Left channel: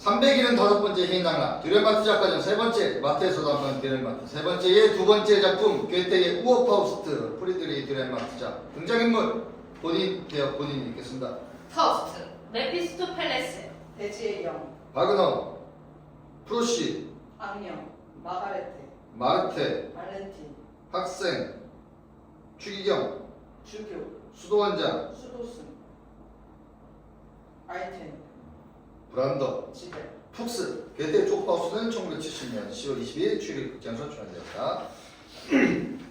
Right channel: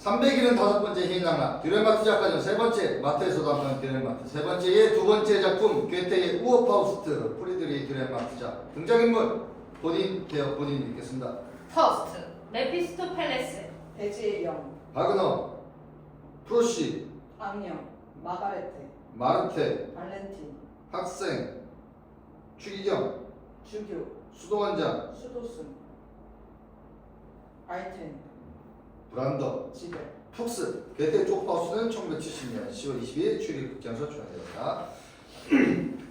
300일은 다섯 번째 희인당락 듀렌마트 작가전 세 번째 마트에서도 한번 듀렌마트 세 번째의 두 번째 작품 괴테의 우어파우스트 프리드리 듀렌마트작 등장인물 본인 대역 본인이 읽겠습니다. 파우스트, 메피스토펠레스, 대지의 영, 바그너, 프로시, 악령, 마가레테, 마르테, 발렌틴, 학생, 추기경, 주교, 수도원장, 수도승, 아이템, 브란더, 지배. 푹스 괴테의 쪽파우스는 1970년 10월 22일 출입 극장에서 출연되었다.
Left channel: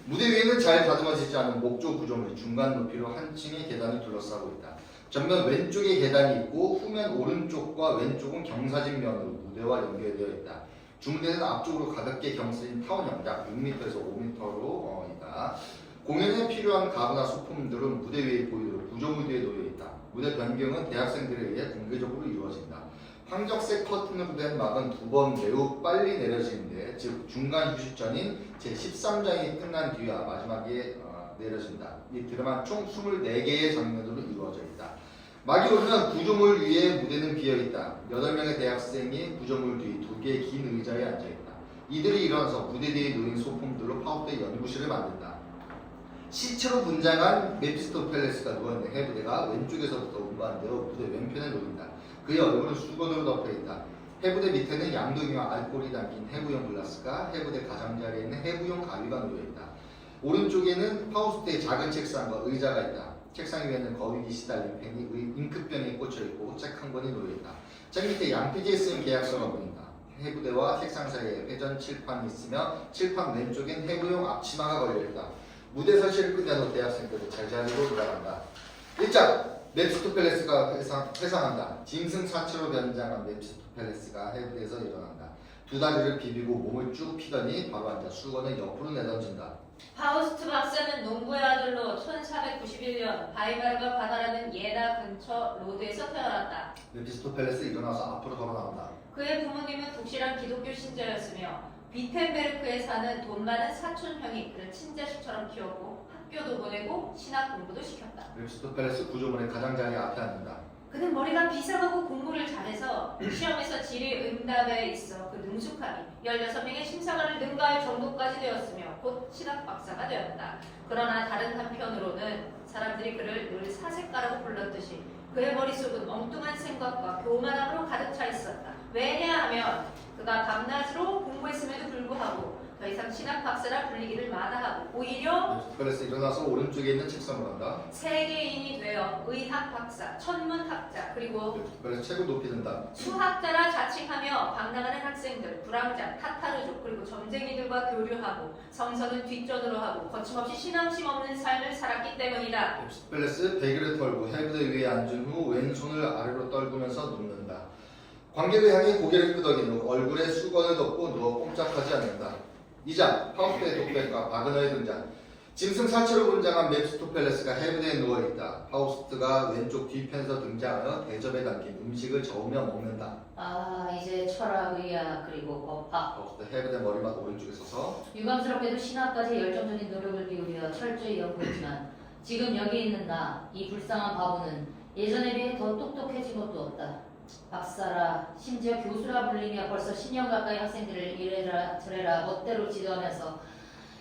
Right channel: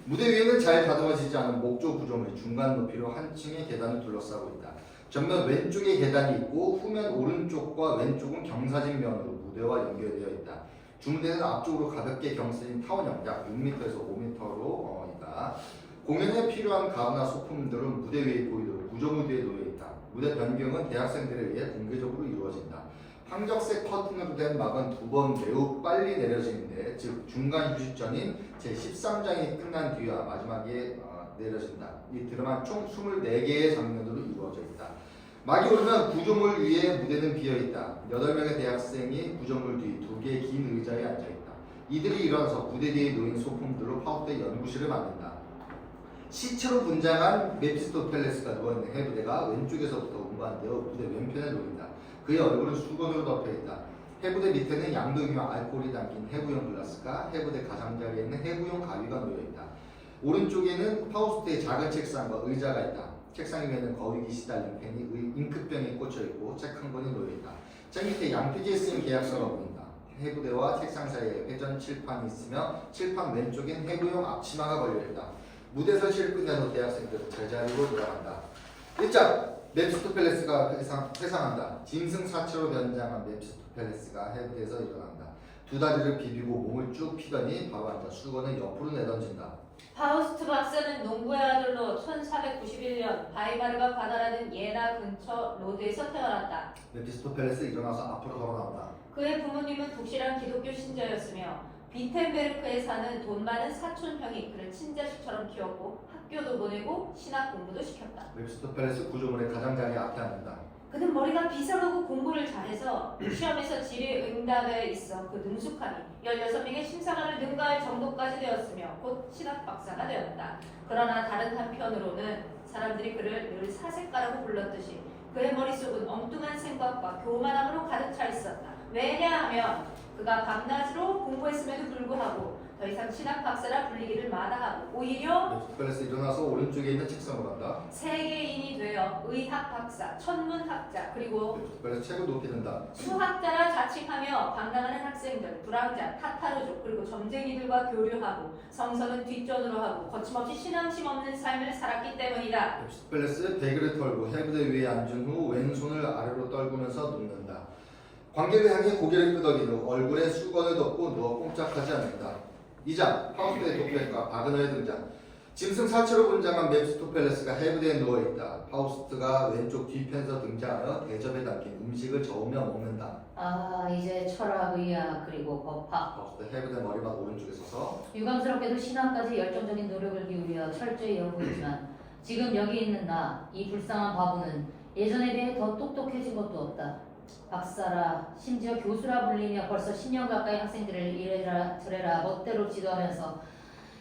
무대 위에는 잘 다듬어지지 않은 목조 구조물이 중간 높이로 한 층의 계단을 둘러싸고 있다. 전면 왼쪽에 계단이 있고 후면 오른쪽과 왼쪽은 경사진면으로 무대와 연결되어 있다. 주무대는 앞쪽으로 가볍게 경사진 타원형 약 6m에서 5m로 있다. 공연에 필요한 가구나 소품들은 무대 위에 보이도록 구조물들에 놓여 있다. 무대 변경은 대학생들에 의해 공개적으로 이루어진다. 황적색 커튼으로 된 막은 두 번 매우 빨리 내려지는데 즉 중간 휴식 전인 제13장이 끝난 뒤와 마지막에 내려진다. 이 드라마는 총 24개의 장면으로 이루어져 있다. 막이 오르면 구조물 위에 무대는 비어있다. 8명의 대학생이 구조물 뒤 2개의 긴 의자에 앉아있다. 이들이 일어나서 무대 뒤에 놓인 소품들로 파우스트의 연구실을 만든다. 시체로 분장한 메피스토펠레스가 누워있는 해부대가 왼쪽에서부터 운반되어 무대 왼편에 놓인다. 그의 얼굴은 수건으로 덮여있다. 해부대 밑에는 양동이와 알코올이 담긴 해부용 글라스가 해부대 가장자리에 있는 해부용 가위가 놓여있다. 오른쪽에는 파우스트의 작은 책상과 의자가 있다. 책상 위에는 거위기 시달린 펜이 잉크병에 꽂혀있고 책 한 권이 놓여있다. 책 밑에 양피지에 쓰인 계약서가 보인다. 해부대와 책상 사이에 회전 칠판이 있으며 칠판 왼쪽엔 해부용 앞치마가 걸려있다. 무대 설치를 끝낸 후 대학생들은 제자리로 돌아간다. 1장 메피스토펠레스가 회상한다. 짐승 사체로 변장한 메피스토펠레스가 해부대에서 일어난다. 두 다리를 비비고 몸을 쭉 피더니 바로 앉아 수건을 옆으로 내던진다. 파우스트 박사는 농부의 아들로 1491년 바이마르가 바다라는 예나 근처 로드에서 태어났다. 메피스토펠레스 일어나서 앞으로 걸어나온다. 그의 부모님은 독실한 기독교 신자였으며 비텐베르크에 사는 돈 많은 사촌형이 그를 친자식처럼 키웠고 학교도 보내고 신학 공부도 시켰다. 메피스토펠레스 구조물의 가장자리 앞에 앉는다. 그는 머리가 비상하고 공부를 잘해서 시험에서 질의응답에 있어 그 능숙함이 16명의 심사관을 능가할 정도까지 되었으며 곧 신학 박사가 되었다. 그러나 다른 한편으로는 사람들이 그를 늘 사색가라고 불렀듯이 그의 머릿속은 엉뚱한 생각과 교만함으로 가득 차 있었다. 왜냐하면 그가 밤낮으로 공부했음에도 불구하고 더 이상 신학 박사라 불리기를 마다하고 오히려 메피스토펠레스 일어나서 오른쪽에 있는 책상으로 간다. 세계인이 되어 의학 박사, 천문학자 그리고 메피스토펠레스 책을 높이 든다. 수학자라 자칭하며 방랑하는 학생들, 불황자, 타타르족 그리고 점쟁이들과 교류하고 성서는 뒷전으로 하고 거침없이 신앙심 없는 삶을 살았기 때문이다. 메피스토펠레스 베개를 털고 해부대 위에 앉은 후 왼손을 아래로 떨구면서 눕는다. 관객을 향해 고개를 끄덕인 후 얼굴에 수건을 덮고 누워 꼼짝하지 않는다. 2장 파우스트의 독백과 바그너의 등장. 짐승 사체로 분장한 메피스토펠레스가 해부대에 누워있다. 파우스트가 왼쪽 뒤편에서 등장하여 대접에 담긴 음식을 저으며 먹는다. 아, 이제 철학, 의학, 그리고 법학. 파우스트 해부대 머리맡 오른쪽에 서서 유감스럽게도 신학까지 열정적인 노력을 기울여 철저히 연구했지만 지금 여기 있는 나, 이 불쌍한 바보는 예전에 비해 더 똑똑해진 것도 없다. 박사라, 심지어 교수라 불리며 벌써 10년 가까이 학생들을 이래라 저래라 멋대로 지도하면서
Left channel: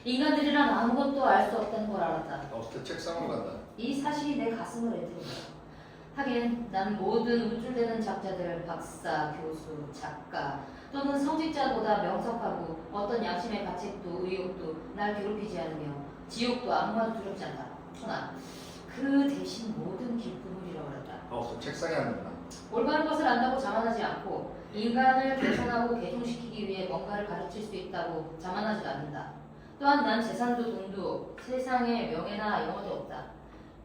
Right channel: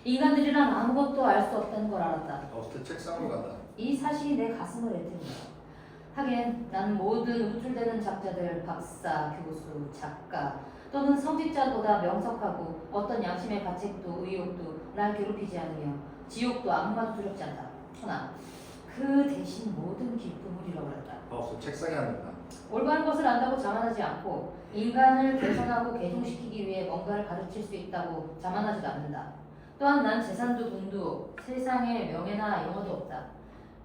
인간들이란 아무것도 알 수 없다는 걸 알았다. 파우스트 책상으로 간다. 이 사실이 내 가슴을 애듭니다. 하긴 나는 모든 우쭐대는 작자들, 박사, 교수, 작가 또는 성직자보다 명석하고 어떤 양심의 가책도 의욕도 날 괴롭히지 않으며 지옥도 아무나도 두렵지 않다. 허나 그 대신 모든 기쁨을 잃어버렸다. 파우스트 책상에 앉는다. 올바른 것을 안다고 자만하지 않고 인간을 개선하고 개종시키기 위해 뭔가를 가르칠 수 있다고 자만하지도 않는다. 또한 난 재산도 돈도 세상에 명예나 영어도 없다.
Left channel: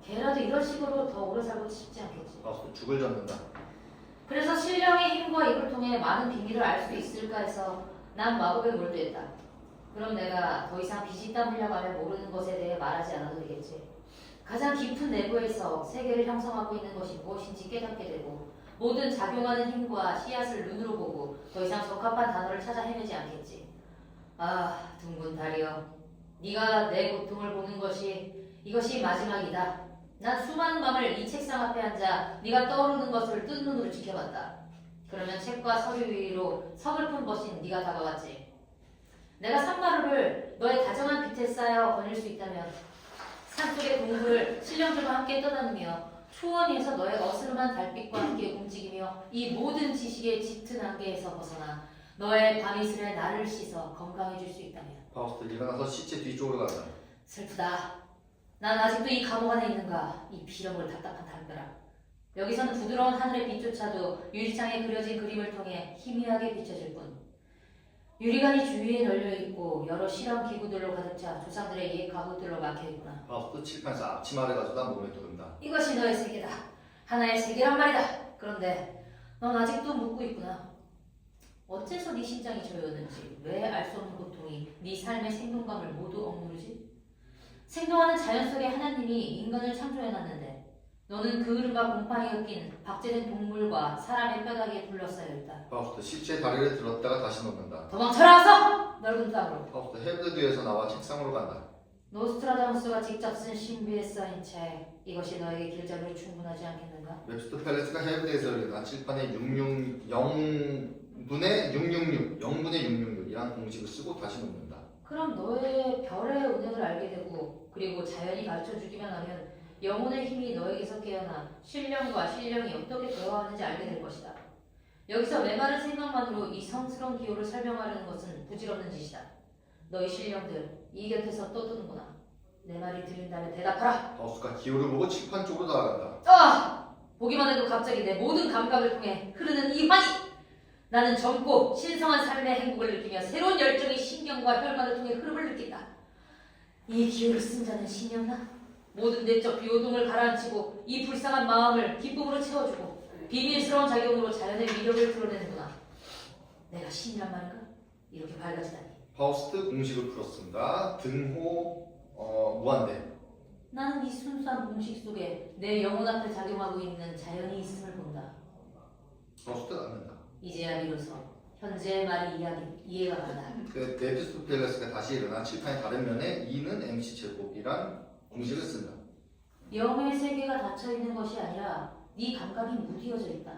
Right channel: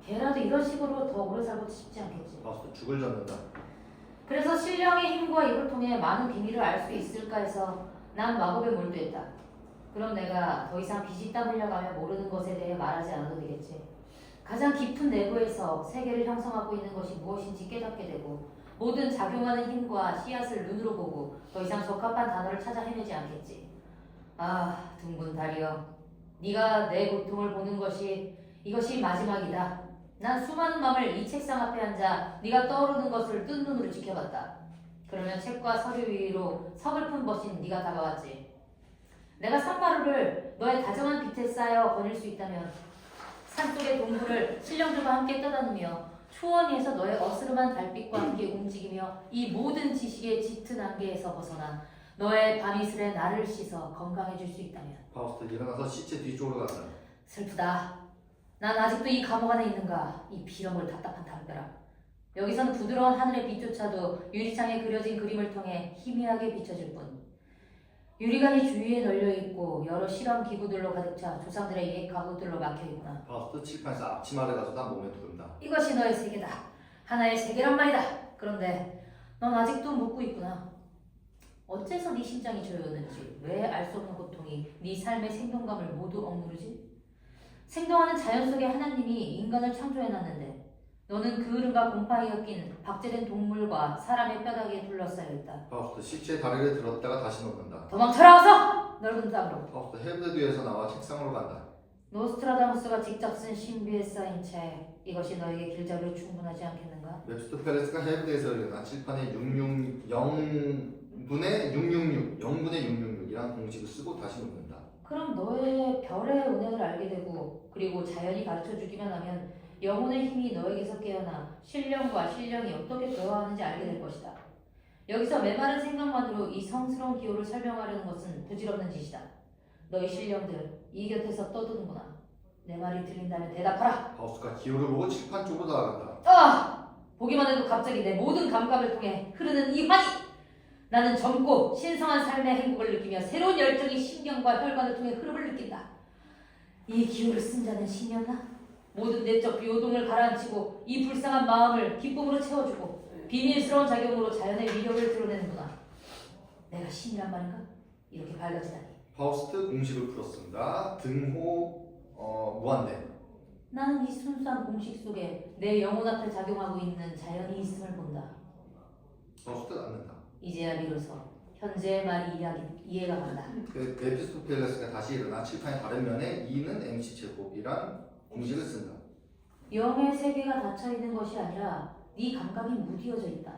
걔라도 이런 식으로 더 오래 살고 싶지 않겠지. 파우스트 죽을 젓는다. 그래서 신령의 힘과 이걸 통해 많은 비밀을 알 수 있을까 해서 난 마법에 몰두했다. 그럼 내가 더 이상 비집다 물려가며 모르는 것에 대해 말하지 않아도 되겠지. 가장 깊은 내부에서 세계를 형성하고 있는 것이 무엇인지 깨닫게 되고 모든 작용하는 힘과 씨앗을 눈으로 보고 더 이상 적합한 단어를 찾아 헤매지 않겠지. 아, 둥근 달이여. 네가 내 고통을 보는 것이 이것이 마지막이다. 난 수많은 밤을 이 책상 앞에 앉아 네가 떠오르는 것을 뜬 눈으로 지켜봤다. 그러면 책과 서류 위로 서글픈 벗인 네가 다가왔지. 내가 산마루를 너의 다정한 빛에 쌓여 거닐 수 있다면 산속의 동굴을 신령들과 함께 떠다니며 초원 위에서 너의 어스름한 달빛과 함께 움직이며 이 모든 지식의 짙은 안개에서 벗어나 너의 밤이슬에 나를 씻어 건강해질 수 있다면. 파우스트 일어나서 시체 뒤쪽으로 간다. 슬프다. 난 아직도 이 감옥 안에 있는가. 이 비렁을 답답한 담벼락. 여기서는 부드러운 하늘의 빛조차도 유리창에 그려진 그림을 통해 희미하게 비춰질 뿐. 유리관이 주위에 널려있고 여러 실험 기구들로 가득 차 조상들의 옛 가구들로 막혀있구나. 파우스트 칠판에서 앞치마를 가져다 몸에 두른다. 이것이 너의 세계다. 하나의 세계란 말이다. 그런데 넌 아직도 묻고 있구나. 어째서 네 심장이 저렸는지, 왜 알 수 없는 고통이 네 삶의 생동감을 모두 억누르지? 생동하는 자연 속에 하나님이 인간을 창조해놨는데 너는 그 흐름과 곰팡이 엮인 박제된 동물과 사람의 뼈다귀에 둘러싸여 있다. 파우스트 시체의 다리를 들었다가 다시 놓는다. 도망쳐라 어서! 넓은 땅으로. 파우스트 헤브드 뒤에서 나와 책상으로 간다. 노스트라다무스가 직접 쓴 신비에 쌓인 책. 이것이 너에게 길잡이로 충분하지 않겠는가? 웹스터 팰리스가 헤브드에서 일어난 칠판에 0분의 666, 0분의 666이란 공식을 쓰고 다시 놓는다. 그럼 너의 별의 은행을 알게 되고 그리고 자연이 가르쳐주기만 하면 영혼의 힘이 너에게서 깨어나 신령과 신령이 어떻게 대화하는지 알게 될 것이다. 여기서 메마른 생각만으로 이 성스러운 기호를 설명하려는 것은 부질없는 짓이다. 너희 신령들 이 곁에서 떠드는구나. 내 말이 들린다면 대답하라. 파우스가 기호를 보고 칠판 쪽으로 나아간다. 아! 보기만 해도 갑자기 내 모든 감각을 통해 흐르는 이 환희! 나는 젊고 신성한 삶의 행복을 느끼며 새로운 열정이 신경과 혈관을 통해 흐름을 느낀다. 이 기호를 쓴 자는 신이었나? 모든 내적 비호동을 가라앉히고 이 불쌍한 마음을 기쁨으로 채워주고 비밀스러운 작용으로 자연의 위력을 드러내는구나. 내가 신이란 말인가? 이렇게 밝아지다니. 파우스트 공식을 풀었습니다. 등호 무한대. 나는 이 순수한 공식 속에 내 영혼 앞에 작용하고 있는 자연이 있음을 본다. 파우스트는 않는다. 이제야 비로소 현재의 말이 이해가 간다. 그 에피스토텔레스가 다시 일어나 칠판의 다른 면에 2는 MC 제곱이란 공식을 쓴다. 영의 세계가 닫혀있는 것이 아니라 네 감각이 무디어져 있다.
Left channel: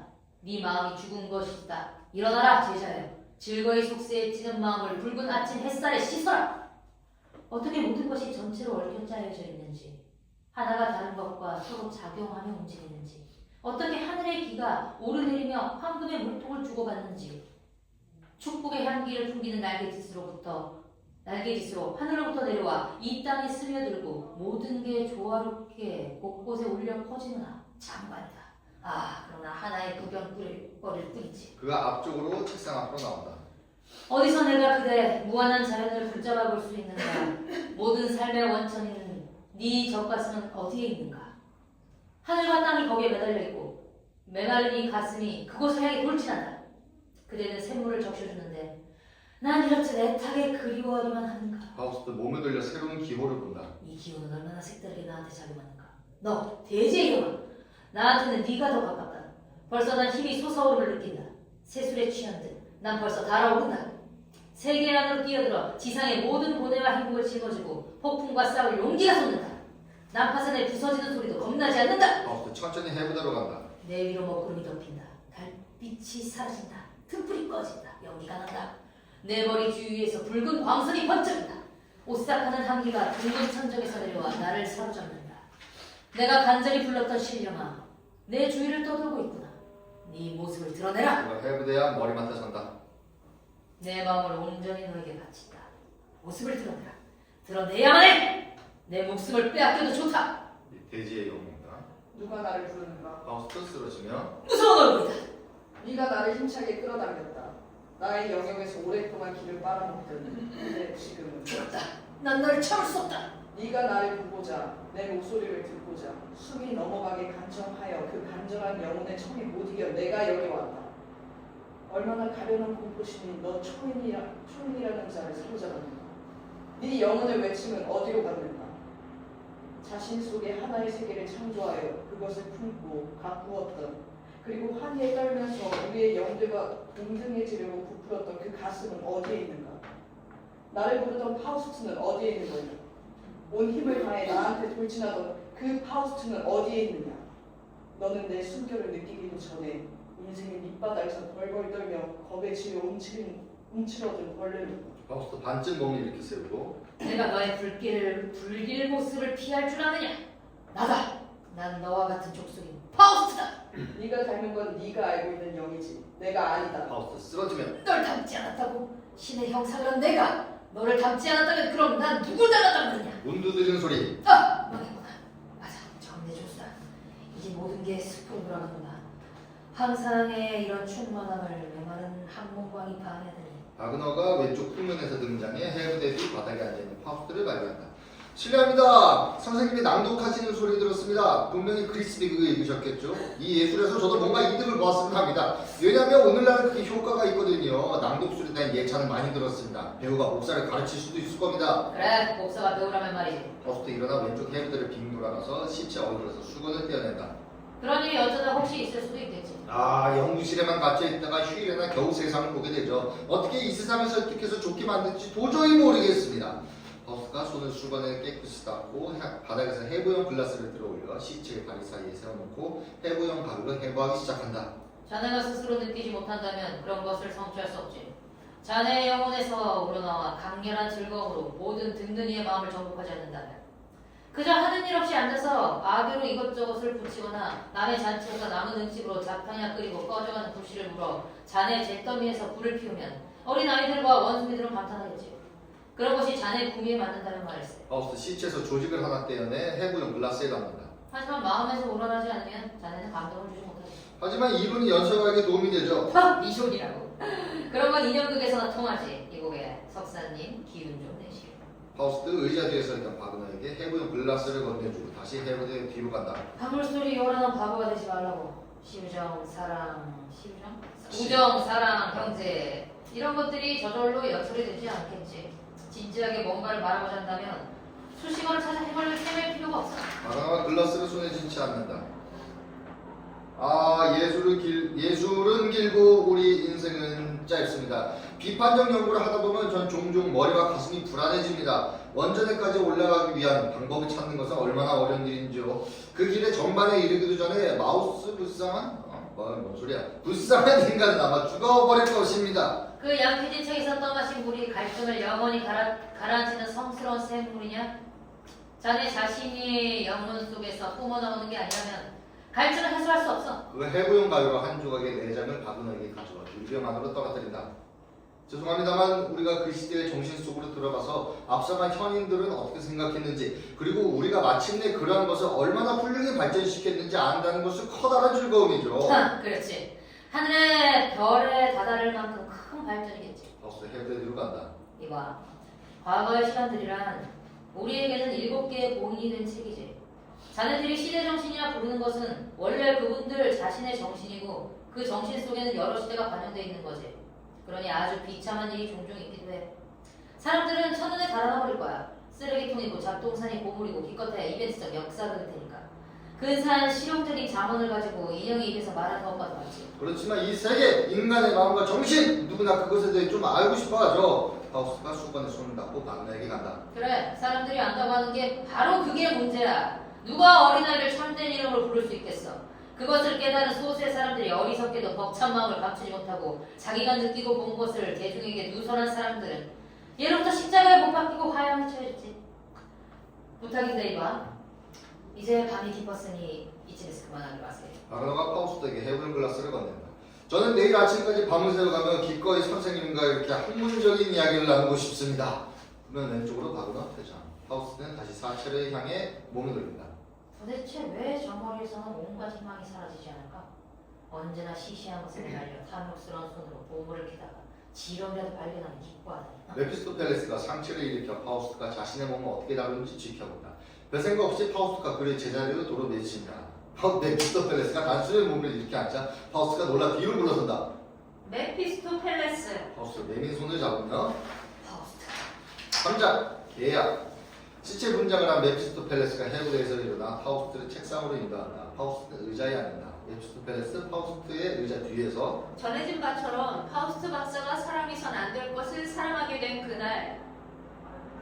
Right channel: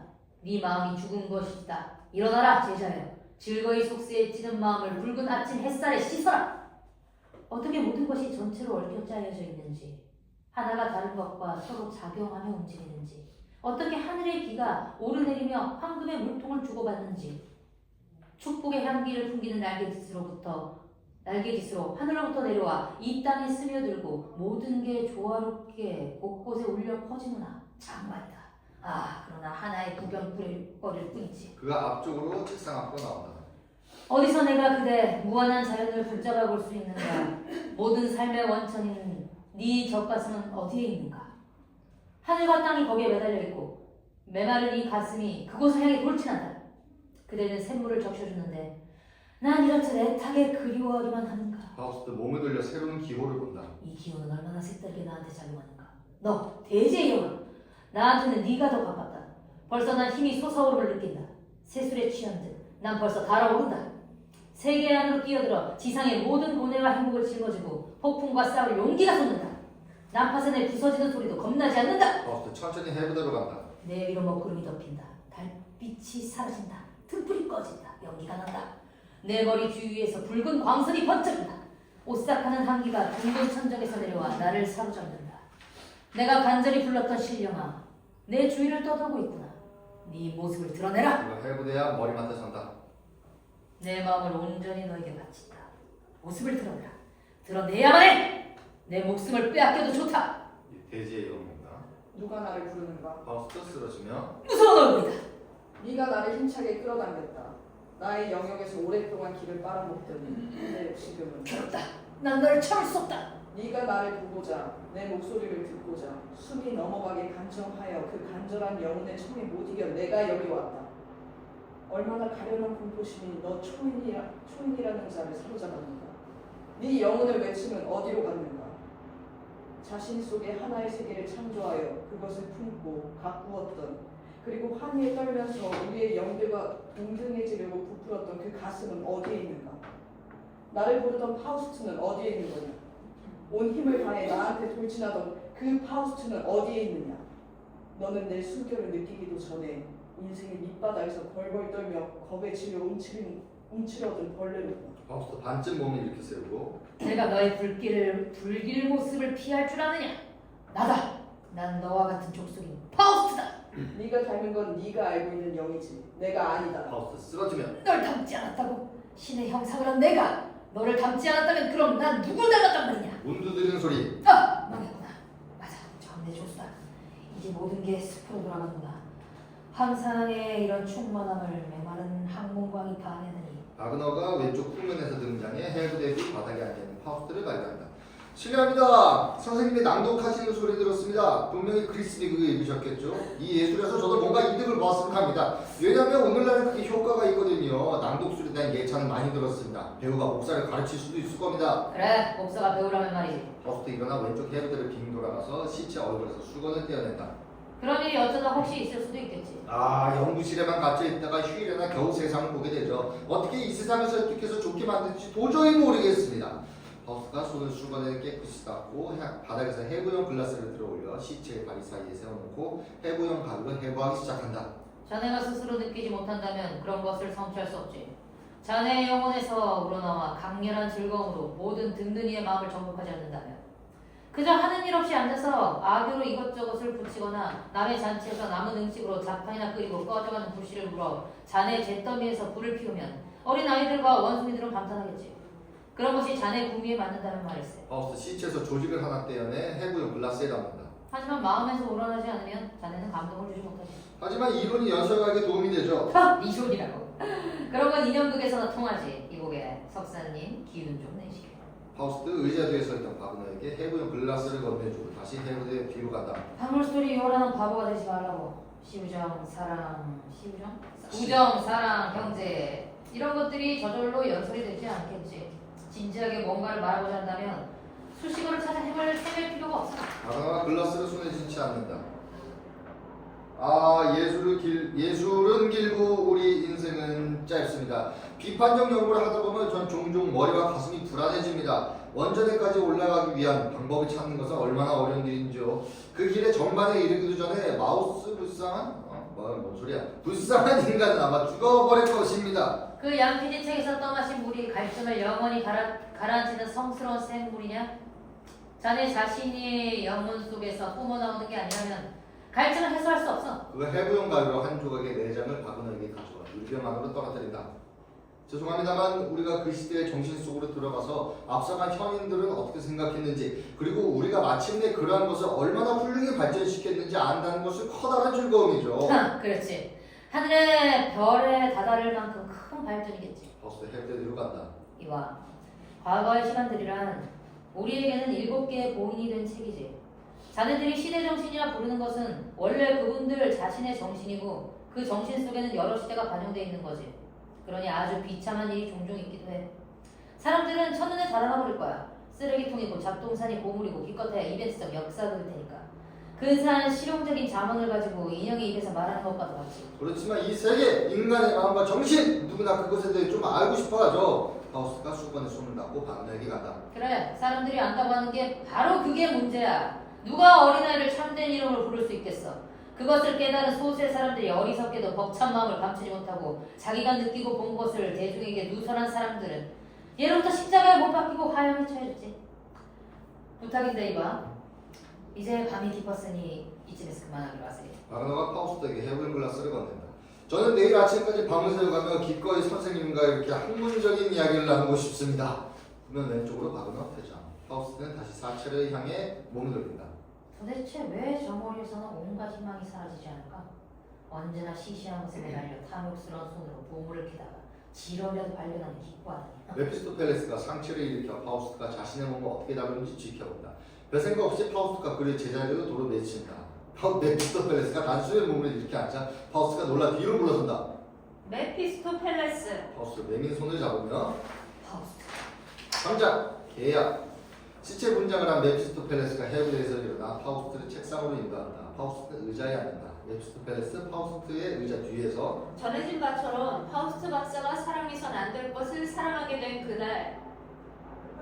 네 마음이 죽은 것이다. 일어나라 제자여. 즐거이 속세에 찌는 마음을 붉은 아침 햇살에 씻어라. 어떻게 모든 것이 전체로 얽혀 짜여져 있는지, 하나가 다른 것과 서로 작용하며 움직이는지, 어떻게 하늘의 기가 오르내리며 황금의 물통을 주고받는지, 축복의 향기를 풍기는 날개짓으로 하늘로부터 내려와 이 땅에 스며들고 모든 게 조화롭게 곳곳에 울려 퍼지느나 장관이다. 아, 그러나 하나의 구경거릴 뿐이지. 그가 앞쪽으로 책상 앞으로 나온다. 어디서 내가 그대 무한한 자연을 붙잡아 볼 수 있는가? 모든 삶의 원천인 네 젖가슴은 어디에 있는가? 하늘과 땅이 거기에 매달려 있고 메마른 이 가슴이 그곳을 향해 돌진한다. 그대는 샘물을 적셔주는데 난 이렇듯 애타게 그리워하기만 하는가? 파우스트 몸을 돌려 새로운 기호를 본다. 이 기호는 얼마나 색다르게 나한테 작용하는가? 너 대제의 형아, 나한테는 네가 더 가깝다. 벌써 난 힘이 솟아오름을 느낀다. 새술에 취한 듯 난 벌써 달아오른다. 세계 안으로 뛰어들어 지상의 모든 고뇌와 행복을 짊어지고 폭풍과 싸울 용기가 솟는다. 난파선에 부서지는 소리도 겁나지 않는다. 파우스트 천천히 헤브드로 간다. 내 위로 먹구름이 덮인다. 달빛이 사라진다. 등불이 꺼진다. 연기가 난다. 내 머리 주위에서 붉은 광선이 번쩍인다. 오싹하는 한기가 붉은 천정에서 내려와 나를 사로잡는다. 내가 간절히 불렀던 신령아, 내 주위를 떠돌고 있구나. 네 모습을 드러내라. 그가 헤브드야 머리맡에 선다. 내 마음을 온전히 너에게 바친다. 모습을 드러내라. 드러내야만 해. 내 목숨을 빼앗겨도 좋다. 대지의 영웅이다. 누가 나를 부르는가? 파우스트 쓰러지며 무서운 얼굴이다. 네가 나를 힘차게 끌어당겼다. 나의 영역에서 오랫동안 길을 빨아먹더니 근데 지금은 괴롭다. 난 너를 참을 수 없다. 네가 나를 보고자 내 목소리를 듣고자 숨이 넘어가게 간청하여 그 간절한 영혼의 청에 못 이겨 내가 여기 왔다. 얼마나 가련한 공포심이 너 초인이라는 자를 사로잡았는가. 네 영혼의 외침은 어디로 갔는가. 자신 속에 하나의 세계를 창조하여 그것을 품고 가꾸었던, 그리고 환희에 떨면서 우리의 영들과 동등해지려고 부풀었던 그 가슴은 어디에 있는가. 나를 부르던 파우스트는 어디에 있는 거냐. 온 힘을 다해 나한테 돌진하던 그 파우스트는 어디에 있느냐. 너는 내 숨결을 느끼기도 전에 인생의 밑바닥에서 벌벌 떨며 겁에 지려 움츠러든 벌레를 파우스트 반쯤 몸을 이렇게 세우고 내가 너의 불길 모습을 피할 줄 아느냐? 나다. 난 너와 같은 족속인 파우스트다. 네가 닮은 건 네가 알고 있는 영이지 내가 아니다. 파우스트 쓰러지면 널 닮지 않았다고? 신의 형상을 한 내가 너를 닮지 않았다면 그럼 난 누굴 닮았단 말이냐? 문두드리는 소리. 아! 망했구나. 맞아. 정내조수다. 이제 모든 게 숲으로 돌아가는구나. 항상의 이런 충만함을 메마른 항문광이 반해내니 바그너가 왼쪽 후면에서 등장해 헬브데비 바닥에 앉아있는 파우스트를 발견한다. 실례합니다. 선생님이 낭독하시는 소리 들었습니다. 분명히 그리스비 그거 읽으셨겠죠? 이 예술에서 저도 뭔가 이득을 보았으면 합니다. 왜냐하면 오늘날은 그게 효과가 있거든요. 낭독술에 대한 예찬은 많이 들었습니다. 배우가 목사를 가르칠 수도 있을 겁니다. 그래. 목사가 배우라면 말이지. 파우스트 일어나 왼쪽 헬브데를 빙 돌아가서 시체 얼굴에서 수건을 떼어낸다. 그런 일이 어쩌다 혹시 있을 수도 있겠지. 연구실에만 갇혀있다가 휴일에나 겨우 세상을 보게 되죠. 어떻게 이 세상을 설득해서 좋게 만든지 도저히 모르겠습니다. 파우스트가 손을 수건에 깨끗이 닦고 바닥에서 해부형 글라스를 들어올려 시체의 다리 사이에 세워놓고 해부형 가위로 해부하기 시작한다. 자네가 스스로 느끼지 못한다면 그런 것을 성취할 수 없지. 자네의 영혼에서 우러나와 강렬한 즐거움으로 모든 든든이의 마음을 정복하지 않는다면 그저 하는 일 없이 앉아서 아교로 이것저것을 붙이거나 남의 잔치에서 남은 음식으로 잡탕이나 끓이고 꺼져가는 불씨를 물어 자네의 잿더미에서 불을 피우면 어린 아이들과 원숭이들은 감탄하겠지. 그런 것이 자네의 구미에 맞는다면 말일세. 파우스트 시체에서 조직을 하나 떼어내 해부형 글라스에 담는다. 하지만 마음에서 우러나지 않으면 자네는 감동을 주지 못하지. 하지만 이론이 연설가에게 도움이 되죠. 네 소리라고. 그런 건 인형극에서나 통하지. 이곡에 석사님 기운 좀 내시게. 파우스트 의자 뒤에 서있던 바그너에게 해부형 글라스를 건네주고 다시 해부대 뒤로 간다. 단물소리 요란한 바보가 되지 말라고. 우정, 사랑, 형제 이런 것들이 저절로 연설이 되지 않겠지. 진지하게 뭔가를 말하고자 한다면 수식어를 찾아 헤맬 필요가 없어. 바그너가 글라스를 손에 쥐지 않는다. 예술은 길고 우리 인생은 짧습니다. 비판적 연구를 하다 보면 전 종종 머리와 가슴이 불안해집니다. 원전에까지 올라가기 위한 방법을 찾는 것은 얼마나 어려운 일인지요. 그 길의 정반에 이르기도 전에 불쌍한 인간은 아마 죽어버릴 것입니다. 그 양피지 책에서 떠마신 물이 갈증을 영원히 가라앉히는 성스러운 샘물이냐? 자네 자신이 영혼 속에서 뿜어나오는 게 아니라면 갈증을 해소할 수 없어. 그 해부용 가위로 한 조각의 내장을 바그너에게 가져와 유리병 안으로 떨어뜨린다. 죄송합니다만 우리가 그 시대의 정신 속으로 들어가서 앞서간 현인들은 어떻게 생각했는지 그리고 우리가 마침내 그러한 것을 얼마나 훌륭히 발전시켰는지 안다는 것은 커다란 즐거움이죠. 그렇지. 하늘의 별에 다다를 만큼 큰 발전이겠지. 버스 해부대 뒤로 간다. 이봐. 과거의 시간들이란 우리에게는 7개의 보인이 된 책이지. 자네들이 시대 정신이라 부르는 것은 원래 그분들 자신의 정신이고 그 정신 속에는 여러 시대가 반영되어 있는 거지. 그러니 아주 비참한 일이 종종 있기도 해. 사람들은 첫눈에 달아나 버릴 거야. 쓰레기통이고 잡동사니 고물이고 기껏해야 이벤트적 역사극일 테니까. 근사한 실용적인 자문을 가지고 인형의 입에서 말하는 것과도 같지. 그렇지만 이 세계, 인간의 마음과 정신 누구나 그것에 대해 좀 알고 싶어하죠. 파우스트가 수건에 손을 닦고 바그너에게 간다. 그래, 사람들이 안다고 하는 게 바로 그게 문제야. 누가 어린아이를 참된 이름으로 부를 수 있겠어. 그것을 깨달은 소수의 사람들이 어리석게도 벅찬 마음을 감추지 못하고 자기가 느끼고 본 것을 대중에게 누설한 사람들은 예로부터 십자가에 못 박히고 화형에 처해졌지. 부탁인데 이봐. 이제 밤이 깊었으니 이쯤에서 그만하기로 하세요. 바그너가 파우스트에게 해부용 글라스를 건넨다. 저는 내일 아침까지 밤을 새워가며 기꺼이 선생님과 이렇게 학문적인 이야기를 나누고 싶습니다. 그러면 왼쪽으로 바그너 퇴장. 파우스트는 다시 사체를 향해 몸을 돌린다. 도대체 왜 저 머리에서는 온갖 희망이 사라지지 않을까? 언제나 시시한 것을 달려 탐욕스러운 손으로 보물을 캐다가 지렁이라도 발견하면 기뻐하다니. 메피스토펠레스가 상처를 일으켜 파우스트가 자신의 몸을 어떻게 다루는지 지켜본다. 별 생각 없이 파우스트가 그의 제자리로 도로 내친다. 메피스토펠레스가 단순히 몸을 이렇게 앉자 파우스트가 놀라 뒤로 물러선다. 메피스토펠레스. 파우스트 내민 손을 잡으며 파우스트. 3장 계약. 시체 분장을 한 메피스토펠레스가 해부대에서 일어나 파우스트를 책상으로 인도한다. 파우스트는 의자에 앉는다. 메피스토펠레스 파우스트의 의자 뒤에서 전해진 바처럼 파우스트 박사가 사랑해선 안 될 것을 사랑하게 된 그날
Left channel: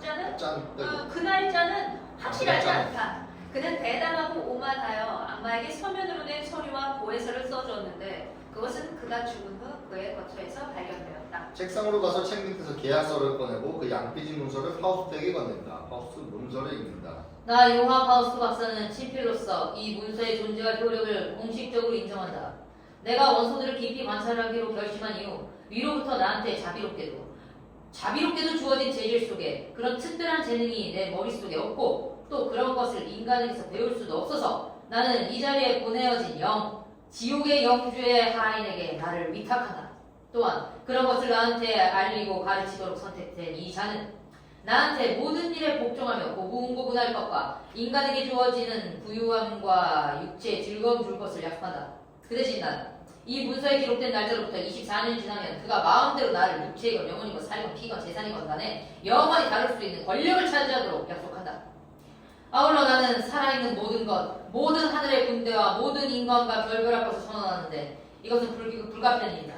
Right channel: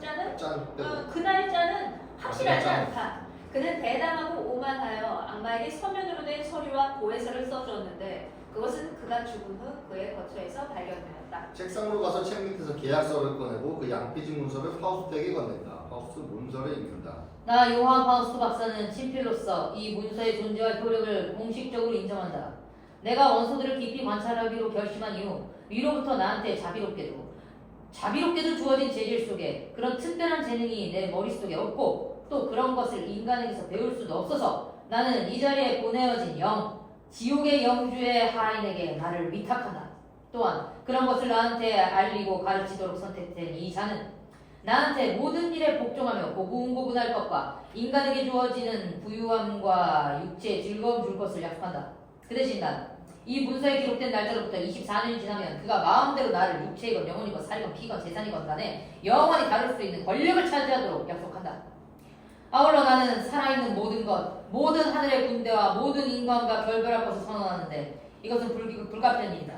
자는 짠 빼고 그날 자는 확실하지 짠. 않다. 그는 대담하고 오만하여 악마에게 서면으로 된 서류와 고해서를 써줬는데 그것은 그가 죽은 후 그의 거처에서 발견되었다. 책상으로 가서 책 밑에서 계약서를 꺼내고 그 양피지 문서를 파우스트에게 건넨다. 파우스트 문서를 읽는다. 나 요한 파우스트 박사는 친필로서 이 문서의 존재와 효력을 공식적으로 인정한다. 내가 원소들을 깊이 관찰하기로 결심한 이후 위로부터 나한테 자비롭게도 주어진 재질 속에 그런 특별한 재능이 내 머릿속에 없고 또 그런 것을 인간에게서 배울 수도 없어서 나는 이 자리에 보내어진 지옥의 영주의 하인에게 나를 위탁한다. 또한 그런 것을 나한테 알리고 가르치도록 선택된 이 자는 나한테 모든 일에 복종하며 고분고분할 것과 인간에게 주어지는 부유함과 육체의 즐거움 줄 것을 약속한다. 그 대신 난 이 문서에 기록된 날짜로부터 24년이 지나면 그가 마음대로 나를 육체이건 영혼이건 살이건 피건 재산이건 간에 영원히 다룰 수 있는 권력을 차지하도록 약속한다. 아울러 나는 살아있는 모든 것, 모든 하늘의 군대와 모든 인간과 결별할 것을 선언하는데 이것은 불가피한 일이다.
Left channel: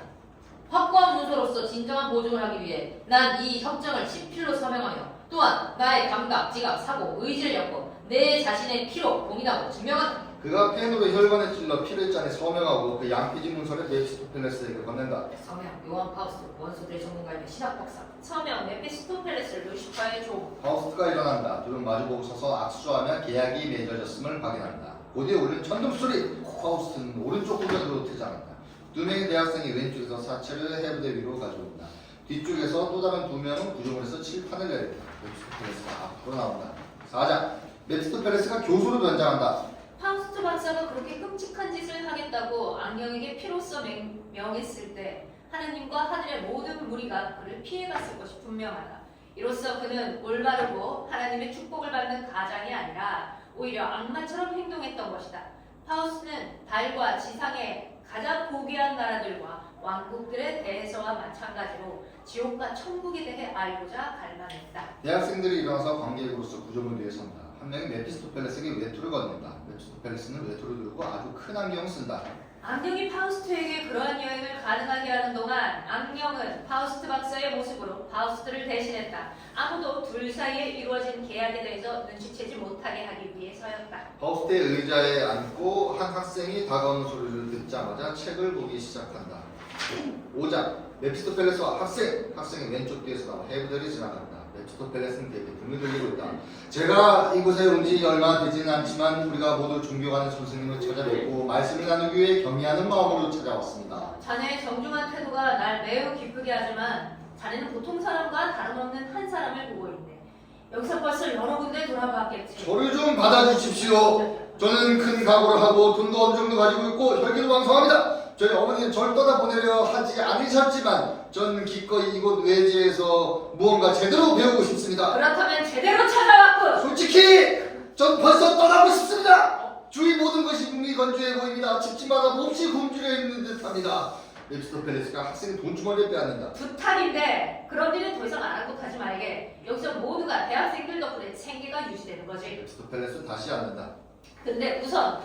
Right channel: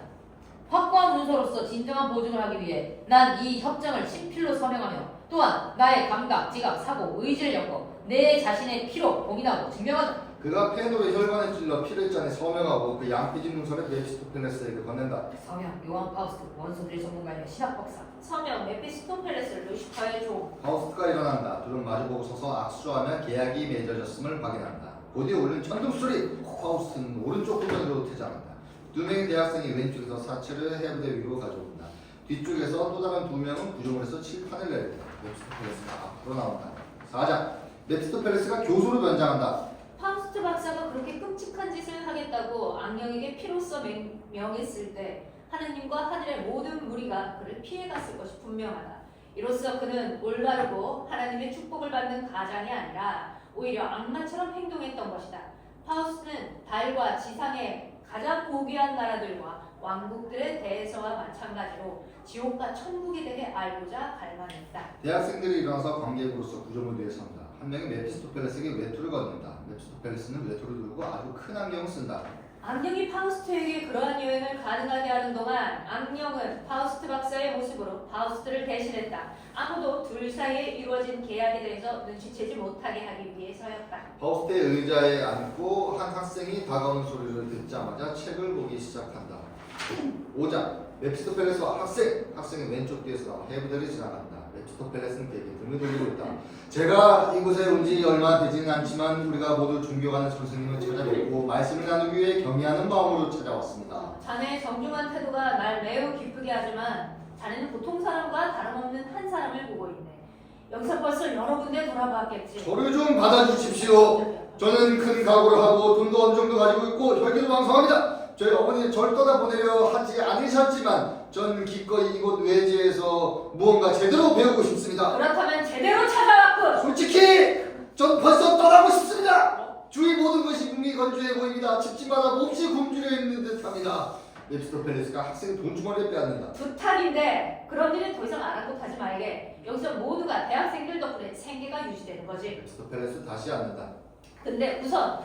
확고한 문서로서 진정한 보증을 하기 위해 난 이 협정을 친필로 서명하며 또한 나의 감각, 지각, 사고, 의지를 엮어 내 자신의 피로 공인하고 증명한다. 그가 펜으로 혈관에 찔러 피를 짜내 서명하고 그 양피지 문서를 메피스토펠레스에게 건넨다. 서명 요한 파우스트 원소들의 전문가이며 신학 박사. 서명 메피스토펠레스 루시퍼의 종. 파우스트가 일어난다. 둘은 마주보고 서서 악수하며 계약이 맺어졌음을 확인한다. 고대에 울린 천둥 소리. 파우스트는 오른쪽 후면으로 퇴장한다. 두 명의 대학생이 왼쪽에서 사체를 해부대 위로 가져온다. 뒤쪽에서 또 다른 두 명은 구조물에서 칠판을 내린다. 메피스토펠레스가 앞으로 나온다. 4장 메피스토펠레스가 교수로 변장한다. 파우스트 박사가 그렇게 끔찍한 짓을 하겠다고 악령에게 피로써 명했을 때 하느님과 하늘의 모든 무리가 그를 피해갔을 것이 분명하다. 이로써 그는 올바르고 하나님의 축복을 받는 가장이 아니라 오히려 악마처럼 행동했던 것이다. 파우스트는 달과 지상의 가장 고귀한 나라들과 왕국들에 대해서와 마찬가지로 지옥과 천국에 대해 알고자 갈망했다. 대학생들이 일어나서 관객으로서 구조물 위에 선다. 한 명이 메피스토펠레스에게 외투를 건넨다. 메피스토펠레스는 외투를 들고 아주 큰 안경을 쓴다. 악령이 파우스트에게 그러한 여행을 가능하게 하는 동안 악령은 파우스트 박사의 모습으로 파우스트를 대신했다. 아무도 둘 사이에 이루어진 계약에 대해서 눈치채지 못하게 하기 위해서였다. 파우스트의 의자에 앉고 한 학생이 다가오는 소리를 듣자마자 책을 보기 시작한다. 5장 메피스토펠레스와 학생이 왼쪽 뒤에서 나와 해부대를 지나간다. 메피스토펠레스는 그에게 등을 돌리고 있다. 제가 이곳에 온 지 얼마 되지는 않지만 우리가 모두 존경하는 선생님을 찾아뵙고 말씀을 나누기 위해 경의하는 마음으로 찾아왔습니다. 자네의 정중한 태도가 날 매우 기쁘게 하지만 자네는 보통 사람과 다름없는 한 사람을 보고 있네. 여기서 벌써 여러 군데 돌아봤겠지. 저를 좀 받아주십시오. 저는 큰 각오를 하고 돈도 어느 정도 가지고 있고 혈기도 왕성합니다. 저희 어머니는 절 떠나보내려 하지 않으셨지만 전 기꺼이 이곳 외지에서 무언가 제대로 배우고 싶습니다. 그렇다면 제대로 찾아왔군. 솔직히 전 벌써 떠나고 싶습니다. 주위 모든 것이 무미건조해 보입니다. 집집마다 몹시 굶주려 있는 듯합니다. 메피스토펠레스가 학생의 돈주머니를 빼앗는다. 부탁인데 그런 일은 더 이상 아랑곳하지 말게. 여기서 모두가 대학생들 덕분에 생계가 유지되는 거지. 메피스토펠레스 다시 앉는다. 근데 우선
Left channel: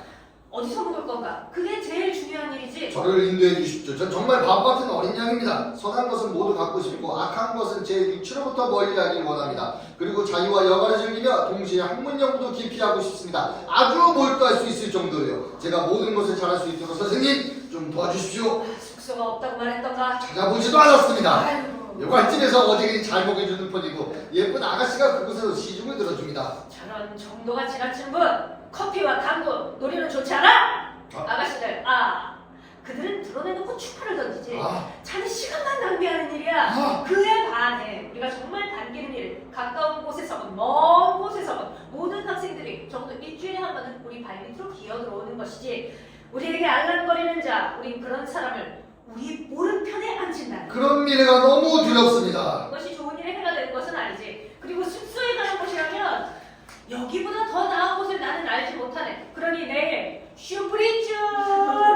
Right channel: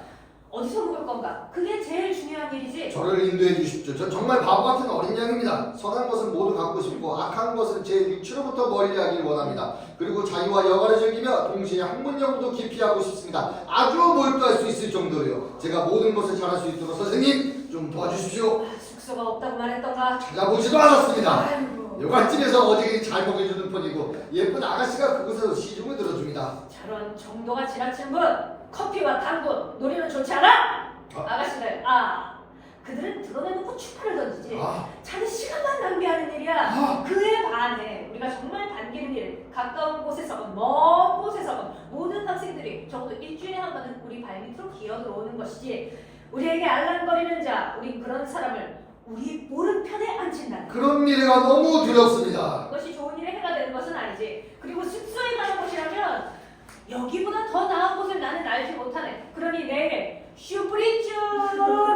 어디서 묵을 건가? 그게 제일 중요한 일이지. 저를 인도해 주십시오. 전 정말 바보 같은 어린 양입니다. 선한 것은 모두 갖고 싶고 악한 것은 제 육체로부터 멀리하길 원합니다. 그리고 자유와 여가를 즐기며 동시에 학문 연구도 깊이 하고 싶습니다. 아주 몰두할 수 있을 정도로요. 제가 모든 것을 잘할 수 있도록 선생님 좀 도와주십시오. 숙소가 없다고 말했던가? 찾아보지도 않았습니다. 아이고, 여관집에서 어디에 잘 먹여주는 편이고 예쁜 아가씨가 그곳에서 시중을 들어줍니다. 저런 정도가 지나친 분! 커피와 당구, 놀이는 좋지 않아? 아가씨들, 그들은 드러내놓고 추파를 던지지. 자네 시간만 낭비하는 일이야. 그에 반해 우리가 정말 반기는 일, 가까운 곳에서건 먼 곳에서건 모든 학생들이 적어도 일주일에 한 번은 우리 발밑으로 기어들어오는 것이지. 우리에게 알랑거리는 자, 우린 그런 사람을 우리 오른편에 앉힌다. 그런 미래가 너무 두렵습니다. 그것이 좋은 일에 해가 되는 것은 아니지. 그리고 숙소에 가는 곳이라면 여기보다 더 나은 곳을 나는 알지 못하네. 그러니 내일 슈프리츠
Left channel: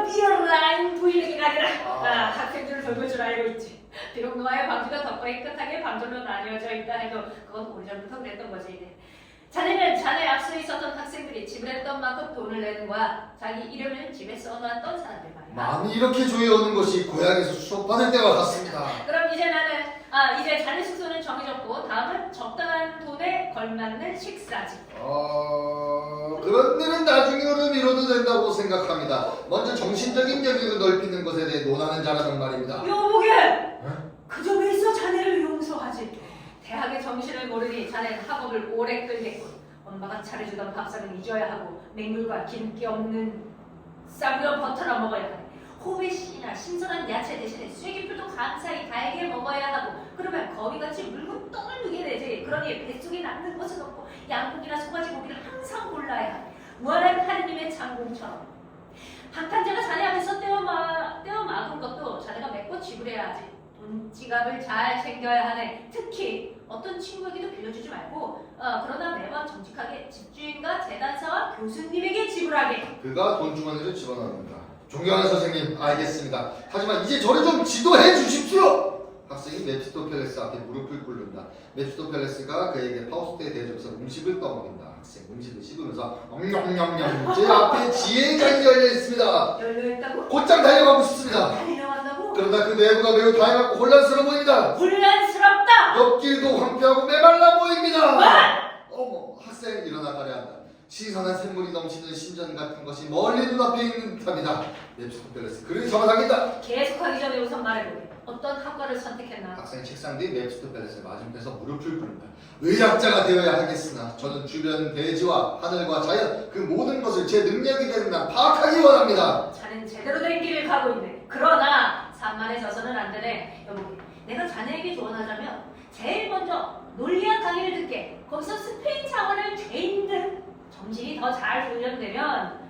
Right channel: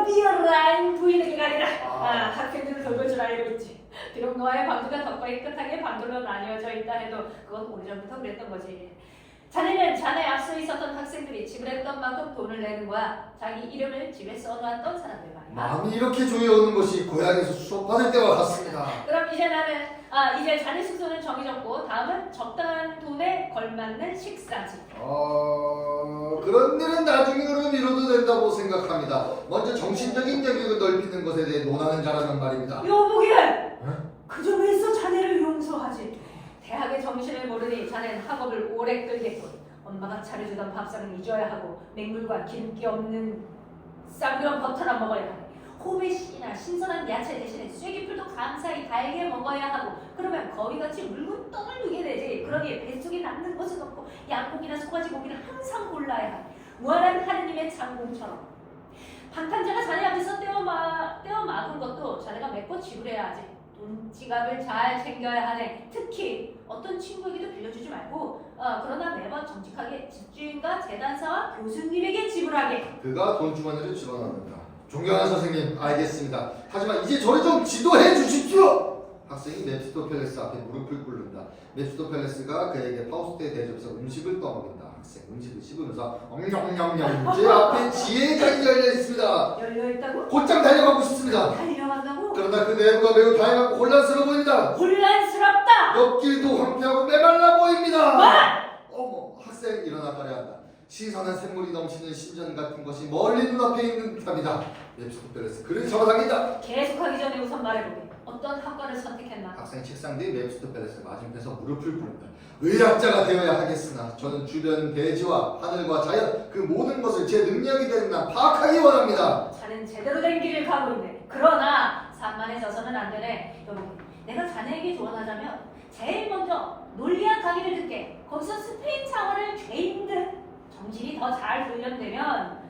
비어라인 부인에게 가리라. 학생들을 돌볼 줄 알고 있지. 비록 너와의 관계가 더 깨끗하게 반돌로 나뉘어져 있다 해도 그건 오래전부터 그랬던 거지. 자네는 자네 앞서 있었던 학생들이 지불했던 만큼 돈을 내는 거야. 자기 이름을 집에 써놓았던 사람들 말이야. 마음이 이렇게 조여오는 것이 고향에서 수업받을 때와 같습니다. 그럼 이제 나는 이제 자네 숙소는 정해졌고 다음은 적당한 돈에 걸맞는 식사지. 그런 일은 나중으로 미뤄도 된다고 생각합니다. 먼저 정신적인 영역을 넓히는 것에 대해 논하는 자라는 말입니다. 요목에 그저 왜 있어 자네를 용서하지. 대학의 정신을 모르니 자네는 학업을 오래 끌겠고 엄마가 차려주던 밥상을 잊어야 하고 맹물과 기름기 없는 쌈으로 버터나 먹어야 하네. 호배씨나 신선한 야채 대신에 쐐기풀도 감사히 달게 먹어야 하고 그러면 거위같이 물고 똥을 누게 되지. 그러니 뱃속에 남는 것은 없고 양고기나 소가지 고기를 항상 골라야 하네. 무한한 하느님의 장공처럼. 방탄자가 자네 앞에서 떼어막은 것도 자네가 메꿔 지불해야 하지. 돈 지갑을 잘 챙겨야 하네. 특히 어떤 친구에게도 빌려주지 말고 그러나 매번 정직하게 집주인과 재단사와 교수님에게 지불하게. 그가 돈 주머니를 집어넣는다. 존경하는 선생님, 알겠습니다. 하지만 이제 저를 좀 지도해 주십시오. 학생이 메피스토펠레스 앞에 무릎을 꿇는다. 메피스토펠레스가 그에게 파우스트에 대접해서 음식을 떠먹인다. 학생 음식을 씹으면서 엄냠냠냠 제 앞에 지혜의 장이 열려있습니다. 열려있다고? 곧장 달려가고 싶습니다. 달려간다고? 그러나 그 내부가 매우 다양하고 혼란스러워 보입니다. 혼란스럽다! 옆길도 황폐하고 메말라 보입니다. 어머, 학생 일어나 가려 한다. 신선한 샘물이 넘치는 신전 같은 것이 멀리 눈앞에 있는 듯합니다. 메피스토펠레스 그를 잡아당긴다. 계속하기 전에 우선 말해보게. 어떤 학과를 선택했나? 학생 책상 뒤 메피스토펠레스 맞은편에서 무릎을 꿇는다. 의학자가 되어야 하겠으나 저는 주변 대지와 하늘과 자연 그 모든 것을 제 능력이 되는 한 파악하기 원합니다. 자넨 제대로 된 길을 가고 있네. 그러나 산만해져서는 안 되네. 여보게, 내가 자네에게 조언하자면 제일 먼저 논리학 강의를 듣게. 거기서 스페인 창어를 죄인들 정신이 더 잘 훈련되면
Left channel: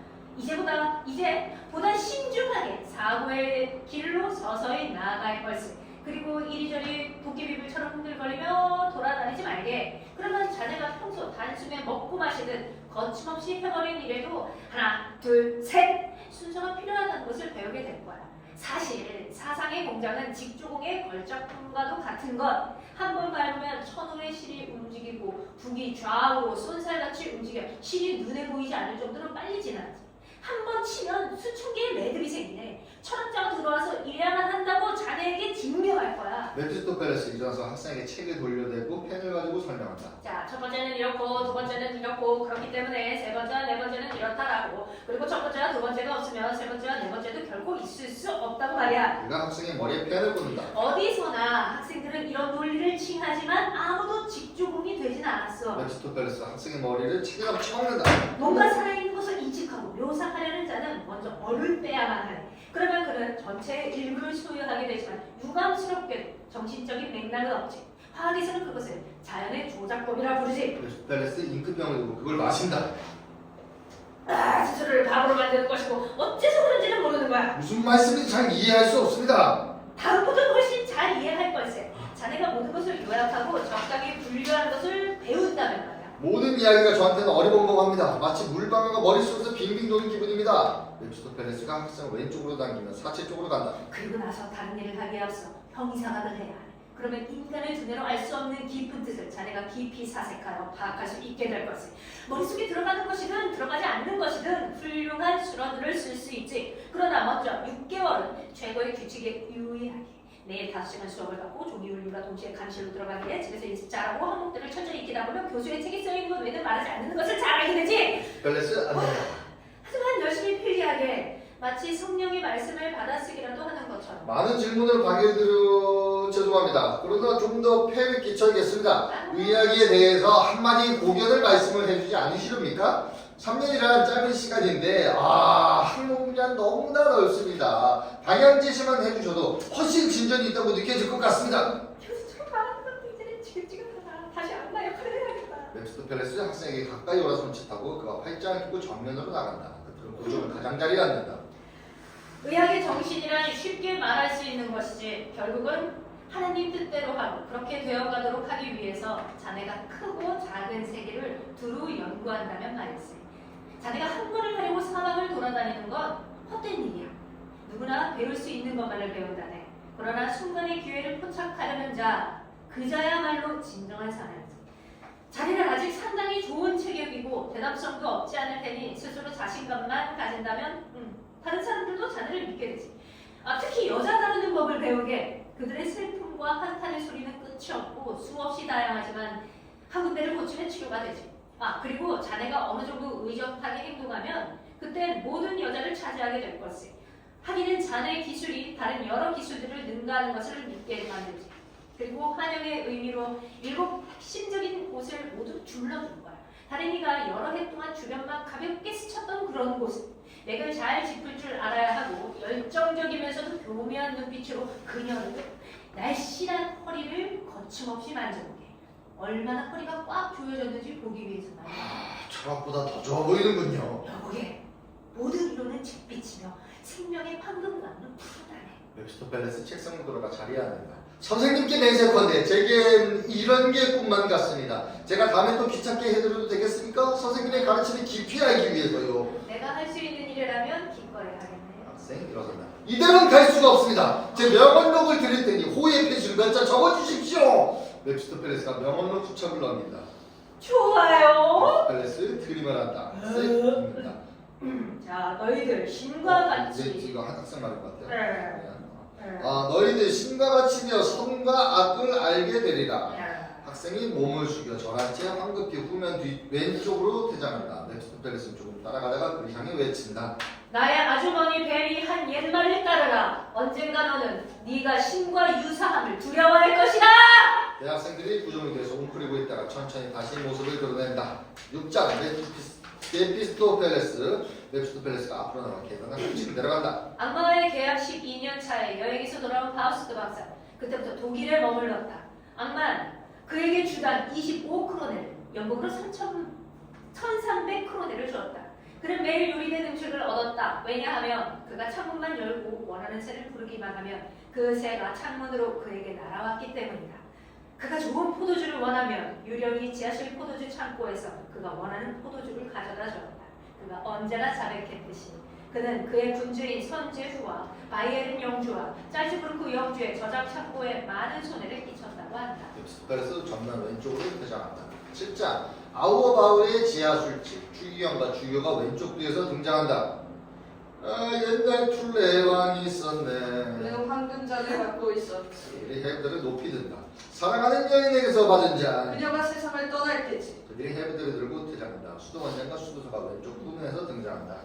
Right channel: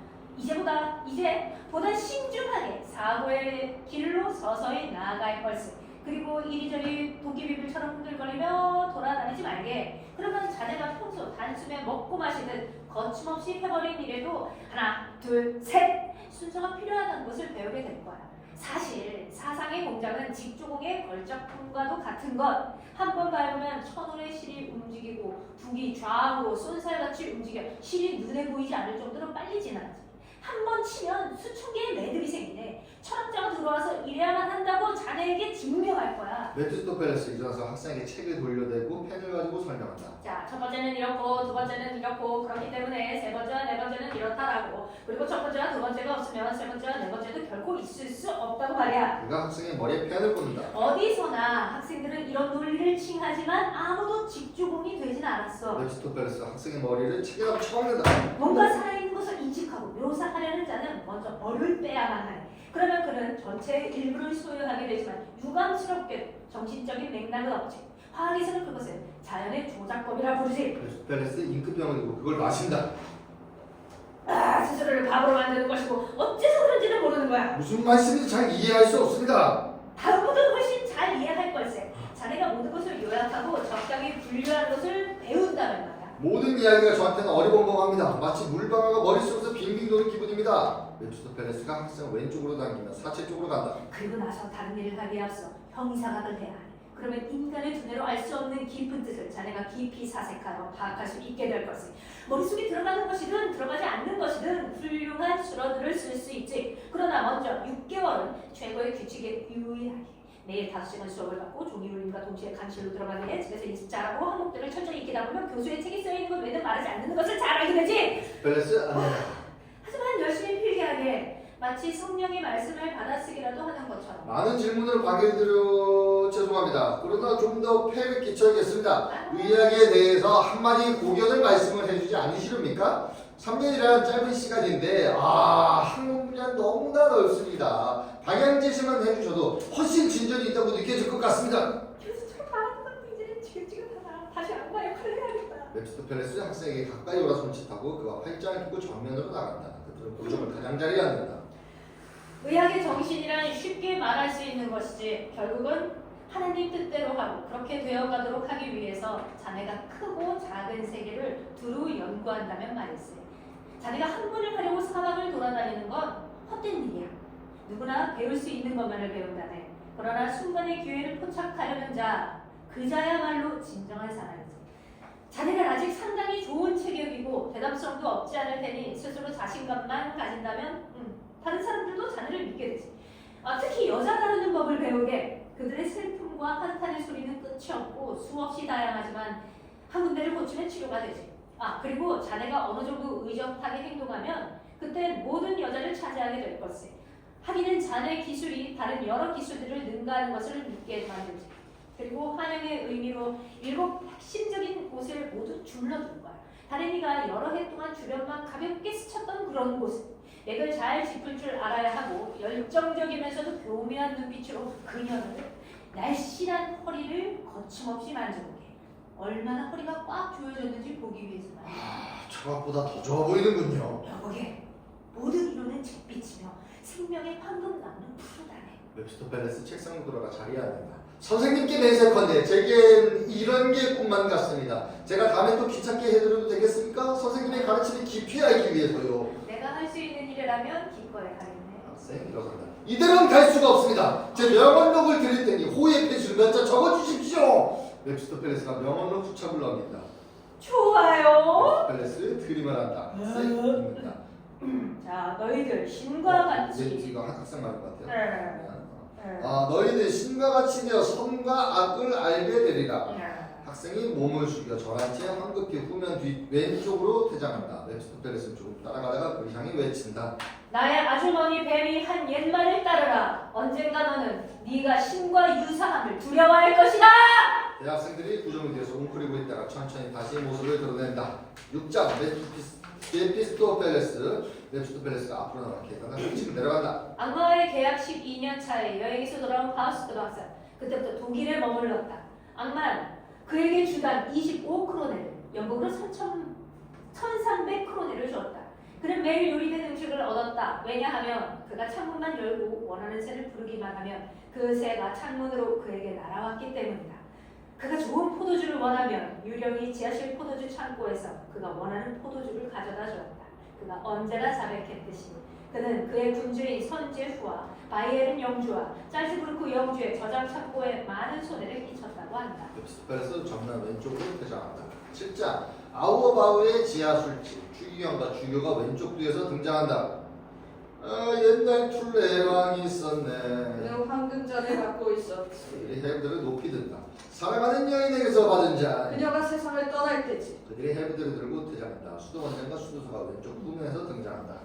이제 보다 신중하게 사고의 길로 서서히 나아갈 걸세. 그리고 이리저리 도끼비불처럼 흔들거리며 돌아다니지 말게. 그러면 자네가 평소 단숨에 먹고 마시듯 거침없이 해버린 일에도 하나, 둘, 셋 순서가 필요하다는 것을 배우게 될 거야. 사실 사상의 공장은 직조공의 걸작품과도 같은 것. 한 번 밟으면 천원의 실이 움직이고 북이 좌우로 쏜살같이 움직여 실이 눈에 보이지 않을 정도로 빨리 지나가지. 한 번 치면 수천 개의 매듭이 생기네. 철학자가 들어와서 이래야만 한다고 자네에게 증명할 거야. 메피스토펠레스 일어나서 학생에게 책을 돌려대고 펜을 가지고 설명한다. 자, 첫 번째는 이렇고 두 번째는 이렇고 그렇기 때문에 세 번째와 네 번째는 이렇다라고. 그리고 첫 번째와 두 번째가 없으면 세 번째와 네 번째도 결코 있을 수 없다고 말이야. 그가 학생의 머리에 펜을 꽂는다. 어디서나 학생들은 이런 논리를 칭하지만 아무도 직조공이 되진 않았어. 메피스토펠레스 학생의 머리를 책에다 쳐먹는다. 뭔가 살아있는 것을 인식하고 묘사하려는 자는 먼저 얼을 빼야만 하네. 그러면 그는 전체의 일부를 소유하게 되지만 유감스럽게 정신적인 맥락은 없지. 화학에서는 그것을 자연의 조작법이라 부르지. 메피스토펠레스 잉크병을 두고 그걸 마신다. 스스로를 바보로 만드는 것이고 어째서 그런지는 모르는 거야. 무슨 말씀인지 잘 이해할 수 없습니다. 다음부터는 훨씬 잘 이해할 걸세. 자네가 모든 것을 요약하고 적당히 분류하는 것을 배운다면 말이야. 모든 이야기가 저한테는 어리벙벙합니다. 마치 물방아가 머릿속에서 빙빙 도는 기분입니다. 메피스토펠레스가 학생을 왼쪽으로 당기면 사체 쪽으로 간다. 그리고 나서 다른 일을 하기에 앞서 형이상학을 해야 하네. 그러면 인간을 두뇌로 알 수 없는 깊은 뜻을 자네가 깊이 사색하여 파악할 수 있게 될 것을. 머릿속에 들어가는 것이든 들어가지 않는 것이든 훌륭한 수로들을 쓸 수 있지. 그러나 먼저 6개월은 최고의 규칙에 유의하게. 매일 5시간 수업을 받고 종이 울림과 동시에 간실로 들어가기에 집에서 일찍 자라고 항목들을 철저히 익히다 보면 교수의 책에 써있는 것 외에는 말하지 않는 것을 잘 알게 되지. 펠레스 안 된다. 하지만 열심히 필기하게 마치 성령의 말씀을 받아쓰기라도 하는 것처럼. 많은 질문을 방해드려 죄송합니다. 그러나 좀 더 폐를 끼쳐야겠습니다. 의학에 대해서 한마디 고견을 말씀을 해주지 않으시렵니까? 3년이란 짧은 시간인데 학문 분야 너무나 넓습니다. 방향 제시만 해주셔도 훨씬 진전이 있다고 느껴질 것 같습니다. 교수 저 나왔는데 이제는 지긋지긋하다. 다시 악마 역할을 해야겠다. 메피스토펠레스 학생에게 가까이 오라 손짓하고 그와 팔짱을 끼고 전면으로 나간다. 그들은 고정을 가장자리에 앉는다. 의학의 정신이란 쉽게 말할 수 있는 것이지 결국은 하나님 뜻대로 하고 그렇게 되어가도록 하기 위해서 자네가 크고 작은 세계를 두루 연구한다면 말이지. 자네가 학문을 하려고 사막을 돌아다니는 건 헛된 일이야. 누구나 배울 수 있는 것만을 배운다네. 그러나 순간의 기회를 포착하려는 그 자야말로 진정한 사람이지. 자네가 아직 상당히 좋은 체격이고 대담성도 없지 않을 테니 스스로 자신감만 가진다면 다른 사람들도 자네를 믿게 되지. 특히 여자 다루는 법을 배우게. 그들의 슬픔과 한탄의 소리는 끝이 없고 수없이 다양하지만 한 군데를 고치면 치료가 되지. 그리고 자네가 어느 정도 의젓하게 행동하면 그때 모든 여자를 차지하게 될 것이. 하기는 자네의 기술이 다른 여러 기술들을 능가하는 것을 믿게 만들지. 그리고 환영의 의미로 7 핵심적인 곳을 모두 둘러둔 거야. 다른이가 여러 해 동안 주변만 가볍게 스쳤던 그런 곳. 맥을 잘 짚을 줄 알아야 하고 열정적이면서도 교묘한 눈빛으로 그녀를 날씬한 허리를 거침없이 만져보게. 얼마나 허리가 꽉 조여졌는지 보기 위해서 말이야. 철학보다 더 좋아 보이는군요. 여보게 모든 이론은 잿빛이며 생명의 황금감은 푸르다네. 웹스터 팰리스 책상으로 돌아가 자리에 앉는다. 선생님께 맹세컨대 제겐 이런 게 꿈만 같습니다. 제가 다음에 또 귀찮게 해드려도 되겠습니까? 선생님의 가르침을 깊이 알기 위해서요. 내가 할 수 있는 일이라면 기꺼이 하겠네. 학생 일어선다. 이대로는 갈 수가 없습니다. 제 명언록을 드릴 테니 호의의 표시를 몇 자 적어주십시오. 웹스터 팰리스가 명언록 수첩을 넘긴다. 좋아요. 팰리스 드림을 한다. 학생 읽는다. 자, 너희들 신과 같이. 이거 학생 말인 것 같아요. 네. 너희들 신과 같이 되어 선과 악을 알게 되리라. 네. 학생이 몸을 숙여 절한 채 황급히 후면 뒤 왼쪽으로 퇴장한다. 웹스터 팰리스는 조금 따라가다가 그를 향해 외친다. 나의 아주머니 벨이 한 옛말을 따르라. 언젠가 너는 네가 신과 유사함을 두려워할 것이다. 대학생들이 구조물에 대해서 웅크리고 있다가 천천히 다시 모습을 드러낸다. 6장 웹스터 팰리스가 앞으로 나와 계단을 훔치고 내려간다. 악마와의 계약 12년 차에 여행에서 돌아온 파우스트 박사. 그때부터 독일에 머물렀다. 악마는 그에게 주단 25크로네를 연봉으로 1,300크로네를 주었다. 그는 매일 요리된 음식을 얻었다. 왜냐하면 그가 창문만 열고 원하는 새를 부르기만 하면 그 새가 창문으로 그에게 날아왔기 때문이다. 그가 좋은 포도주를 원하면 유령이 지하실 포도주 창고에서 그가 원하는 포도주를 가져다 주었다. 그가 언제나 자백했듯이 그는 그의 군주인 선제후와 바이에른 영주와 짤츠부르크 영주의 저장 창고에 많은 손해를 끼쳤다고 한다. 웹스터 팰리스 전면 왼쪽으로 퇴장한다. 7장 아우어바우의 지하 술집 추기경과 주교가 왼쪽 뒤에서 등장한다. 옛날 툴레 왕이 있었네. 매우 황금잔을 갖고 있었지. 그들이 헤브들을 높이 든다. 사랑하는 여인에게서 받은 잔. 그녀가 세상을 떠날 때지. 그들이 헤브들을 들고 퇴장한다. 수도원장과 수도사가 왼쪽 후면에서 등장한다.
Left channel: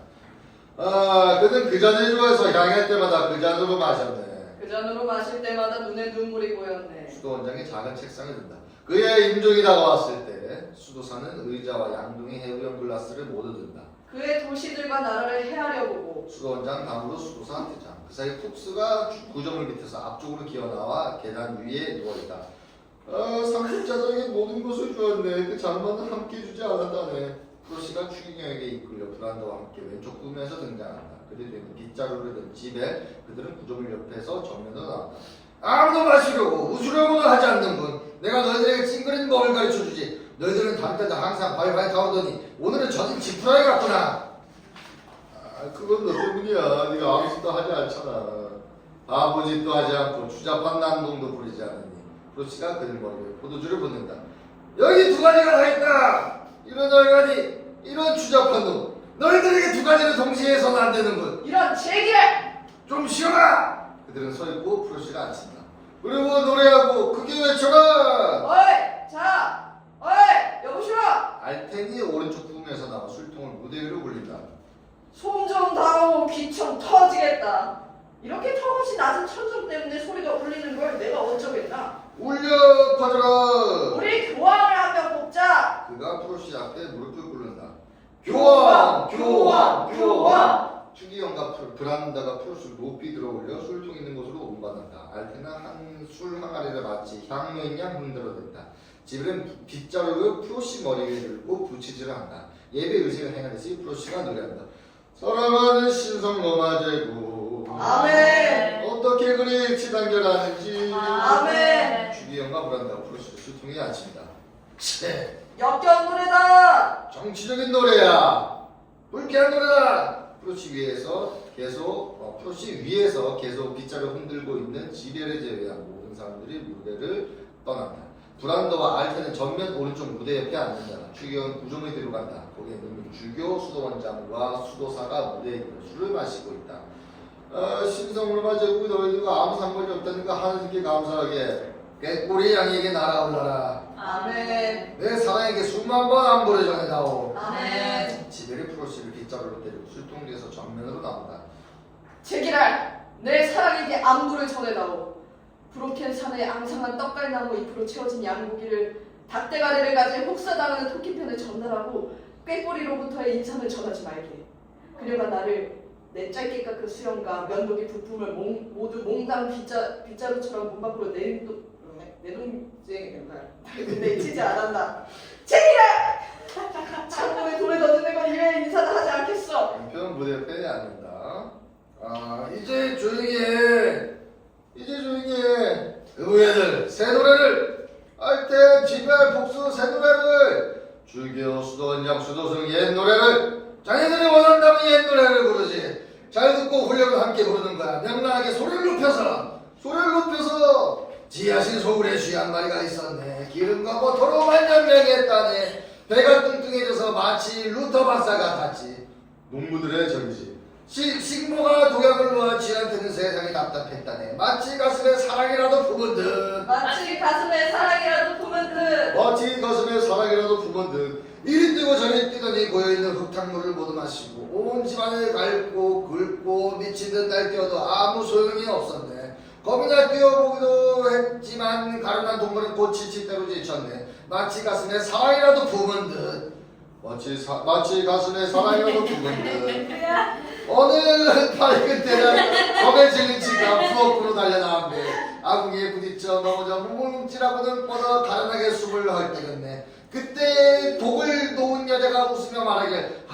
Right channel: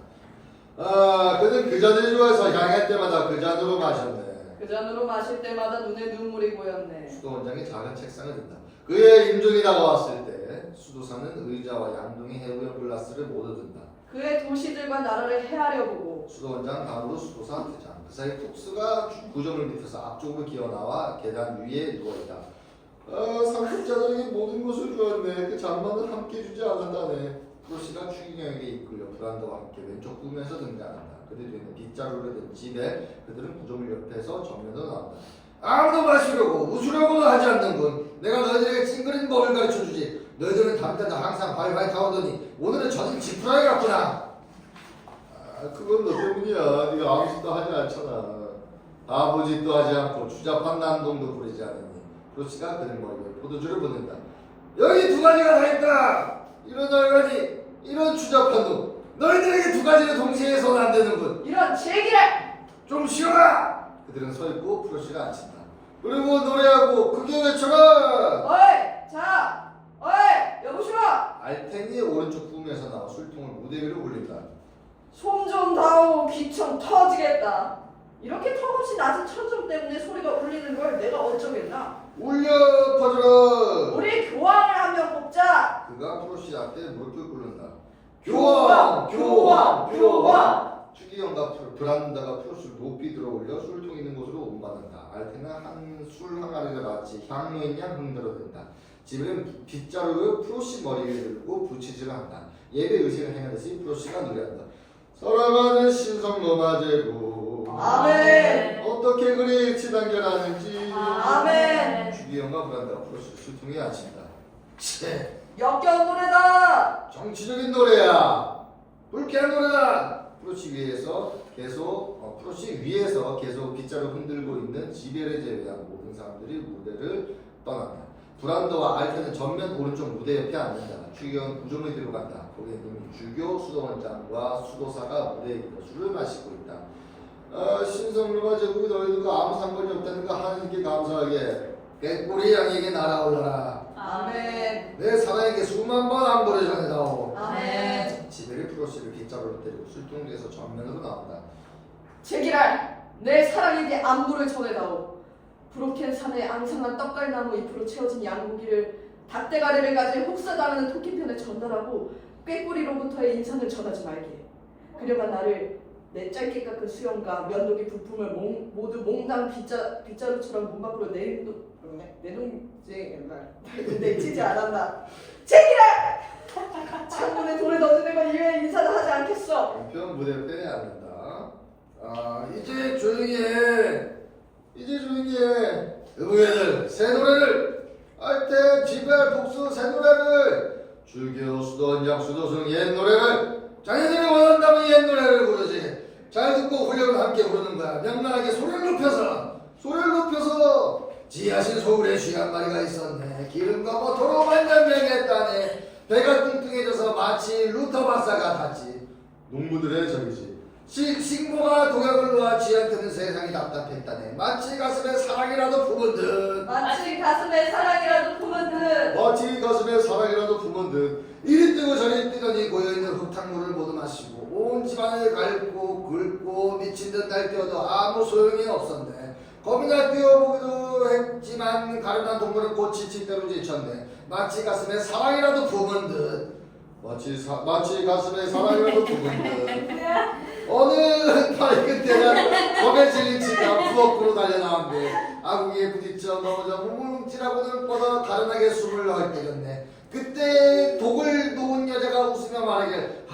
그는 그 잔을 좋아해서 향할 때마다 그 잔으로 마셨네. 그 잔으로 마실 때마다 눈에 눈물이 고였네. 수도원장이 작은 책상에 든다. 그의 임종이 다가왔을 때 수도사는 의자와 양동이 해부형 글라스를 모두 든다. 그의 도시들과 나라를 헤아려 보고 수도원장 다음으로 수도사 퇴장. 그 사이 쿡스가 구조물 밑에서 앞쪽으로 기어나와 계단 위에 누워있다. 상속자장에게 모든 것을 주었네. 그 장만은 함께 주지 않았다네. 프로시가 추기경에게 이끌려 브란더와 함께 왼쪽 후면에서 등장한다. 그들 뒤에는 빗자루를 든 집에 그들은 구조물 옆에서 정면으로 나온다. 아무도 마시려고 웃으려고도 하지 않는군. 내가 너희들에게 찡그린 법을 가르쳐주지. 너희들은 다른 때도 항상 발발 타오르더니 오늘은 저는 지푸라기 같구나. 그건 너 때문이야. 네가 아무 짓도 하지 않잖아. 바보 짓도 하지 않고 추잡한 난동도 부리지 않으니. 프로시가 그들 머리 위에 포도주를 붓는다. 여기 두 가지가 다 있다. 이런 얼간이 이런 추잡한 놈. 너희들에게 두 가지를 동시에 해서는 안 되는군. 이런 제길! 좀 쉬어라. 그들은 서 있고 프로시가 앉힌다. 그리고 노래하고 크게 외쳐라. 어이! 자! 어이! 여보시라! 알텐이 오른쪽 구름에서 나와 술통을 무대 위로 굴린다. 솜 좀 다오 귀청 터지겠다. 이렇게 턱없이 낮은 천정 때문에 소리가 울리는 걸 내가 어쩌겠나? 울려 퍼져라. 우리 교황을 한 명 뽑자. 그가 프로시 앞에 무릎을 꿇는다. 교황! 교황! 교황! 추기경과 브란다가 프로시를 높이 들어올려 술통 있는 곳으로 운반한다. 알텐은 술 항아리를 마치 향로인 양 흔들어댄다. 지브는 빗자루를 프로시 머리 위에 들고 부치질을 한다. 예배 의식을 행하듯이 프로시가 노래한다. 사랑하는 신성 로마제국 아멘. 어떻게 그리 일치단결하는지 아멘. 주기영과 브란다가 프로시를 술통에 앉힌다. 치, 역경 노래다. 정치적인 노래야. 불쾌한 노래다. 프로시 위에서 계속 빗자루 흔들고 있는 지뢰를 제외한 모든 사람들이 무대를 떠난다. 브란더와 알텐은 전면 오른쪽 무대 옆에 앉는다. 추기경은 구조물이 들어간다. 거기에 는 주교, 수도원장과 수도사가 무대에 있고 술을 마시고 있다. 신성물과 제국이 너희들과 아무 상관이 없다는 거 하나님께 감사하게 꾀꼬리 양에게 날아올라라. 아멘. 내 사랑에게 수만 번 안부를 전해다오. 아멘. 지베리프로스를 빗자루로 때리고 술통대에서 정면으로 나온다. 제기랄 내 사랑에게 안부를 전해다오. 브로켄 산의 앙상한 떡갈나무 잎으로 채워진 양고기를 닭대가리를 가진 혹사당하는 토끼편에 전달하고 꾀꼬리로부터의 인상을 전하지 말게. 그녀가 나를 내 짧게 깎은 수염과 면도기 부품을 모두 몽당 빗자루처럼 문 밖으로 내동쟁 내치지 않았나. 제기랄 창문에 돌을 던지는 건 이외에 인사를 하지 않겠어. 한편 무대 빼야 안 된다. 이제 조용히 해. 이제 조용히 해. 의회들 새 노래를 알텐 지발 복수 새 노래를 줄기어 수도원장 수도승 옛 노래를 자네들이 원한다면 옛 노래를 부르지. 잘 듣고 훈련을 함께 부르는 거야. 명랑하게 소리를 높여서 지하신 소울에 쥐 한 마리가 있었네. 기름과 버터로 만장명했다네. 배가 뚱뚱해져서 마치 루터 박사 같았지. 농부들의 적이지. 식모가 독약을 놓아 쥐한테는 세상이 답답했다네. 마치 가슴에 사랑이라도 품은 듯. 마치 가슴에 사랑이라도 품은 듯. 마치 가슴에 사랑이라도 품은 듯. 이리 뛰고 저리 뛰더니 고여있는 흙탕물을 모두 마시고 온 집안을 갉고 긁고 미친 듯 날뛰어도 아무 소용이 없었네. 겁이나 뛰어보기도 했지만 가련한 동물은 곧 지칠대로 지쳤네. 마치 가슴에 사랑이라도 품은 듯. 마치 가슴에 사랑이라도 품은 듯. 어느 밝은 때날 겁에 질린 치가 부엌으로 달려나왔네. 아궁이에 부딪혀 넘어져 뭉뭉뭉찔하고는 뻗어 가련하게 숨을 헐떡였네. 그때 독을 놓은 여자가 웃으며 말하길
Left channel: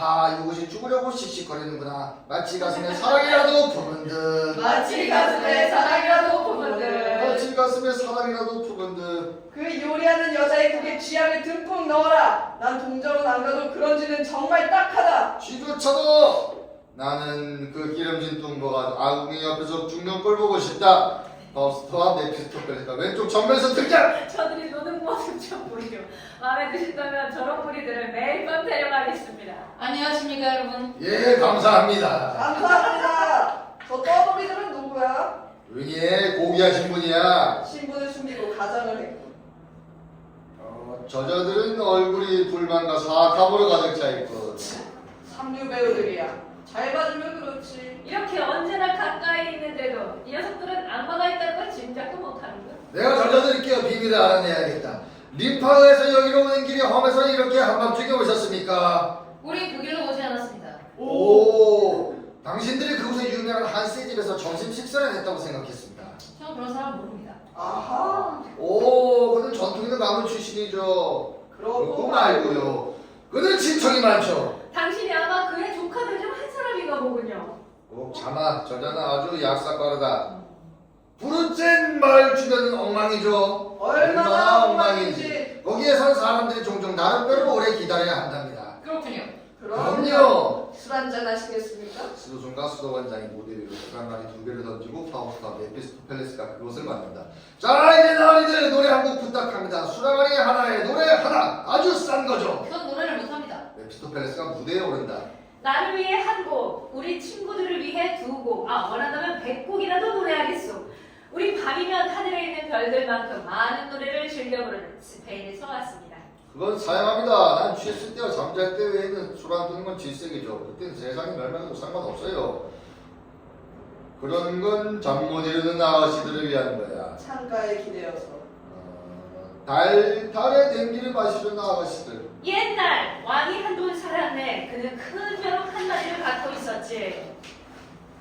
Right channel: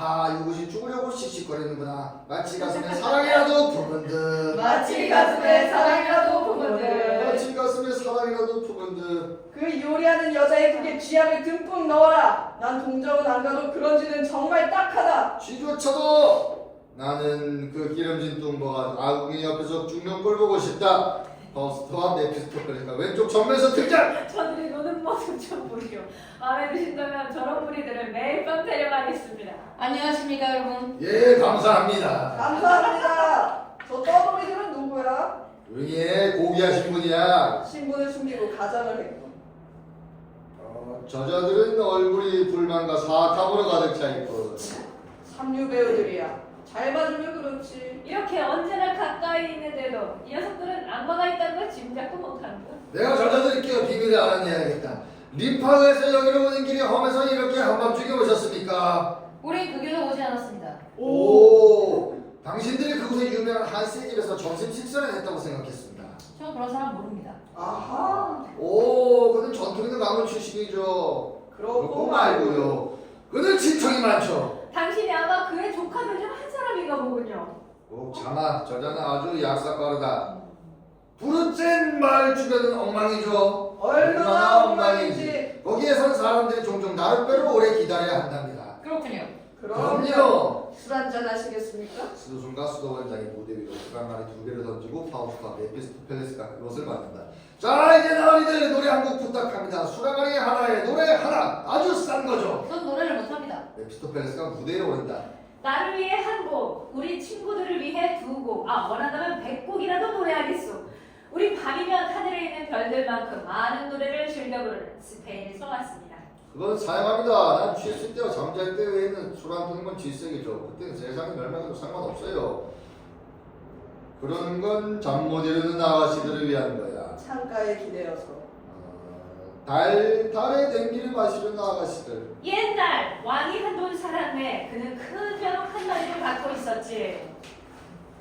이것이 죽으려고 씩씩거리는구나. 마치 가슴에 사랑이라도 품은 듯. 마치 가슴에 사랑이라도 품은 듯. 마치 가슴에 사랑이라도 품은 듯. 그 요리하는 여자의 국에 쥐약을 듬뿍 넣어라. 난 동정은 안 가도 그런 쥐는 정말 딱하다. 쥐조차도 나는 그 기름진 뚱보가 아궁이 옆에서 죽는 꼴 보고 싶다. 파우스트와 메피스토펠레스가 왼쪽 정면에서 등장! 저들이 노는 모습 좀 보시오. 마음에 드신다면 저런 무리들을 매일 밤 데려가겠습니다. 안녕하십니까 여러분. 예, 감사합니다. 감사합니다. 저 떠돌이들은 누구야? 조용히 해, 고귀하신 분이야. 신분을 숨기고 가장을 했고. 저자들은 얼굴이 불만과 사악함으로 가득 차있고 삼류 배우들이야. 잘 봐주면 그렇지. 이렇게 언제나 가까이 있는데도 이 녀석들은 악마가 있다는 걸 짐작도 못하는군. 내가 저자들께 비밀을 알아내야겠다. 림파에서 여기로 오는 길이 험해서 이렇게 한밤중에 오셨습니까? 우리 그 길로 오지 않았습니다. 오, 당신들이 그곳에 유명한 한스의 집에서 점심 식사를 했다고 생각했습니다. 전 그런 사람 모릅니다. 아하. 오, 그는 전통 있는 가문 출신이죠. 그거 말고요. 그는 친척이 많죠. 당신이 아마 그의 조카들 중 한 사람인가 보군요. 자마, 저자는 아주 약삭빠르다. 부르젠 마을 주변은 엉망이죠. 얼마나 엉망인지. 거기에선 사람들이 종종 나름대로 오래 기다려야 한답니다. 그렇군요. 그럼요. 술 한잔 하시겠습니까? 수도승과 수도원장이 무대 위로 수강말이 2개를 던지고 파우스트와 메피스토펠레스가 그것을 만든다. 자, 이제 나으리들 노래 한 곡 부탁합니다. 수랑아리 하나에 노래 하나, 아주 싼 거죠. 전 노래를 못합니다. 메피스토펠레스가 무대에 오른다. 나를 위해 한 곡, 우리 친구들을 위해 두 곡, 원한다면 100곡이라도 노래하겠소. 우리 밤이면 하늘에 있는 별들만큼 많은 노래를 즐겨 부르는 스페인에서 왔습니다. 그건 사양합니다. 난 취했을 때와 잠잘 때 외에는 술 안 드는 건 질색이죠. 그때는 세상이 멸망해도 상관없어요. 그런 건 잠 못 이루는 아가씨들을 위한 거야. 창가에 기대어서. 달에 냉기를 마시려는 아가씨들. 옛날 왕이 한돈 살았네. 그는 큰 벼룩 한 마리를 갖고 있었지.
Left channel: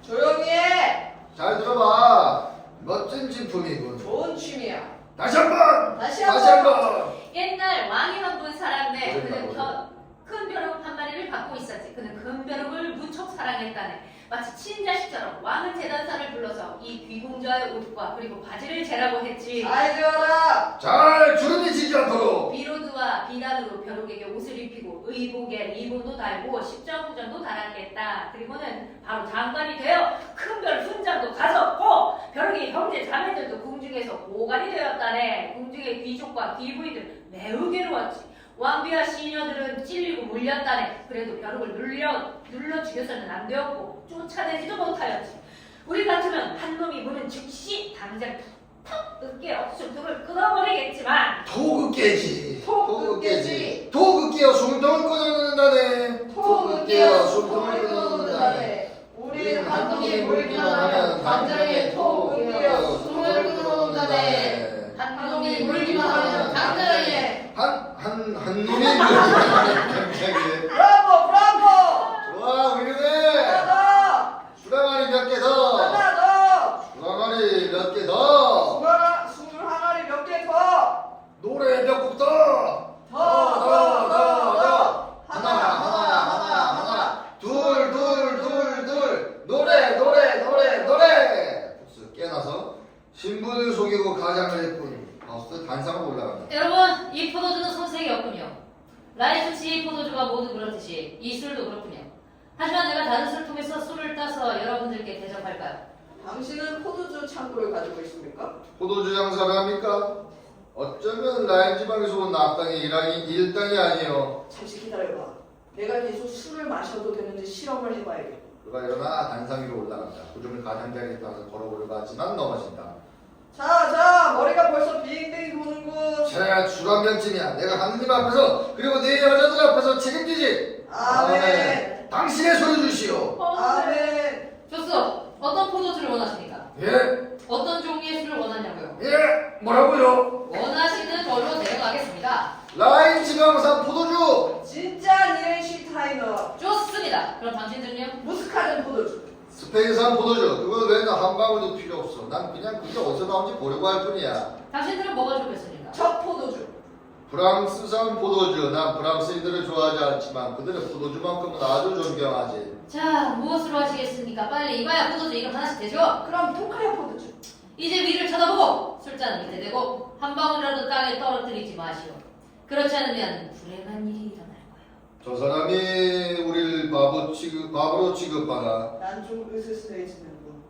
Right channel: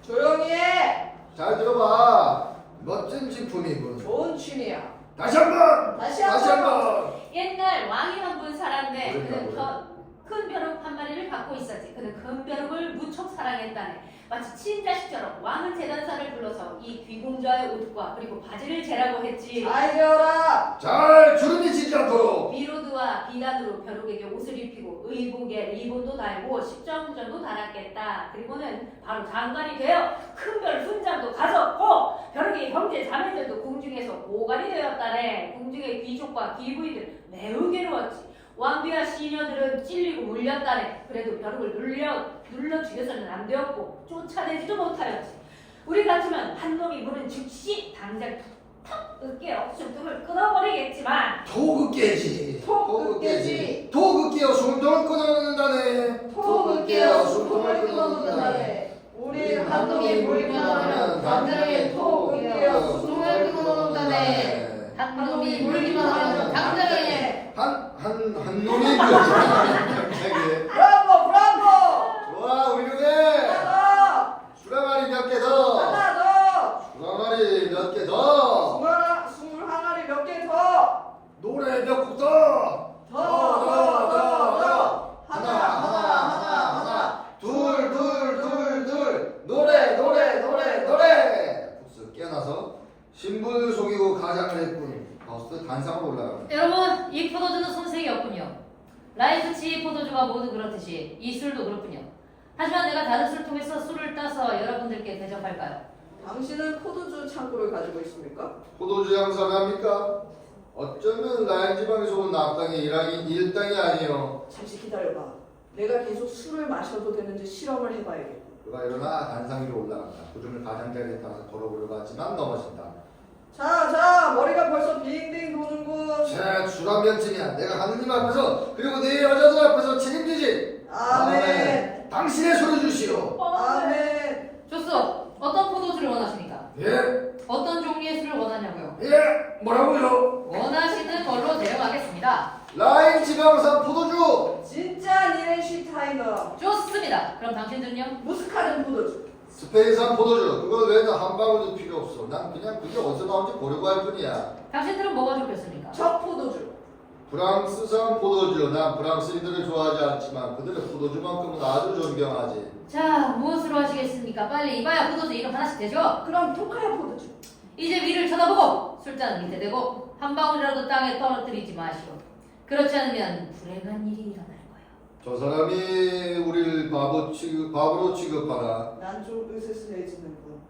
조용히 해. 잘 들어봐. 멋진 진품이군. 좋은 취미야. 다시 한번. 다시 다시 한번. 옛날 왕이 한 분 살았네. 오랜만, 그는 큰 벼룩 한 마리를 갖고 있었지. 그는 큰 벼룩을 무척 사랑했다네. 마치 친자식처럼 왕은 재단사를 불러서 이 귀공자의 옷과 그리고 바지를 재라고 했지. 잘 들어라. 잘 주름이 지지 않도록. 비로드와 비단으로 벼룩에게 옷을 입히고 의복에 리본도 달고 십자훈장도 달았겠다. 그리고는 바로 장관이 되어 큰 별 훈장도 가졌고 벼룩의 형제 자매들도 궁중에서 오간이 되었다네. 궁중의 귀족과 귀부인들 매우 괴로웠지. 왕비와 시녀들은 찔리고 물렸다네. 그래도 벼룩을 눌러 죽여서는 안 되었고 쫓아내지도 못하였지. 우리 같으면 놈이 물은 즉시 당장 턱 으깨 억수통을 끊어버리겠지만 도구 깨지. 도구 깨지. 도구 깨어 숨통을 끊어낸다네. 톡 깨어 숨통을 끊어놓는다네. 우리는 한 놈이 물기만 하면 당장에 톡 깨어 숨을 끊어놓는다네. 한 놈이 물기만 하면 당장에 한 놈이 갑자기. 브라보 브라보. 좋아 훌륭해. 하나 수라마리 몇 개 더. 더. 하나 더. 수라마리 몇 개 더. 술 항아리 몇 개 더. 노래 몇 곡 더. 더. 하나. 둘. 노래. 복수 깨어나서 신분을 속이고 가장을 했군. 버스 단상으로 올라간다. 여러분, 이 포도주는 손색이 없군요. 라이프치 포도주가 모두 그렇듯이 이 술도 그렇군요. 하지만 내가 다른 술 통해서 술을 따서 여러분들께 대접할까요? 당신은 포도주 창고를 가지고 있습니까? 포도주 장사를 합니까? 어쩌면 라인 지방에서 온 악당의 일당이 아니요. 잠시 기다려봐. 내가 계속 술을 마셔도 되는지 실험을 해봐야겠다. 그가 일어나 단상 위로 올라간다. 도중을 가장자리에 따라서 걸어보려고 하지만 넘어진다. 자, 머리가 벌써 빙빙 도는군. 자, 주란 명쯤이야. 내가 하느님 앞에서 그리고 네 여자들 앞에서 책임지지. 아멘. 당신의 소리 주시오. 아멘. 좋소. 어떤 포도주를 원하십니까? 예, 어떤 종류의 술을 원하냐고요? 예, 뭐라고요? 원하시는 걸로 내려가겠습니다. 라인 지방산 포도주. 진짜 닐슈타이너. 좋습니다. 그럼 당신들은요? 무스카든 포도주. 스페인산 포도주. 그건 외에는 한 방울도 필요 없어. 난 그냥 그게 어디서 나온지 보려고 할 뿐이야. 당신들은 뭐가 좋겠습니까? 적 포도주. 프랑스산 포도주. 난 프랑스인들을 좋아하지 않지만 그들의 포도주만큼은 아주 존경하지. 자, 무엇으로 하시겠습니까? 빨리 이봐야 포도주 이름 하나씩 되죠? 그럼 토카야 포도주. 이제 위를 쳐다보고 술잔은 밑에 대고 한 방울이라도 땅에 떨어뜨리지 마시오. 그렇지 않으면 불행한 일이 일어날 거예요. 저 사람이 우리를 바보로 취급하나? 난 좀 으스스해지는군.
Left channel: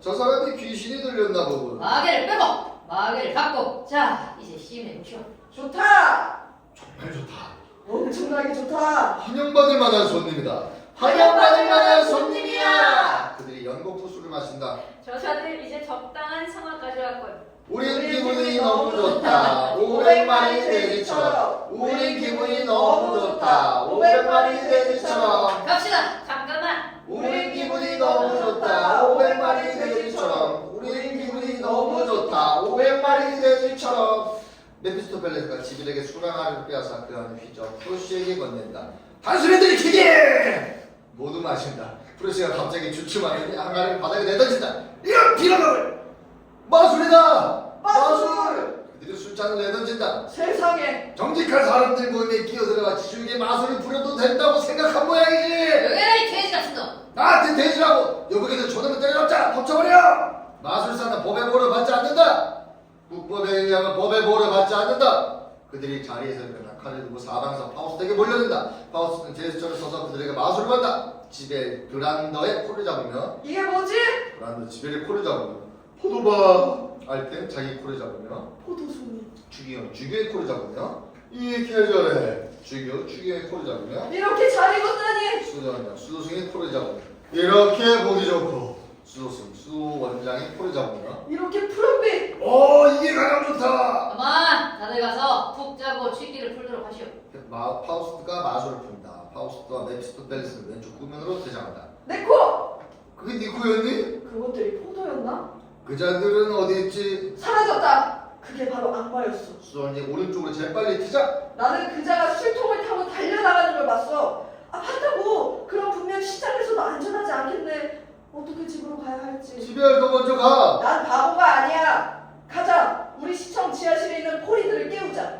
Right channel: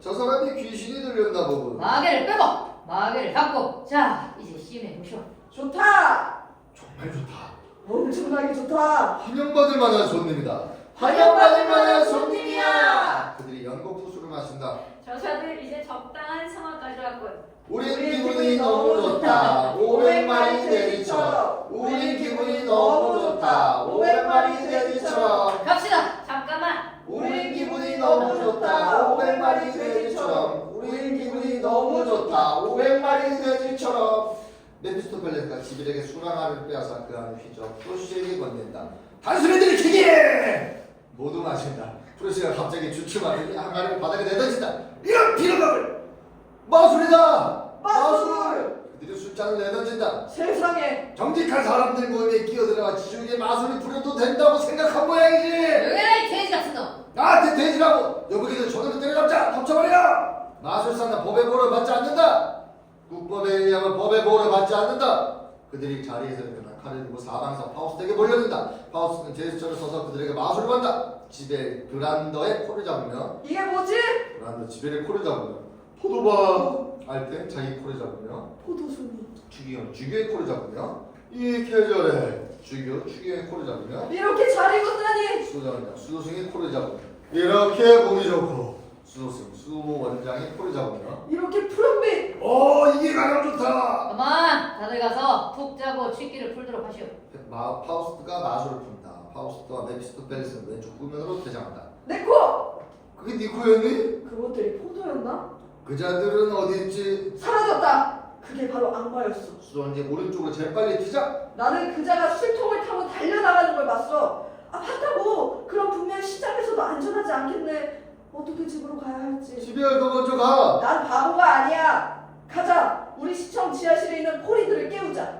저 사람이 귀신이 들렸나 보군. 마개를 빼고 마개를 닫고 자 이제 시음해 보시오. 좋다. 정말 좋다. 엄청나게 좋다. 환영받을 만한 손님이다. 환영받을 만한 손님이야. 그들이 연곡 후술을 마신다. 저자들 이제 적당한 상황까지 왔군. 우린 기분이 너무 좋다. 500마리 돼지처럼. 우린 기분이 너무 좋다. 500마리 돼지처럼. 갑시다. 잠깐만. 우린 기분이 너무 좋다. 500마리 돼지처럼. 우린 기분이 너무 좋다. 500마리 돼지처럼. 메피스토펠레스가 지빌에게 술 하나를 빼앗아 그 안을 휘저 프로시에게 건넨다. 단순히 들이키게! 모두 마신다. 프로시가 갑자기 주춤하더니 한가를 바닥에 내던진다. 이런 빌어먹을! 마술이다! 마술. 그들이 술잔을 내던진다. 세상에. 정직한 사람들 모임에 끼어들어가 지중에 마술을 부려도 된다고 생각한 모양이지. 여기는 이 돼지 같은 놈. 나한테 돼지라고 여보게들 저놈을 때려잡자. 덮쳐버려. 마술사는 법의 보호를 받지 않는다. 국법에 의하면 법의 보호를 받지 않는다. 그들이 자리에서 일어나 칼을 들고 사방에서 파우스트에게 몰려든다. 파우스트는 제스처를 써서 그들에게 마술을 한다. 지벨 브란더의 코를 잡으며 이게 뭐지? 브란더 지벨의 코를 잡으며 포도바 알땐 자기 코를 잡으며 포도송이. 주교의 코를 잡으며 이 계절에 주교의 코를 잡으며 이렇게 잘 익었다니. 수도승의 코를 잡으며 이렇게 보기 좋고 수 원장의 코를 잡으며 이렇게 푸른빛. 이게 가장 좋다. 그만 다들 가서 푹 자고 취기를 풀도록 하시오. 파우스트가 마술을 푼다. 파우스트와 메피스토펠레스는 왼쪽 구면으로 대장한다. 내 코. 그게 네 코였니? 그것들이 포도였나? 그 자들은 어디 있지? 사라졌다. 그게 바로 악마였어. 수원이 오른쪽으로 재빨리 튀자. 나는 그자가 술통을 타고 달려나가는 걸 봤어. 봤다고. 그럼 분명 시장에서도 안전하지 않겠네. 어떻게 집으로 가야 할지. 집에 너 먼저 가. 난 바보가 아니야. 가자. 우리 시청 지하실에 있는 포리들을 깨우자.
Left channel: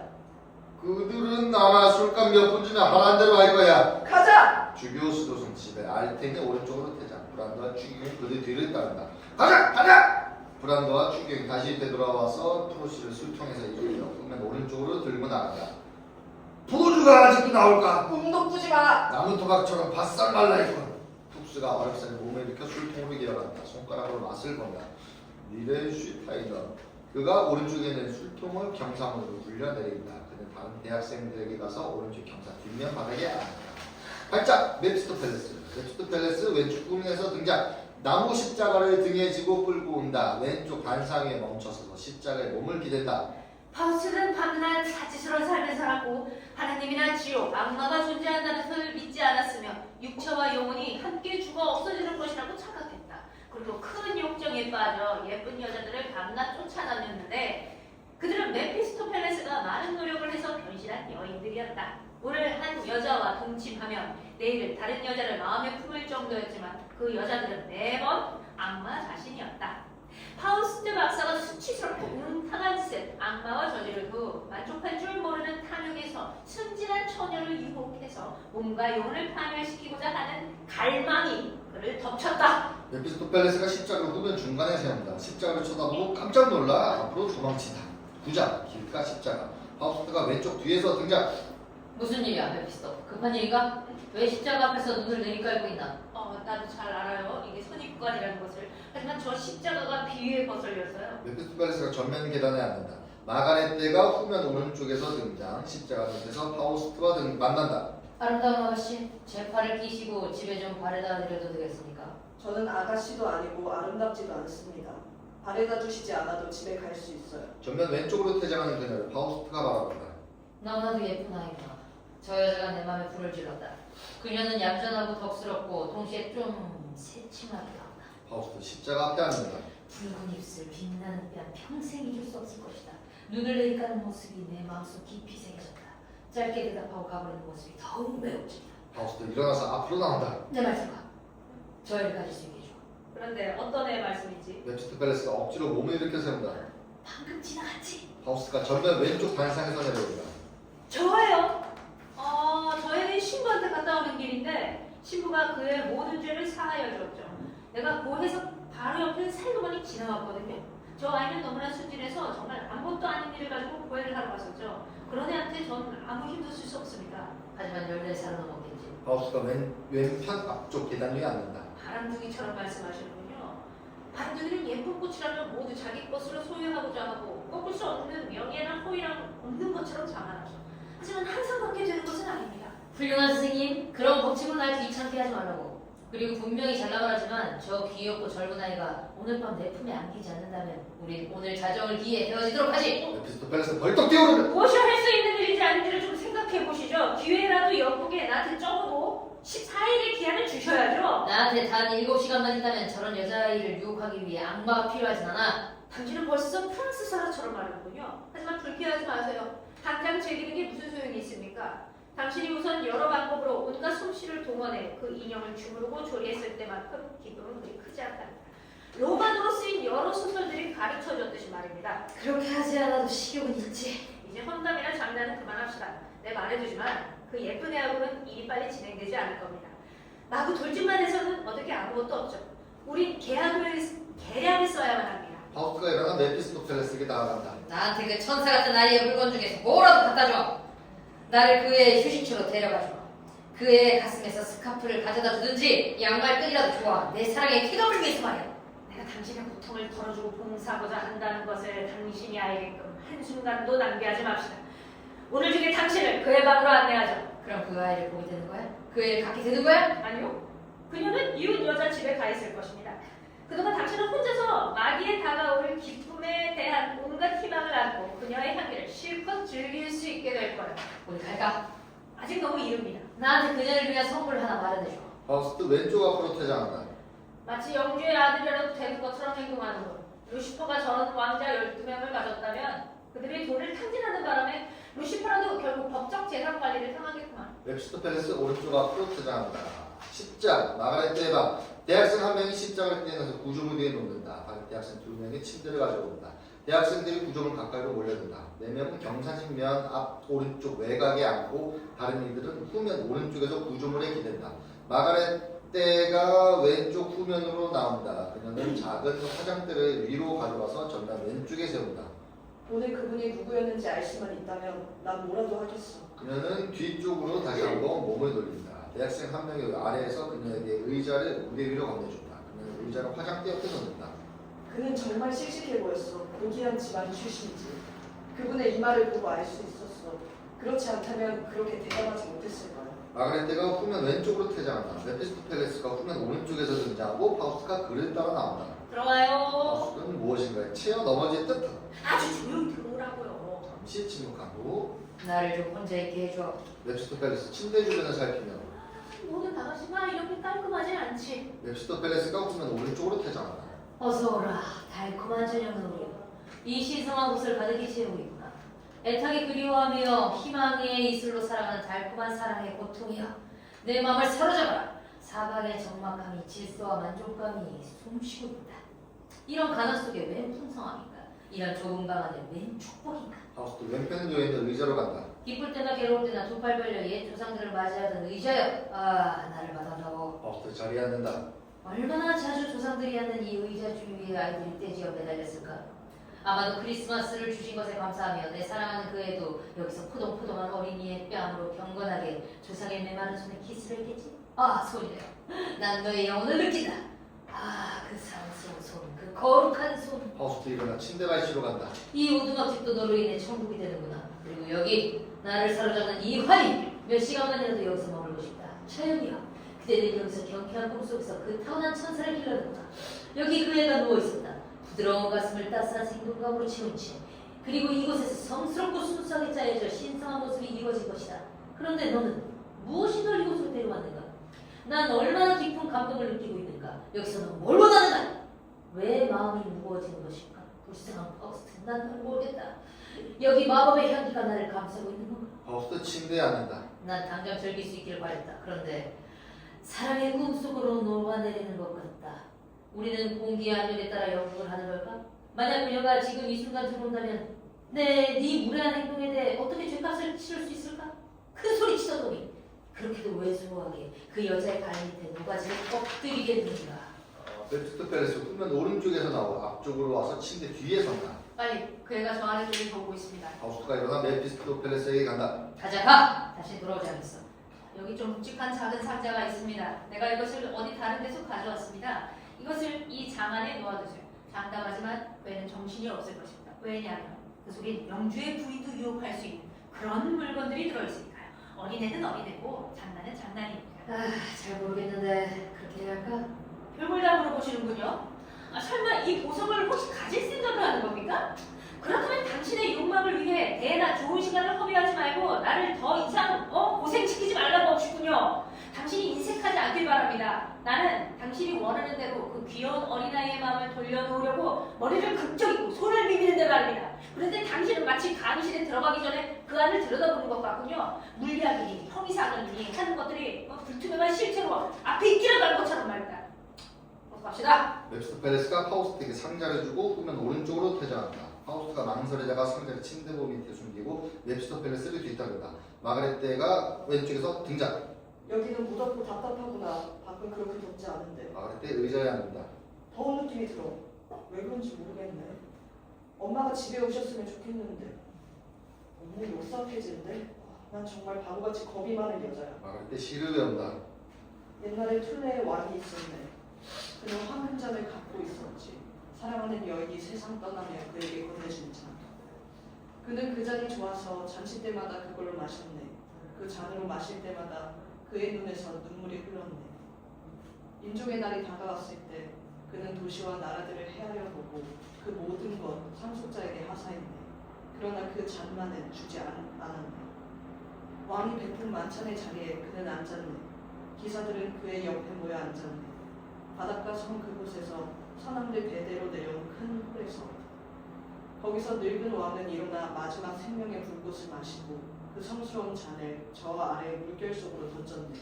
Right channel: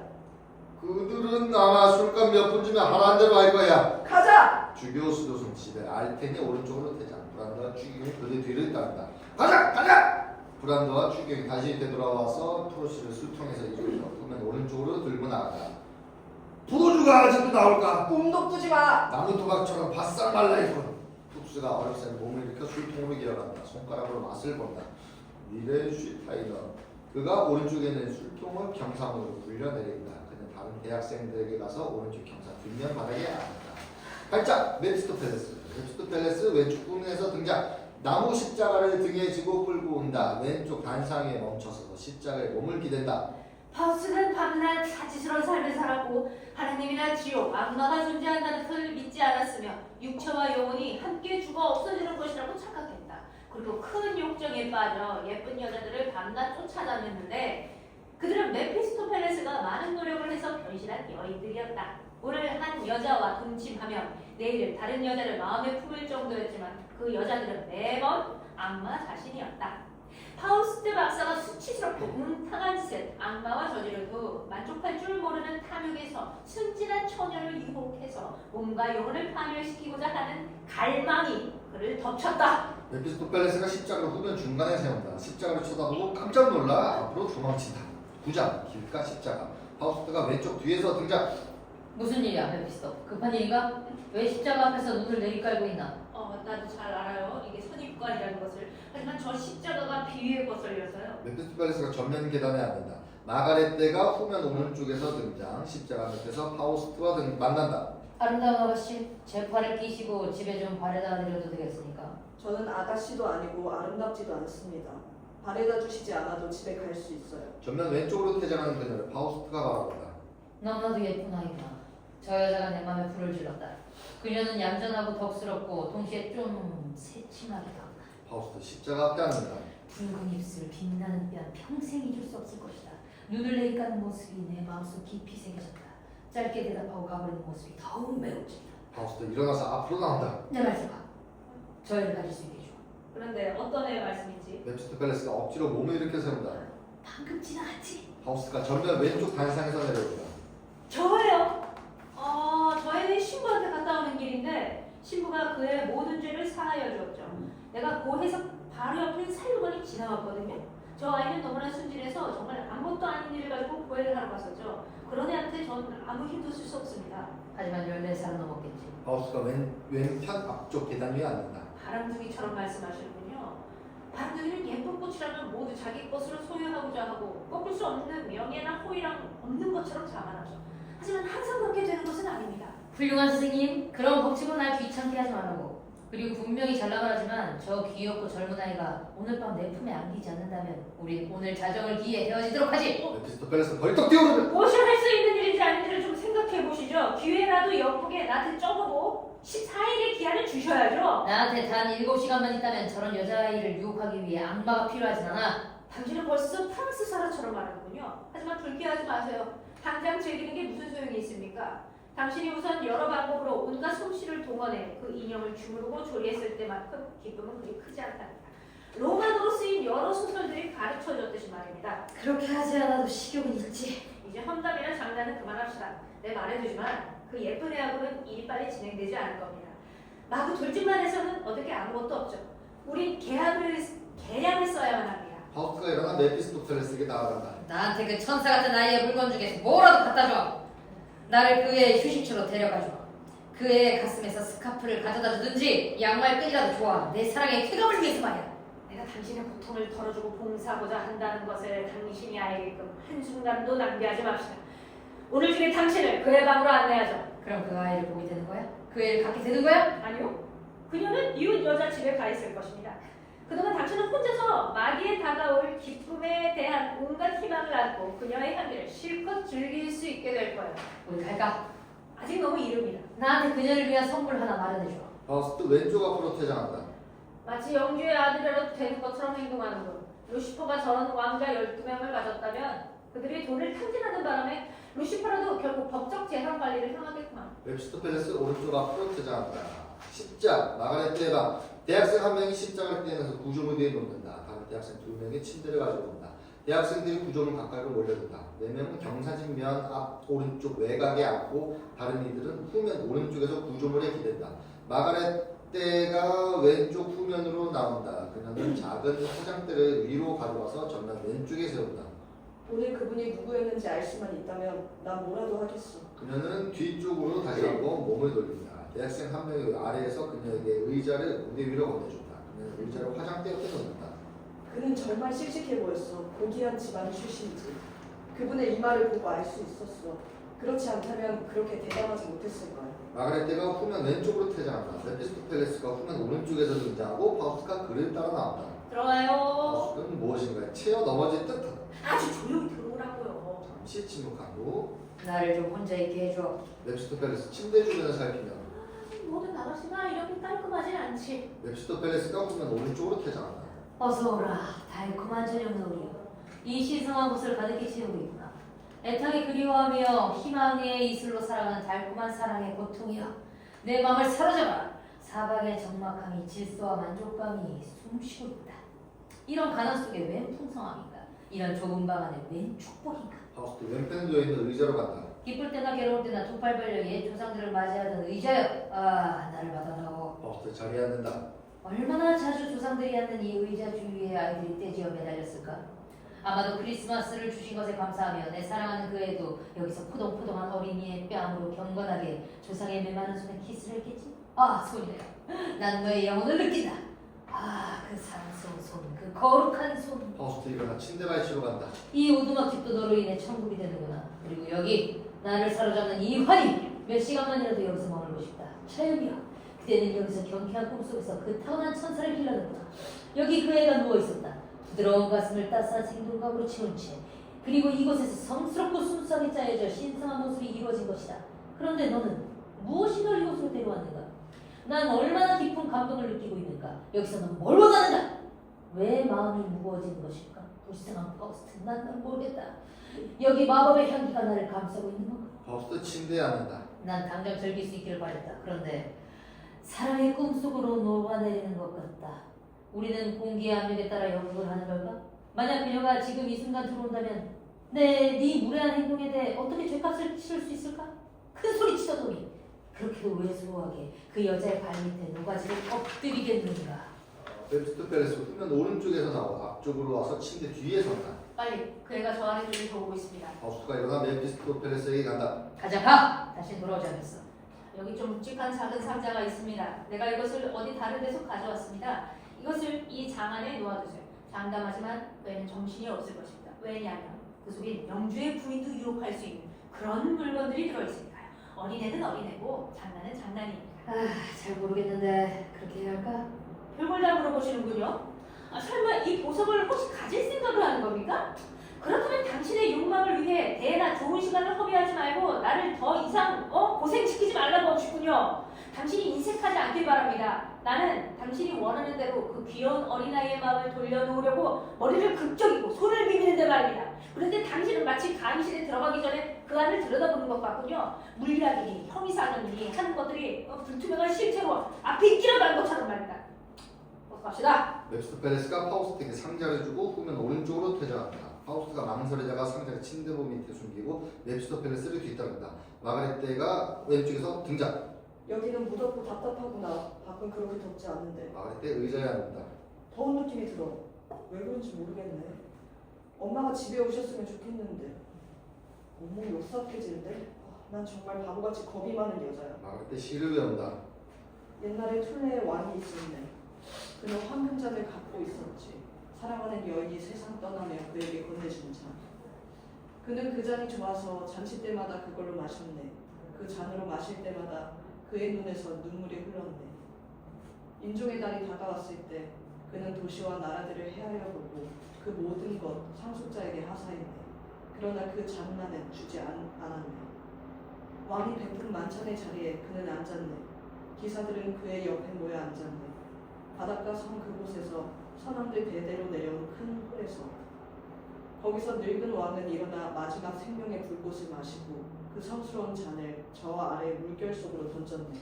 그들은 아마 술값 몇 푼 주면 하라는 대로 할 거야. 가자. 주교 수도승 집에 알텐이 오른쪽으로 태자. 브란더와 추경이 그들 뒤를 따른다. 가자! 브란더와 추경이 다시 되돌아와서 프로시를 술통에서 이끌려 끄면 오른쪽으로 들고 나간다. 포도주가 아직도 나올까? 꿈도 꾸지 마. 나무 토막처럼 바싹 말라있군. 툭스가 어렵사리 몸을 일으켜 술통으로 기어간다. 손가락으로 맛을 본다. 미렌슈타이너. 그가 오른쪽에 있는 술통을 경사문으로 굴려내린다. 그는 다른 대학생들에게 가서 오른쪽 경사 뒷면 바닥에 앉았다. 발작! 메피스토펠레스 왼쪽 구면에서 등장. 나무 십자가를 등에 지고 끌고 온다. 왼쪽 반상에 멈춰서 십자가에 몸을 기댄다. 파우스는 밤낮 사치스러운 삶을 살았고 하나님이나 지옥, 악마가 존재한다는 것을 믿지 않았으며 육체와 영혼이 함께 죽어 없어지는 것이라고 착각했다. 그리고 큰 욕정에 빠져 예쁜 여자들을 밤낮 쫓아다녔는데 그들은 메피스토펠레스가 많은 노력을 해서 변신한 여인들이었다. 오늘 한 여자와 동침하면 내일은 다른 여자를 마음에 품을 정도였지만 그 여자들은 매번 악마 자신이었다. 파우스트 박사가 수치스럽고 음탕한 짓을 악마와 저지르고 만족할 줄 모르는 탐욕에서 순진한 처녀를 유혹해서 몸과 영혼을 파멸시키고자 하는 갈망이 그를 덮쳤다. 메피스토펠레스가 십자가를 후면 중간에 세운다. 십자가를 쳐다보고 깜짝 놀라 앞으로 도망친다. 9장 길가 십자가. 파우스트가 왼쪽 뒤에서 등장. 무슨 일이야, 메피스토? 급한 일인가? 왜 십자가 앞에서 눈을 내리깔고 있나? 나도 잘 알아요. 이게 선입관이라는 것을. 하지만 저 십자가가 비위의 거슬렸어요. 메피스토펠레스가 전면 계단에 앉는다. 마가렛 떼가 후면 오른쪽에서 등장. 십자가 밑에서 파우스트와 만난다. 아름다운 아가씨, 제 팔을 끼시고 집에 좀 바래다 드려도 되겠습니까? 저는 아가씨도 아니고 아름답지도 않습니다. 바래다 주시지 않아도 집에 갈 수 있어요. 전면 왼쪽으로 퇴장하는 그녀를 파우스트가 바라본다. 너무나도 예쁜 아이구나. 저 여자가 내 맘에 불을 질렀다. 그녀는 얌전하고 덕스럽고 동시에 좀 새침하기도 하다. 파우스트 십자가 앞에 앉는다. 붉은 입술, 빛나는 뺨, 평생 잊을 수 없을 것이다. 눈을 내리까는 모습이 내 마음속 깊이 새겨졌다. 짧게 대답하고 가버리는 모습이 더욱 매워진다. 파우스트 일어나서 앞으로 나온다. 내 말 들어봐. 저 애를 가질 수 있게 해줘. 그런데 어떤 애 말씀이지? 메피스토펠레스가 억지로 몸을 일으켜 세운다. 방금 지나갔지? 파우스트가 전면 왼쪽 반상에서 내려온다. 저예요. 저희는 신부한테 갔다 오는 길인데 신부가 그의 모든 죄를 사하여 주었죠. 내가 고해서 바로 옆에 살그머니 지나갔거든요. 저 아이는 너무나 순진해서 정말 아무것도 아닌 일을 가지고 고해를 하러 갔었죠. 그런 애한테 전 아무 힘도 쓸 수 없습니다. 하지만 14살은 넘었겠지. 파우스트가 왼편 앞쪽 계단 위에 앉는다. 바람둥이처럼 말씀하시는군요. 바람둥이는 예쁜 꽃이라면 모두 자기 것으로 소유하고자 하고 꺾을 수 없는 명예나 호의랑 없는 것처럼 자만하죠. 하지만 항상 그렇게 되는 것은 아닙니다. 훌륭한 스승님, 그런 법칙은 날 귀찮게 하지 말라고. 그리고 분명히 잘나만 하지만 저 귀엽고 젊은 아이가 오늘 밤 내 품에 안기지 않는다면 우리 오늘 자정을 기해 헤어지도록 하지. 메피스토펠레스 벌떡 뛰어오르며 무엇이 할 수 있는 일인지 아닌지를 좀 생각해 보시죠. 기회라도 예쁘게 나한테 적어도 14일의 기한을 주셔야죠. 나한테 단 7시간만 있다면 저런 여자아이를 유혹하기 위해 악마가 필요하진 않아. 당신은 벌써 프랑스 사람처럼 말하는군요. 하지만 불쾌하지 마세요. 당장 즐기는 게 무슨 소용이 있습니까? 당신이 우선 여러 방법으로 온갖 솜씨를 동원해 그 인형을 주무르고 조리했을 때만큼 기쁨은 그리 크지 않답니다. 로만으로 쓰인 여러 소설들이 가르쳐줬듯이 말입니다. 그렇게 하지 않아도 식욕은 있지. 이제 험담이나 장난은 그만합시다. 내 말해두지만 그 예쁜 애하고는 일이 빨리 진행되지 않을 겁니다. 마구 돌진만 해서는 어떻게 아무것도 없죠. 우린 계약을 써야만 합니다. 파우스트가 일어나 메피스토펠레스에게 나아간다. 나한테 그 천사 같은 아이의 물건 중에서 뭐라도 갖다 줘. 나를 그 애의 휴식처로 데려가줘. 그 애의 가슴에서 스카프를 가져다 주든지 양말끈이라도 좋아. 내 사랑의 쾌감을 위해서 말이야. 내가 당신의 고통을 덜어주고 봉사하고자 한다는 것을 당신이 알게끔 한순간도 낭비하지 맙시다. 오늘 중에 당신을 그의 방으로 안내하죠. 그럼 그 아이를 보게 되는 거야? 그 애를 갖게 되는 거야? 아니요. 그녀는 이웃 여자 집에 가 있을 것입니다. 그동안 당신은 혼자서 마귀에 다가올 기쁨에 대한 온갖 희망을 안고 그녀의 향기를 실컷 즐길 수 있게 될 거예요. 어디 갈까? 아직 너무 이릅니다. 나한테 그녀를 위한 선물 하나 마련해줘. 파우스트 왼쪽 앞으로 퇴장한다. 마치 영주의 아들이라도 되는 것처럼 행동하는군. 루시퍼가 저런 왕자 12명을 가졌다면 그들이 돈을 탕진하는 바람에 루시퍼라도 결국 법적 재산 관리를 당하겠구만. 메피스토펠레스 오른쪽 앞으로 퇴장한다. 십장 마가렛 떼가 대학생 한 명이 십장을 떼내서 구조물 위에 놓는다. 다른 대학생 2명이 침대를 가지고 온다. 대학생들이 구조물 가까이로 몰려든다. 4명은 경사진면 앞 오른쪽 외곽에 앉고 다른 이들은 후면 오른쪽에서 구조물에 기댄다. 마가렛 떼가 왼쪽 후면으로 나온다. 그녀는 작은 화장대를 위로 가져가서 전면 왼쪽에 세운다. 오늘 그분이 누구였는지 알 수만 있다면 난 뭐라도 하겠어. 그녀는 뒤쪽으로 다시 한번 몸을 돌린다. 대학생 한 명이 아래에서 그녀에게 의자를 무대 위로 건네준다. 그녀는 의자를 화장대 옆에 놓는다. 그는 정말 씩씩해 보였어. 고귀한 집안 출신이지. 그분의 이마를 보고 알 수 있었어. 그렇지 않다면 그렇게 대담하지 못했을 거야. 마그네테가 후면 왼쪽으로 퇴장한다. 메피스토펠레스가 후면 오른쪽에서 등장하고 파우스트가 그를 따라 나온다. 들어가요. 파우스트는 무엇인가요? 치어 넘어진 뜻. 아주 조용히 들어오라고요. 잠시 침묵한 후 나를 좀 혼자 있게 해줘. 메피스토펠레스 침대 주변을 살피며 모든 아가씨가 이렇게 깔끔하진 않지. 메피스토펠레스가 후면 오른쪽으로 퇴장한다. 어서 오라. 달콤한 저녁 노을이여. 이 신성한 곳을 가득히 채우고 있구나. 애타게 그리워하며 희망의 이슬로 살아가는 달콤한 사랑의 고통이여. 내 마음을 사로잡아라. 사방의 적막함이 질서와 만족감이 숨쉬고 있다. 이런 가난 속에 웬 풍성함인가? 이런 좁은 방 안에 웬 축복인가? 파우스트 왼편에 놓여있는 의자로 간다. 기쁠 때나 괴로울 때나 두 팔 벌려 옛 조상들을 맞이하던 의자여. 아, 나를 받아다오. 파우스트 자리에 앉는다. 얼마나 자주 조상들이 앉는 이 의자 주위에 아이들이 떼지어 매달렸을까? 아마도 크리스마스를 주신 것에 감사하며 내 사랑하는 그 애도 여기서 포동포동한 어린이의 뺨으로 경건하게 조상의 메마른 손에 키스를 했겠지? 아, 손이래요. 난 너의 영혼을 느낀다. 아, 그 사랑스러운 손, 그 거룩한 손. 파우스트 일어나 침대 발치로 간다. 이 오두막집도 너로 인해 천국이 되는구나. 그리고 여기 나를 사로잡는 이 환희, 몇 시간만이라도 여기서 머물고 싶다. 차연이야, 그대는 여기서 경쾌한 꿈속에서 그 타고난 천사를 길러는구나. 여기 그 애가 누워있었다. 부드러운 가슴을 따스한 생동감으로 채운 채, 그리고 이곳에서 성스럽고 순수하게 짜여져 신성한 모습이 이루어진 것이다. 그런데 너는 무엇이 널 이곳으로 데려왔는가? 난 얼마나 깊은 감동을 느끼고 있는가? 여기서 넌 뭘 원하는가? 왜 마음이 무거워지는 것일까? 불쌍한 파우스트, 난 널 모르겠다. 여기 마법의 향기가 나를 감싸고 있는 건가? 파우스트 침대에 앉는다. 난 당장 즐길 수 있기를 바랬다. 그런데 사랑의 꿈속으로 녹아내리는 것 같다. 우리는 공기의 압력에 따라 영국을 하는 걸까? 만약 그녀가 지금 이 순간 들어온다면 네 무례한 행동에 대해 어떻게 죄값을 치를 수 있을까? 큰 소리 치더더니 그렇게도 외소하게 그 여자의 발밑에 녹아지게 엎드리겠는가? 메피스토펠레스 후면 오른쪽에서 나와 앞쪽으로 와서 침대 뒤에 선다. 빨리 그 애가 좋아하는 쪽에 보고 있습니다. 파우스트가 일어나 메피스토펠레스에게 간다. 가자, 가! 다시 돌아오지 않겠어. 여기 좀 묵직한 작은 상자가 있습니다. 내가 이것을 어디 다른 데서 가져왔습니다. 이것을 이 장 안에 놓아두세요. 장담하지만 그 애는 정신이 없을 것입니다. 왜냐하면 그 속엔 영주의 부인도 유혹할 수 있는 그런 물건들이 들어있으니까요. 어린애는 어린애고 장난은 장난입니다. 아, 잘 모르겠는데 그렇게 해야 할까? 별걸 다 물어보시는군요. 설마 이 보석을 혹시 가질 생각을 하는 겁니까? 그렇다면 당신의 욕망을 위해 대나 좋은 시간을 허비하지 말고 나를 더 이상 고생시키지 말라고 하고 싶군요. 당신이 인색하지 않길 바랍니다. 나는 당신이 원하는 대로 그 귀여운 어린아이의 마음을 돌려놓으려고 머리를 극적이고 손을 비비는데 말입니다. 그런데 당신은 마치 강의실에 들어가기 전에 그 안을 들여다보는 것 같군요. 물리학이니 형이상이니 하는 것들이 불투명한 실체로 앞에 있기라도 하는 것처럼 말입니다. 어서 갑시다. 메피스토펠레스가 파우스트에게 상자를 주고 후면 오른쪽으로 퇴장한다. 파우스트가 망설이다가 상자를 침대보 밑에 숨기고 메피스토펠레스를 뒤따른다. 마그네테가 왼쪽에서 등장. 여기는 무덥고 답답하구나. 밖은 그렇게 덥지 않은데. 마그네테 의자에 앉는다. 더운 느낌이 들어. 왜 그런지 모르겠네. 엄마가 집에 오셨으면 좋겠는데. 너무 요삭해지는데? 난 정말 바보같이 겁이 많은 여자야. 마그네테 시를 외운다. 옛날에 툴레에 왕이 있었네. 그는 황금잔을 갖고 있었지. 사랑하는 여인이 세상 떠나며 그에게 건네주는 잔. 그는 그 잔이 좋아서 잔치 때마다 그걸로 마셨네. 그 잔으로 마실 때마다 그의 눈에서 눈물이 흘렀네. 임종의 날이 다가왔을 때 그는 도시와 나라들을 헤아려 보고 그 모든 것 상속자에게 하사했네. 그러나 그 잔만은 주지 않았네. 왕이 베푼 만찬의 자리에 그는 앉았네. 기사들은 그의 옆에 모여 앉았네. 바닷가 성 그곳에서 선왕들 대대로 내려온 큰 홀에서 거기서 늙은 왕은 일어나 마지막 생명의 불꽃을 마시고 그 성스러운 잔을 저 아래 물결 속으로 던졌네.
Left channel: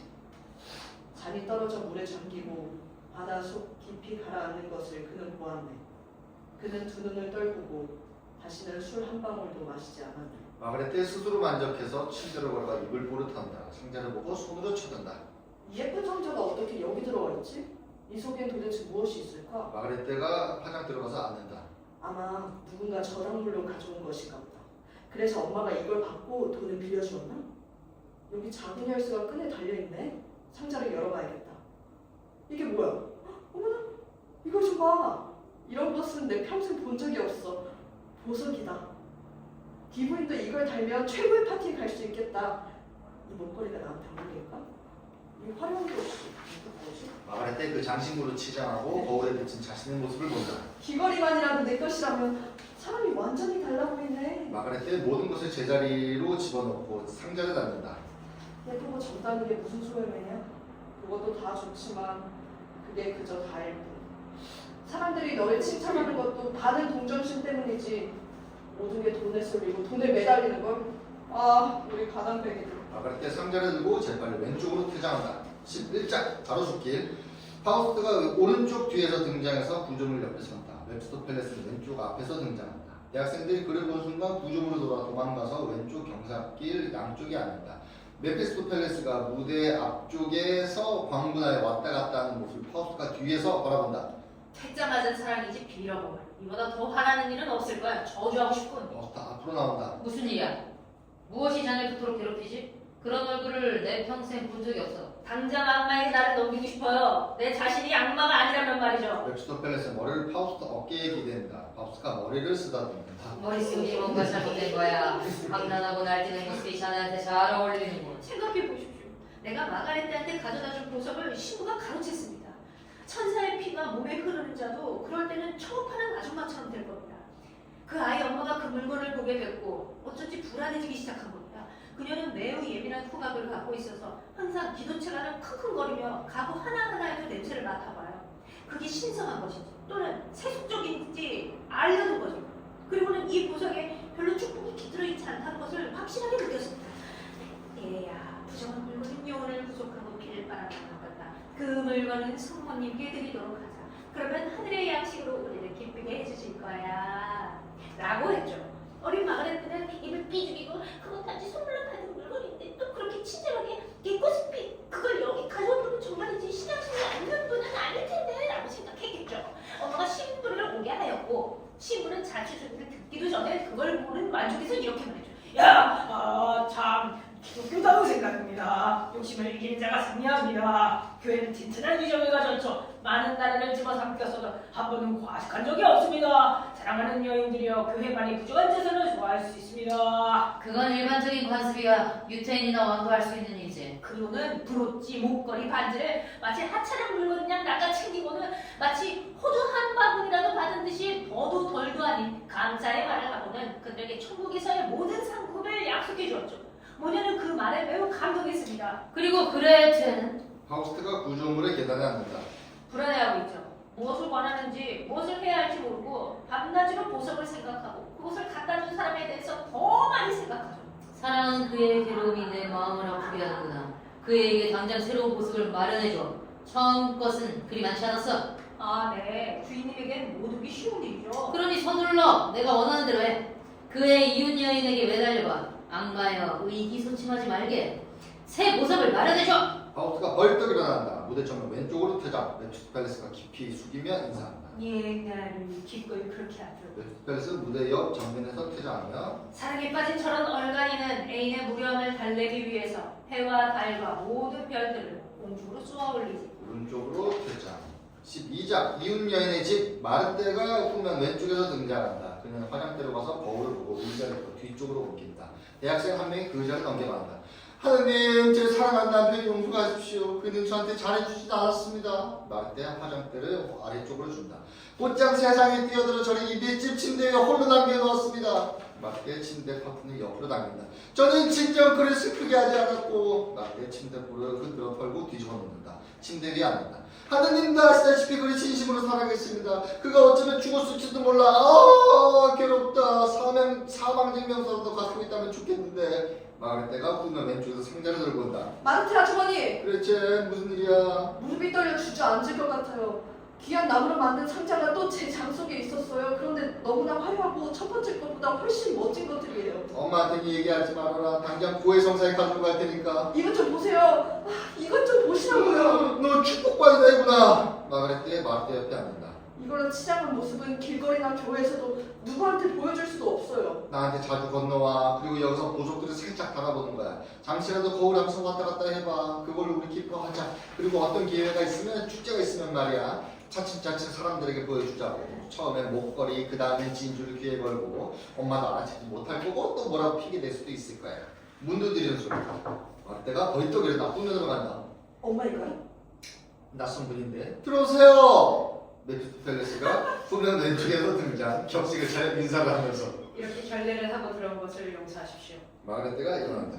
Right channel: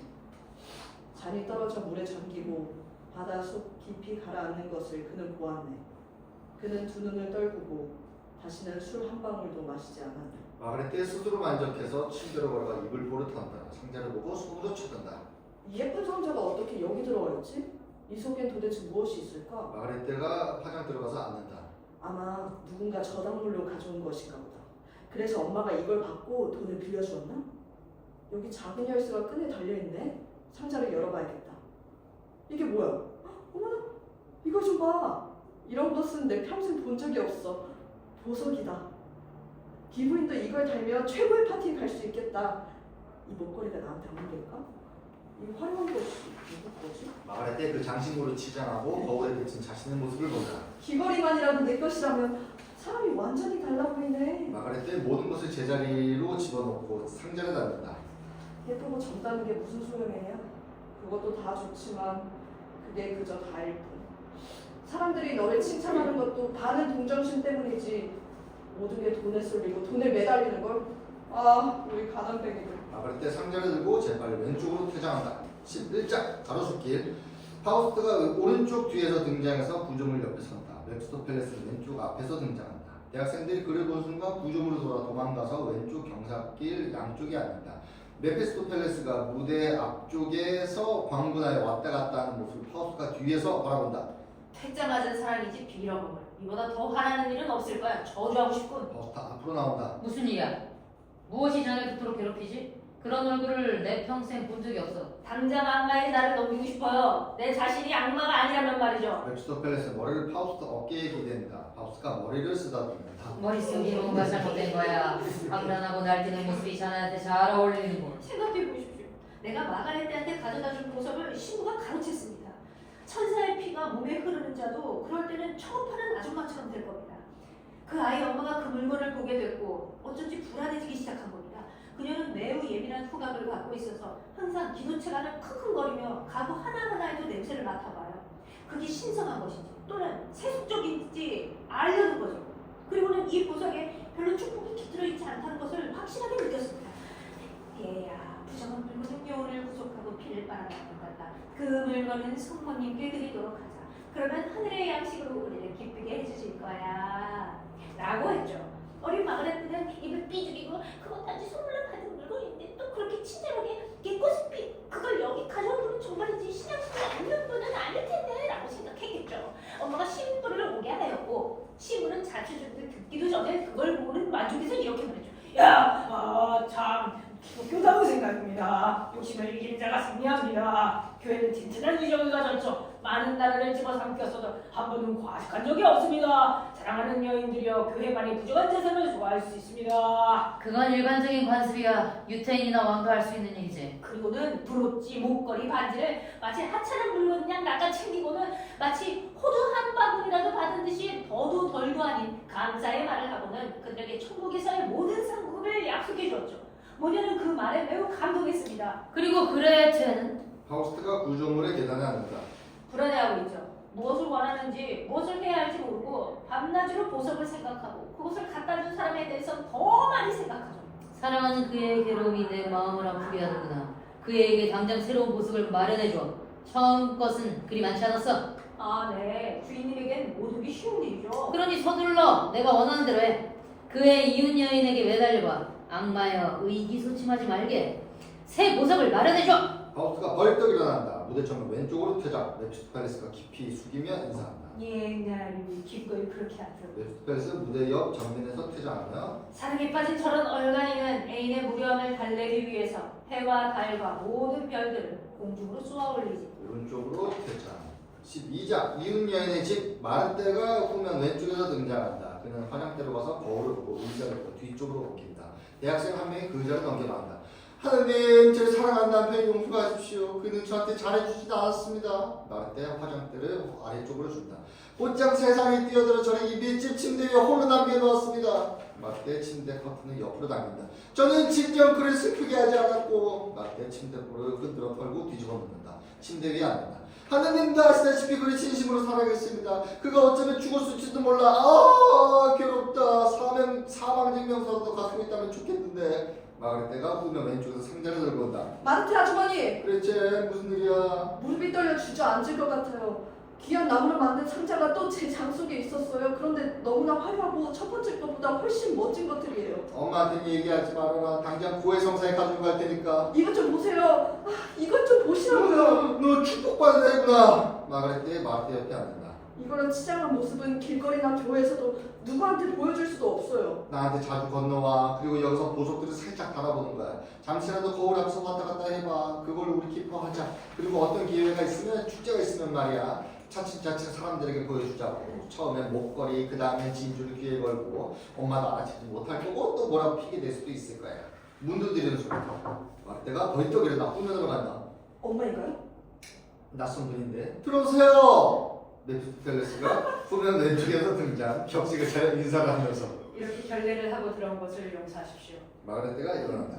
잔이 떨어져 물에 잠기고 바다 속 깊이 가라앉는 것을 그는 보았네. 그는 두 눈을 떨구고 다시는 술 한 방울도 마시지 않았네. 마그네테 스스로 만족해서 침대로 걸어가 입을 보릇한다. 상자를 보고 손으로 쳐든다. 이 예쁜 상자가 어떻게 여기 들어와 있지? 이 속엔 도대체 무엇이 있을까? 마그네테가 화장 들어가서 앉는다. 아마 누군가 저당물로 가져온 것인가 보다. 그래서 엄마가 이걸 받고 돈을 빌려주었나? 여기 작은 열쇠가 끈에 달려있네. 상자를 열어봐야겠다. 이게 뭐야? 어머나, 이걸 좀 봐. 이런 것은 내 평생 본 적이 없어. 보석이다. 기부인도 이걸 달면 최고의 파티에 갈 수 있겠다. 이 목걸이가 나한테 안 어울릴까? 이 화려한 것이 뭐지? 마가렛의 그 장신구로 치장하고 거울에 비친 자신의 모습을 본다. 귀걸이만이라도 내 것이라면 사람이 완전히 달라 보이네. 마가렛의 모든 것을 제자리로 집어넣고 상자를 닫는다. 예쁘고 젊다는 게 무슨 소용이냐? 그것도 다 좋지만 그게 그저 다일 뿐. 사람들이 너를 칭찬하는 것도 다른 동정심 때문이지. 모든 게 돈에 쏠리고 돈에 매달리는 걸. 아, 우리 가난뱅이들. 마가렛의 상자를 들고 재빨리 왼쪽으로 퇴장한다. 11장 가로수길. 파우스트가 오른쪽 뒤에서 등장해서 구조물 옆에 선다. 웹스터펠레스는 왼쪽 앞에서 등장한다. 대학생들이 그를 본 순간 구조물로 돌아 도망가서 왼쪽 경사길 양쪽에 앉는다. 메피스토펠레스가 무대 앞쪽에서 광분하여 왔다 갔다 하는 모습을 파우스트가 뒤에서 바라본다. 퇴짜 맞은 사람이지 빌어먹을. 이보다 더 화나는 일은 없을 거야. 저주하고 싶군. 파우스트 앞으로 나온다. 무슨 일이야? 무엇이 자네 그토록 괴롭히지? 그런 얼굴을 내 평생 본 적이 없어. 당장 악마에게 나를 넘기고 싶어요. 내 자신이 악마가 아니라면 말이죠. 웹스터펠레스의 머리를 파우스트 어깨에 기댄다. 파우스트가 머리를 쓰다듬는다. 머릿속이 뭔가 잘못된 거야. 악랄하고 날뛰는 모습이 자네한테 잘 어울리는군. 생각해 보십시오. 내가 마가렛한테 가져다준 보석을 신부가 가로챘습니다. 천사의 피가 몸에 흐르는 자도 그럴 때는 처음하는 아줌마처럼 될 겁니다. 그 아이 엄마가 그 물건을 보게 됐고 어쩐지 불안해지기 시작한 겁니다. 그녀는 매우 예민한 후각을 갖고 있어서 항상 기도체가는 킁킁거리며 가구 하나하나에도 냄새를 맡아봐요. 그게 신성한 것인지 또는 세속적인지 알려는 거죠. 그리고는 이 보석에 별로 축복이 깃들어 있지 않다는 것을 확실하게 느꼈습니다. 얘야, 부정한 물건은 영혼을 구속하고 피를 빨아먹는다. 그 물건은 성모님께 드리도록 하자. 그러면 하늘의 양식으로 우리를 기쁘게 해주실 거야. 라고 했죠. 어린 마가렛은 입을 삐죽이고 그건 단지 선물로 받은 물건인데 또 그렇게 친절하게 이 꽃을 그걸 여기 가져온 분은 정말이지 신앙심이 없는 분은 아닐 텐데 라고 생각했겠죠. 엄마가 신부를 오게 하였고 신부는 자취주를 듣기도 전에 그걸 보는 만족에서 이렇게 말했죠. 야, 참 기독교다고 생각합니다. 욕심을 이길 자가 승리합니다. 교회는 튼튼한 위정을 가졌죠. 많은 나라를 집어삼켰어도 한 번은 과식한 적이 없습니다. 사랑하는 여인들이여 교회만의 부족한 재산을 좋아할 수 있습니다. 그건 일반적인 관습이야. 유태인이나 왕도 할 수 있는 일이지. 그리고는 브로치, 목걸이, 반지를 마치 하찮은 물건이랑 낚아챙기고는 마치 호두 한 바구니라도 받은 듯이 더도 덜도 아닌 감사의 말을 하고는 그들에게 천국에서의 모든 상급을 약속해 주었죠. 모녀는 그 말에 매우 감동했습니다. 그리고 그레테는 파우스트가 구조물의 계단에 앉는다. 불안해하고 있죠. 무엇을 원하는지 무엇을 해야 할지 모르고 밤낮으로 보석을 생각하고 그것을 갖다 준 사람에 대해서 더 많이 생각하죠. 사랑하는 그의 괴로움이 내 마음을 아프게 하는구나. 그에게 당장 새로운 보석을 마련해줘. 처음 것은 그리 많지 않았어. 아, 네. 주인님에겐 모두기 쉬운 일이죠. 그러니 서둘러 내가 원하는 대로 해. 그의 이웃 여인에게 매달려봐. 악마여 의기소침하지 말게. 새 보석을 마련해줘. 파우스트가 벌떡 일어난다. 무대 정면 왼쪽으로 퇴장. 웹스터펠레스가 깊이 숙이며 인사한다. 예, 나를 기꺼이 그렇게 하죠. 웹스터펠레스는 무대 옆 정면에서 퇴장하며 사랑에 빠진 저런 얼간이는 애인의 무료함을 달래기 위해서 해와 달과 모든 별들을 공중으로 쏘아 올리지. 오른쪽으로 퇴장. 12장 이웃 여인의 집. 마르테가 후면 왼쪽에서 등장한다. 그는 화장대로 가서 거울을 보고 의자를 또 뒤쪽으로 옮긴다. 대학생 한 명이 그 의자를 넘겨간다. 하느님, 제 사랑하는 남편이 용서하십시오. 그는 저한테 잘해주지도 않았습니다. 마르테 화장대를 아래쪽으로 준다. 곧장 세상에 뛰어들어 저를 이 밑집 침대에 홀로 남겨놓았습니다. 마르테 침대 커튼을 옆으로 당긴다. 저는 진정 그를 슬프게 하지 않았고. 마르테 침대볼을 흔들어 털고 뒤집어 놓는다. 침대 위에 앉는다. 하느님도 아시다시피 그를 진심으로 사랑했습니다. 그가 어쩌면 죽었을지도 몰라. 아, 괴롭다. 사망증명서도 갖고 있다면 좋겠는데. 마그레테가 후면 왼쪽에서 상자를 들고 온다. 마르테 아주머니, 그렇지, 무슨 일이야? 무릎이 떨려 주저앉을 것 같아요. 귀한 나무로 만든 상자가 또 제 장 속에 있었어요. 그런데 너무나 화려하고 첫 번째 것보다 훨씬 멋진 것들이에요. 엄마한테 얘기하지 말아라. 당장 고해성사에 가지고 갈 테니까. 이것 좀 보세요. 아, 이것 좀 보시라고요. 너 축복받은 애구나. 마그레테 마르테 옆에 앉는다. 이거는 치장한 모습은 길거리나 교회에서도 누구한테 보여줄 수도 없어요. 나한테 자주 건너와. 그리고 여기서 보석들을 살짝 달아보는 거야. 잠시라도 거울 앞에서 왔다 갔다 해봐. 그걸로 우리 기뻐하자. 그리고 어떤 기회가 있으면, 축제가 있으면 말이야, 차츰차츰 사람들에게 보여주자고. 처음엔 목걸이, 그 다음엔 진주를 귀에 걸고 엄마도 알아채지 못할 거고 또 뭐라고 피게 될 수도 있을 거야. 문도 들이는 소리다. 마르테가 벌떡 일어나 후면으로 간다. 엄마인가요? 낯선 분인데 들어오세요. 메피스토펠레스가 후면 왼쪽에서 등장. 격식을 차려 인사를 하면서 이렇게 결례를 하고 들어온 것을 용서하십시오. 마그레테가 일어난다.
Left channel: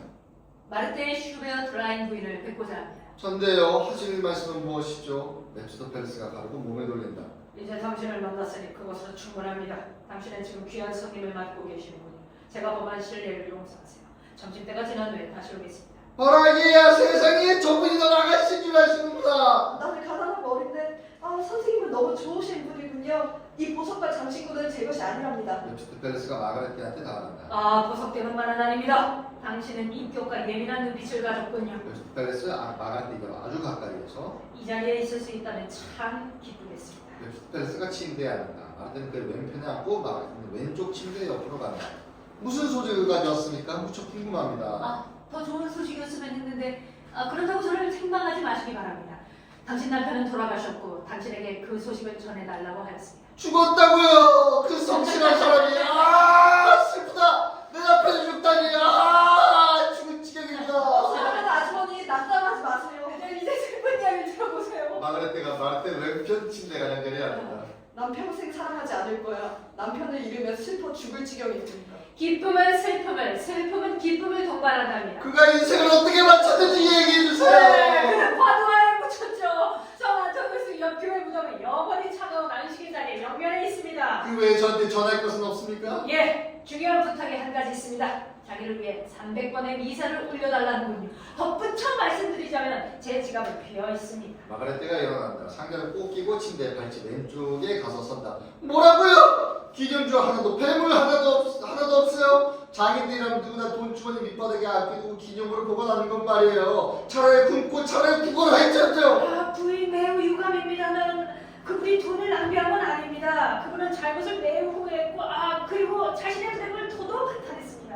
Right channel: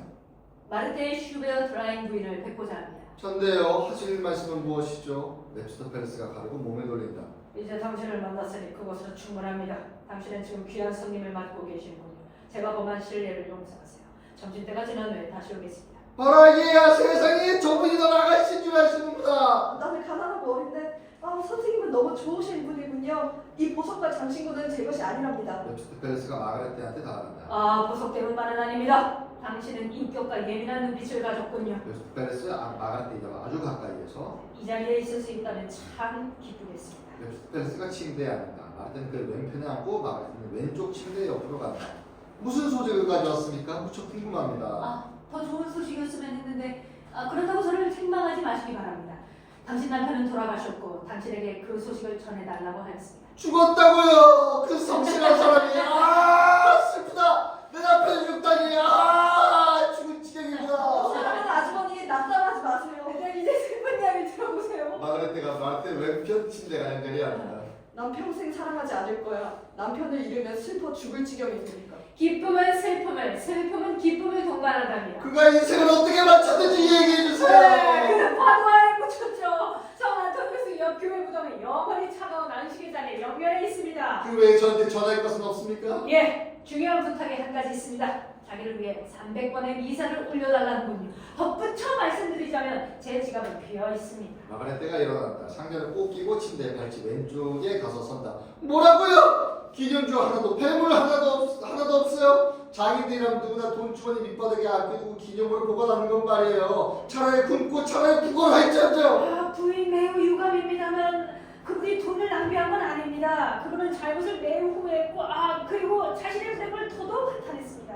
마르테의 슈베어 드라인 부인을 뵙고자 합니다. 전데요. 하실 말씀은 무엇이죠? 메피스토펠레스가 가르고 몸을 돌린다. 이제 당신을 만났으니 그것으로 충분합니다. 당신은 지금 귀한 손님을 맡고 계시는군요. 제가 범한 실례를 용서하세요. 점심때가 지난 후에 다시 오겠습니다. 바라기야 세상에 저분이 더 나가신 줄 아시는구나. 나는 가난하고 어린데 선생님은 너무 좋으신 분이군요. 이 보석과 장신구는 제 것이 아니랍니다. 메피스토펠레스가 마그레테한테 다가간다. 아, 보석되는 말은 아닙니다. 당신은 인격과 예민한 눈빛을 가졌군요. 메피스토펠레스 마그레테가 아주 가까이에서 이 자리에 있을 수 있다면 참 기쁘겠습니다. 메피스토펠레스가 침대에 앉는다. 마르테는 그를 왼편에 앉고 마그레테는 왼쪽 침대 옆으로 간다. 무슨 소식을 가져왔습니까? 무척 궁금합니다. 더 좋은 소식이었으면 했는데 그렇다고 저를 책망하지 마시기 바랍니다. 당신 남편은 돌아가셨고 당신에게 그 소식을 전해달라고 하였습니다. 죽었다고요. 그 성실한 사람이. 슬프다. 내 남편이 죽다니. 죽은 지경이구나. 사랑하는 아주머니 낙담하지 마세요. 이제 슬픈 이야기를 들어보세요. 마그레테가 마르테 왼편 침대가 간절히 앉는다. 난 평생 사랑하지 않을 거야. 남편을 잃으면 슬퍼 죽을 지경이니까. 기쁨은 슬픔을, 슬픔은 기쁨을 동반한답니다. 그가 인생을 어떻게 맞췄는지 얘기해 주세요. 그는 파도안에 묻혔죠. 성 안토니우스 옆 교회 무덤은 영원히 차가운 안식일 자리에 옆면에 있습니다. 그 외에 저한테 전할 것은 없습니까? 예, 중요한 부탁이 한 가지 있습니다. 자기를 위해 300번의 미사를 올려달라는군요. 덧붙여 말씀드리자면 제 지갑은 비어 있습니다. 마그레테가 일어난다. 상자를 꼭 끼고 침대에 발치 왼쪽에 가서 선다. 뭐라고요? 기념주 하나도 폐물 하나도 없어요. 장인들이라면 누구나 돈 주머니 밑바닥에 아끼고 기념으로 보관하는 건 말이에요. 차라리 굶고 차라리 구걸을 할지언정. 부인 매우 유감입니다만 그분이 돈을 낭비한 건 아닙니다. 그분은 잘못을 매우 후회했고 그리고 자신의 삶을 도덕 한탄했습니다.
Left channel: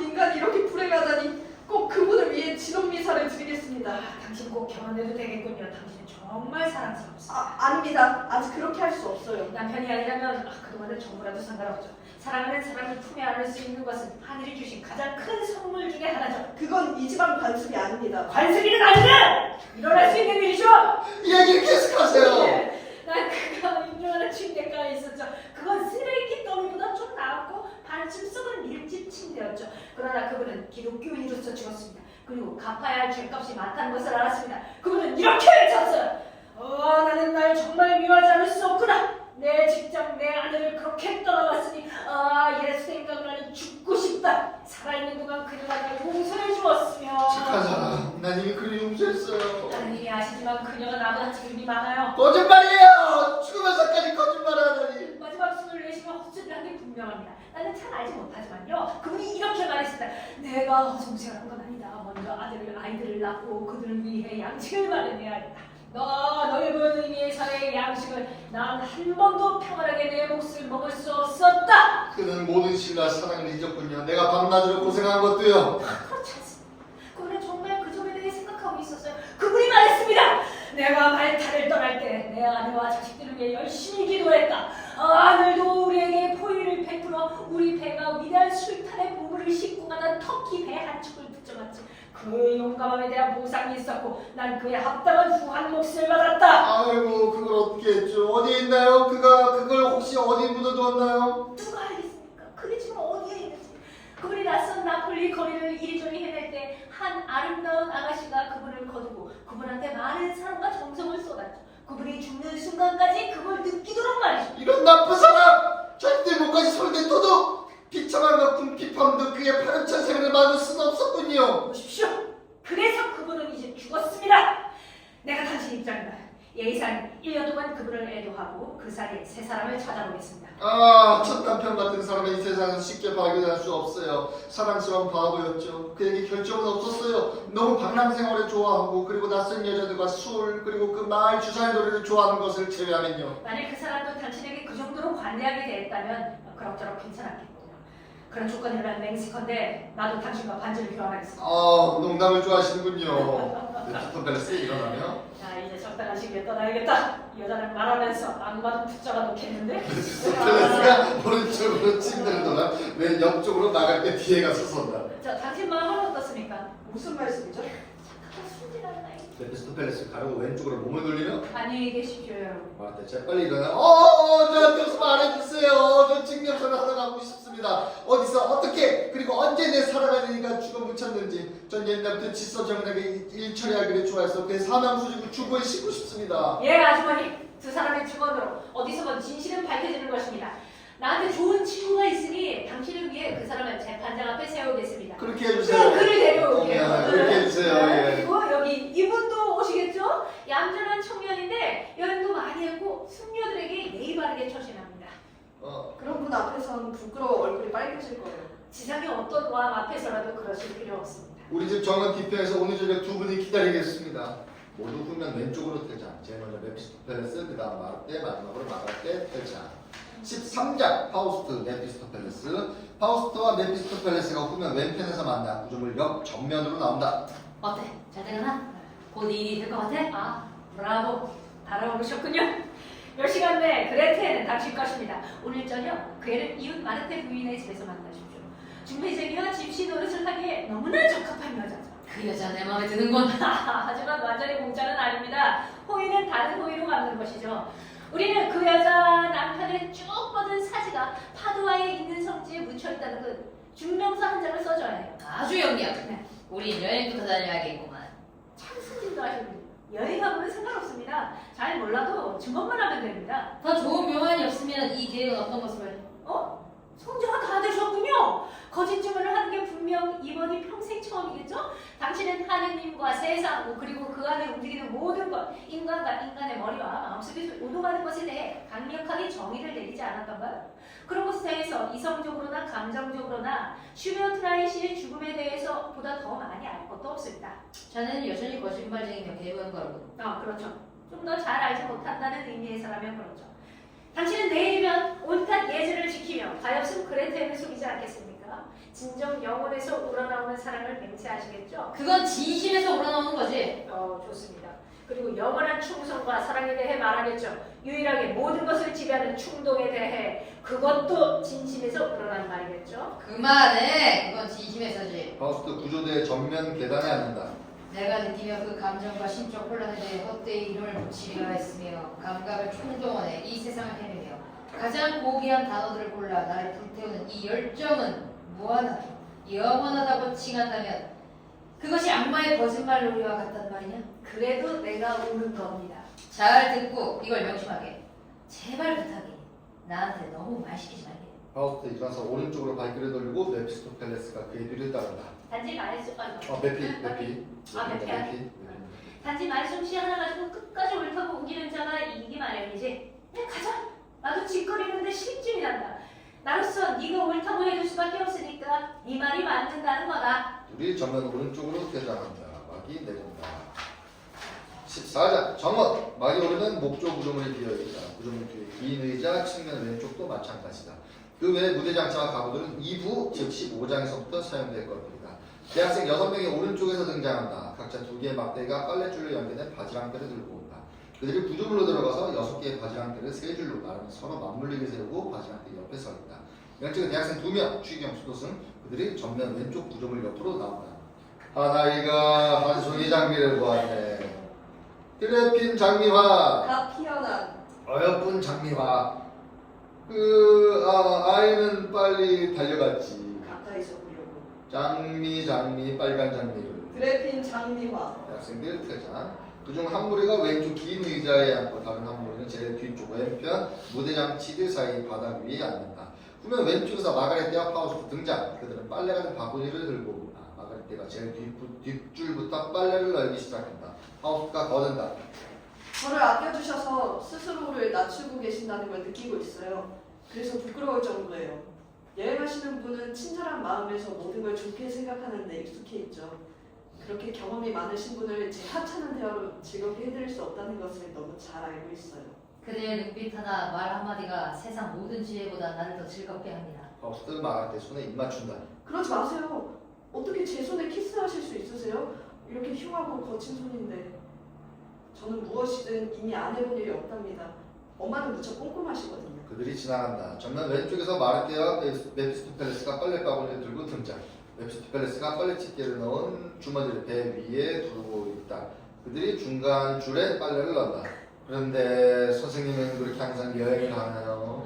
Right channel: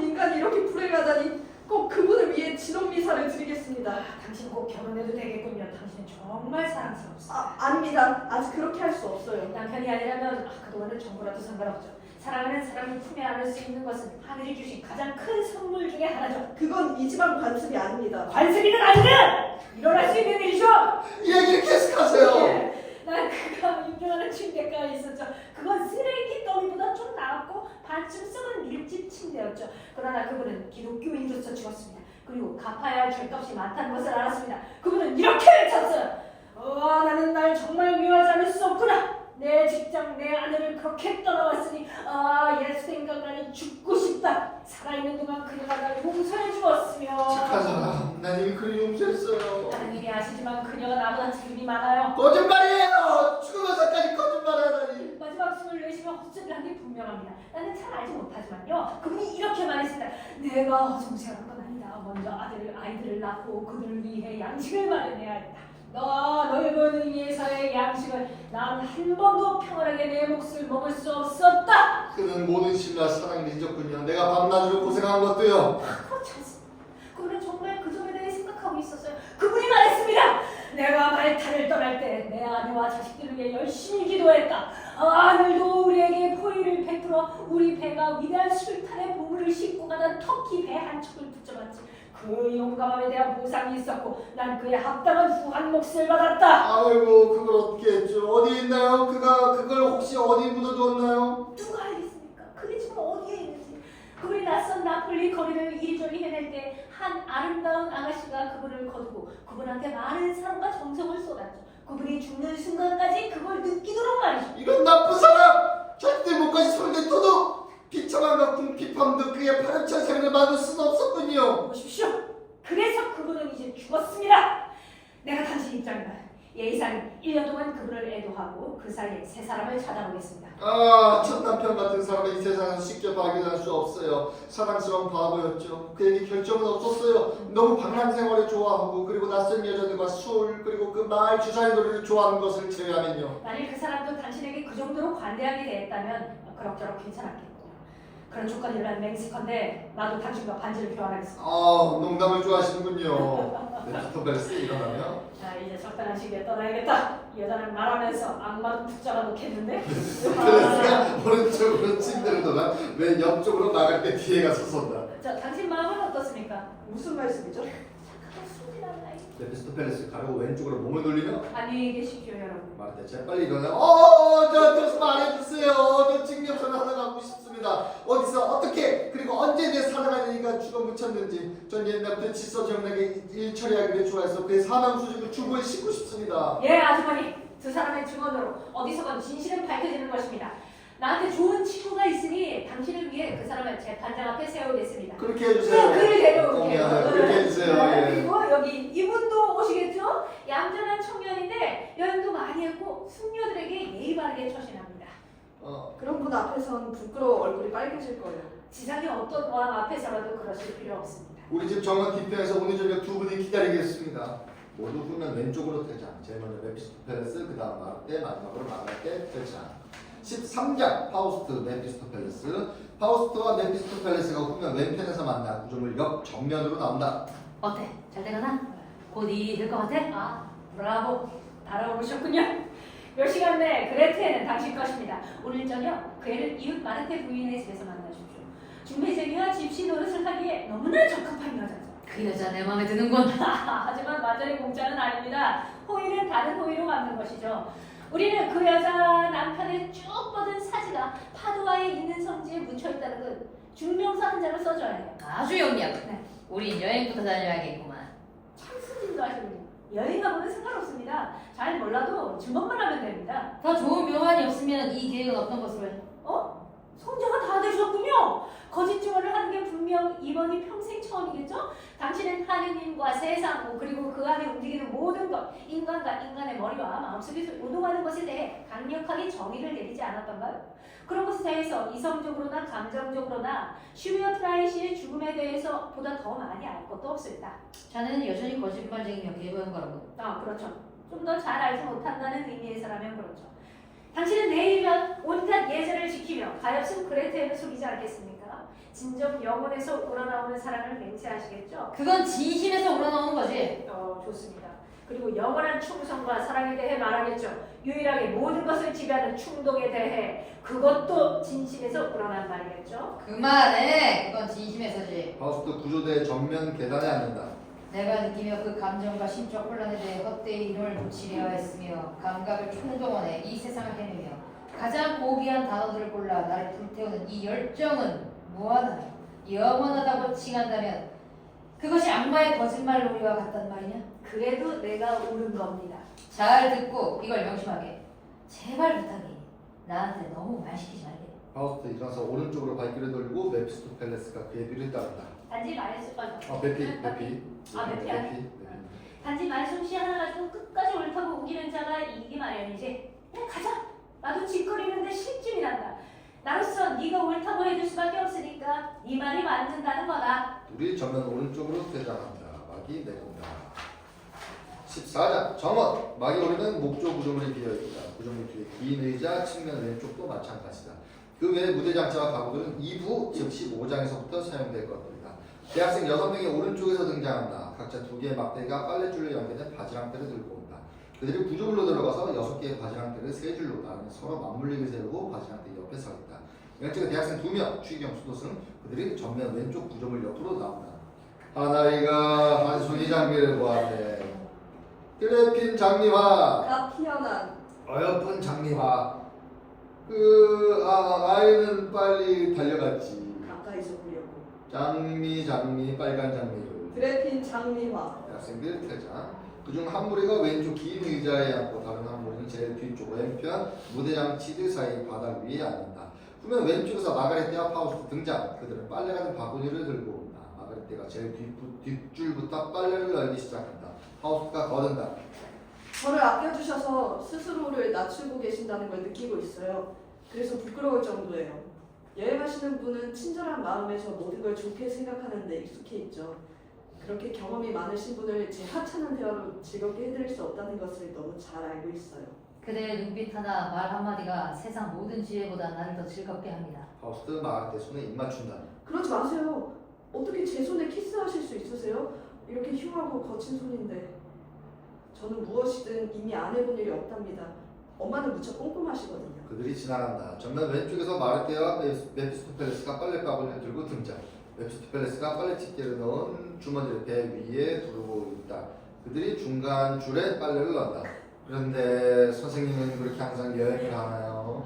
인간이 이렇게 불행하다니. 꼭 그분을 위해 진혼미사를 드리겠습니다. 당신 꼭 결혼해도 되겠군요. 당신은 정말 사랑스럽습니다. 아닙니다. 아직 그렇게 할 수 없어요. 남편이 아니라면 그동안은 정보라도 상관없죠. 사랑하는 사람을 품에 안을 수 있는 것은 하늘이 주신 가장 큰 선물 중에 하나죠. 그건 이 집안 관습이 아닙니다. 관습이는 아닌데 일어날 수 있는 일이죠. 얘기를 계속하세요. 예, 난 그가 인정하는 침대가에 있었죠. 그건 쓰레기 더미보다 좀 나았고 반쯤 썩은 밀집 침대였죠. 그러나 그분은 기독교인으로서 죽었습니다. 그리고 갚아야 할 죄값이 많다는 것을 알았습니다. 그분은 이렇게 외쳤어요. 나는 날 정말 미워하지 않을 수 없구나. 내 직장, 내 아내를 그렇게 떠나갔으니 예수 생각나는 죽고 싶다. 살아있는 동안 그녀가 날 용서해 주었으며 착한 사람. 난 이미 그를 용서했어요. 하느님이 아시지만 그녀가 나보다 책임이 많아요. 거짓말이에요. 죽으면서까지 거짓말을 하다니. 마지막 숨을 내쉬며 헛소리를 한 게 분명합니다. 나는 잘 알지 못하지만요. 그분이 이렇게 말했습니다. 내가 허송세월한 건 아니다. 먼저 아이들을 낳고 그들을 위해 양식을 마련해야 한다. 넓은 의미의 사회의 양식을 난 한 번도 평안하게 내 몫을 먹을 수 없었다. 그는 모든 신과 사랑을 잊었군요. 내가 밤낮으로 고생한 것도요. 그렇지 않습니다. 그분은 정말 그 점에 대해 생각하고 있었어요. 그분이 말했습니다. 내가 말타를 떠날 때 내 아내와 자식들을 위해 열심히 기도했다. 하늘도 우리에게 포위를 베풀어 우리 배가 위대한 술탄의 보물을 싣고 가던 터키 배 한 척을 붙잡았지. 그 용감함에 대한 보상이 있었고 난 그에 합당한 후한 몫을 받았다. 아이고 그걸 어떻게 했죠? 어디 있나요? 그걸 혹시 어디 묻어두었나요? 누가 알겠습니까? 그게 지금 어디에 있는지. 그분이 낯선 나폴리 거리를 이리저리 헤맬 때 한 아름다운 아가씨가 그분을 거두고 그분한테 많은 사랑과 정성을 쏟았죠. 그분이 죽는 순간까지 그걸 느끼도록 말이죠. 이런 나쁜 사람! 자기들 목까지 손댈 도둑! 비참함과 궁핍함도 그의 파렴치한 생을 막을 수는 없었군요. 보십시오. 그래서 그분은 이제 죽었습니다. 내가 당신 입장이다. 예의상 1년 동안 그분을 애도하고 그 사이에 새 사람을 찾아보겠습니다. 첫 남편 같은 사람은 이 세상은 쉽게 발견할 수 없어요. 사랑스러운 바보였죠. 그에게 결정은 없었어요. 너무 방랑 생활을 좋아하고 그리고 낯선 여자들과 술 그리고 그 마을 주사위놀이를 좋아하는 것을 제외하면요. 만일 그 사람도 당신에게 그 정도로 관대하게 대했다면 그럭저럭 괜찮았겠군요. 그런 조건이라면 맹세컨대 나도 당신과 반지를 교환하겠습니다. 농담을 좋아하시는군요. 메피스토 펠레스 일어나며 자, 이제 적당한 시기에 떠나야겠다. 여자는 말하면서 악마도 듣자가 놓겠는데? 펠레스가 오른쪽으로 침대를 돌아 왜 옆쪽으로 나갈 때 뒤에 가서 선다. 자, 당신 마음은 어떻습니까? 무슨 말씀이죠? 착하게 순진한 아이. 메피스토 펠레스 가려고 왼쪽으로 몸을 돌리며 안녕히 계십시오, 여러분. 말할 때 재빨리 일어나. 저한테 좀 말해주세요. 저 증명서를 하나 갖고 싶습니다. 어디서 어떻게 그리고 언제 내 살아가니까 죽어 묻혔는지. 전 옛날부터 질서정연하게 일 처리하기를 좋아해서 그의 사망 수직을 주부에 싣고 싶습니다. 예, 아주머니. 두 사람의 증언으로 어디서건 진실은 밝혀지는 것입니다. 나한테 좋은 친구가 있으니 당신을 위해 그 사람을 재판장 앞에 세우겠습니다. 그렇게 해주세요. 그를 데려올게요. 그렇게 해주세요. 네, 예. 그리고 여기 이분도 오시겠죠? 얌전한 청년인데 여행도 많이 했고 숙녀들에게 예의 바르게 처신합니다. 그런 분 앞에선 부끄러워 얼굴이 빨개질 거예요. 지상의 어떤 왕 앞에서라도 그러실 필요 없습니다. 우리 집 정원 뒤편에서 오늘 저녁 두 분이 기다리겠습니다. 모두 후면 왼쪽으로 퇴장. 제일 먼저 메피스토 펠레스, 그 다음 마르테, 마지막으로 마르테 퇴장. 13장 파우스트, 메피스토 펠레스. 파우스트와 메피스토 펠레스가 후면 왼편에서 만나 구조물 옆 정면으로 나온다. 어때? 잘 되려나? 곧 일이 될 것 같아? 아, 브라보. 달아오르셨군요. 몇 시간 내 그레테는 당신 것입니다. 오늘 저녁 그애를 이웃 마르테 부인의 집에서 만나십시오. 중매제비와 집시 노릇을 하기에 너무나 적합한 여자죠. 그 여자 내 마음에 드는군. 하지만 완전히 공짜는 아닙니다. 호의는 다른 호의로 갚는 것이죠. 우리는 그 여자 남편의 쭉 뻗은 사지가 파두아에 있는 성지에 묻혀있다는 그 증명서 한 장을 써줘야 해요. 아주 영리하고. 네. 우린 여행부터 다녀야겠구만. 참 스진도 하시는군요. 여행하고는 상관없습니다. 잘 몰라도 증언만 하면 됩니다. 더 좋은 묘안이 없으면 이 계획은 어떤 것으로 해? 성자가 다 되셨군요. 거짓 증언을 하는 게 분명 이번이 평생 처음이겠죠? 당신은 하느님과 세상 그리고 그 안에 움직이는 모든 것, 인간과 인간의 머리와 마음속에서 요동하는 것에 대해 강력하게 정의를 내리지 않았던가요? 그런 것에 대해서 이성적으로나 감정적으로나 슈베어 트라이시의 죽음에 대해서 보다 더 많이 알 것도 없습니다. 자네는 여전히 거짓말쟁이며 개보행가로군. 그렇죠. 좀 더 잘 알지 못한다는 의미에서라면 그렇죠. 당신은 내일이면 온갖 예절을 지키며 가엾은 그레테를 속이지 않겠습니까? 진정 영혼에서 우러나오는 사랑을 맹세하시겠죠? 그건 진심에서 우러나오는 거지. 좋습니다. 그리고 영원한 충성과 사랑에 대해 말하겠죠. 유일하게 모든 것을 지배하는 충동에 대해 그것도 진심에서 우러난 말이겠죠. 그만해. 그건 진심에서지. 파우스트 구조대의 전면 계단에 앉는다. 내가 느끼며 그 감정과 심적 혼란에 대해 헛되이 힘을 지배하였으며 감각을 총동원해 이 세상을 헤매며 가장 고귀한 단어들을 골라 나를 불태우는 이 열정은 무한하며 영원하다고 칭한다면 그것이 악마의 거짓말 놀이와 같단 말이냐? 그래도 내가 우는 겁니다. 잘 듣고 이걸 명심하게. 제발 부탁해. 나한테 너무 말 시키지 말게. 파우스트 일어나서 오른쪽으로 발길을 돌리고 메피스토 펠레스가 그의 뒤를 따른다. 단지 말씀 메피. 단지 말솜씨 하나 가지고 끝까지 옳다고 우기는 자가 이기기 마련이지. 그냥 가자. 나도 짓거리는데 실증이 난다. 나로서 네가 옳다고 해줄 수밖에 없으니까 네 말이 맞는다는 거다. 둘이 정면 오른쪽으로 퇴장한다. 막이 내린다. 14장 정원. 막이 오르는 목조 구조물이 비어있다. 구조물 뒤에 긴 의자, 측면 왼쪽도 마찬가지다. 그 외에 무대장차와 가구들은 2부, 즉 15장에서부터 사용될 것들이다. 대학생 6명이 오른쪽에서 등장한다. 각자 2개의 막대기가 빨래줄로 연결된 바지랑대를 들고 온다. 그들이 구조물로 들어가서 6개의 바지랑대를 3줄로 나란히 서로 맞물리게 세우고 바지랑대 옆에 서 있다. 왼쪽에 대학생 2명, 추기경, 수도승. 그들이 전면 왼쪽 구조물 옆으로 나온다. 아나이가 한송이 장미를 보았네. 그래핀 장미화, 다 피어난 어여쁜 장미화. 아이는 빨리 달려갔지. 가까이서 보려고. 장미 빨간 장미를. 그래핀 장미화. 학생들 퇴장. 그중 한 무리가 왼쪽 긴 의자에 앉고 다른 한 무리는 제일 뒤쪽 왼편 무대장 치드 사이 바닥 위에 앉는다. 후면 왼쪽에서 마가렛떼와 파우스트 등장. 그들은 빨래 같은 바구니를 들고 온다. 마가렛떼가 제일 뒷줄부터 빨래를 널기 시작한다. 파우스트가 거둔다. 저를 아껴주셔서 스스로를 낮추고 계신다는 걸 느끼고 있어요. 그래서 부끄러울 정도예요. 여행하시는 분은 친절한 마음에서 모든 걸 좋게 생각하는 데 익숙해 있죠. 그렇게 경험이 많으신 분을 제 하찮은 대화로 즐겁게 해드릴 수 없다는 것을 너무 잘 알고 있어요. 그대의 눈빛 하나, 말 한마디가 세상 모든 지혜보다 나를 더 즐겁게 합니다. 파우스트 말할 때 손에 입 맞춘다. 그러지 마세요. 어떻게 제 손에 키스하실 수 있으세요? 이렇게 흉하고 거친 손인데. 저는 무엇이든 이미 안 해본 일이 없답니다. 엄마는 무척 꼼꼼하시거든요. 그들이 지나간다. 정면 왼쪽에서 마르테와 메피스토펠레스가 빨래바구니를 들고 등장. 메피스토펠레스가 빨래집게를 넣은 주머니를 배 위에 두르고 있다. 그들이 중간 줄에 빨래를 넣는다. 그런데 선생님은 그렇게 항상 여행을 하나요?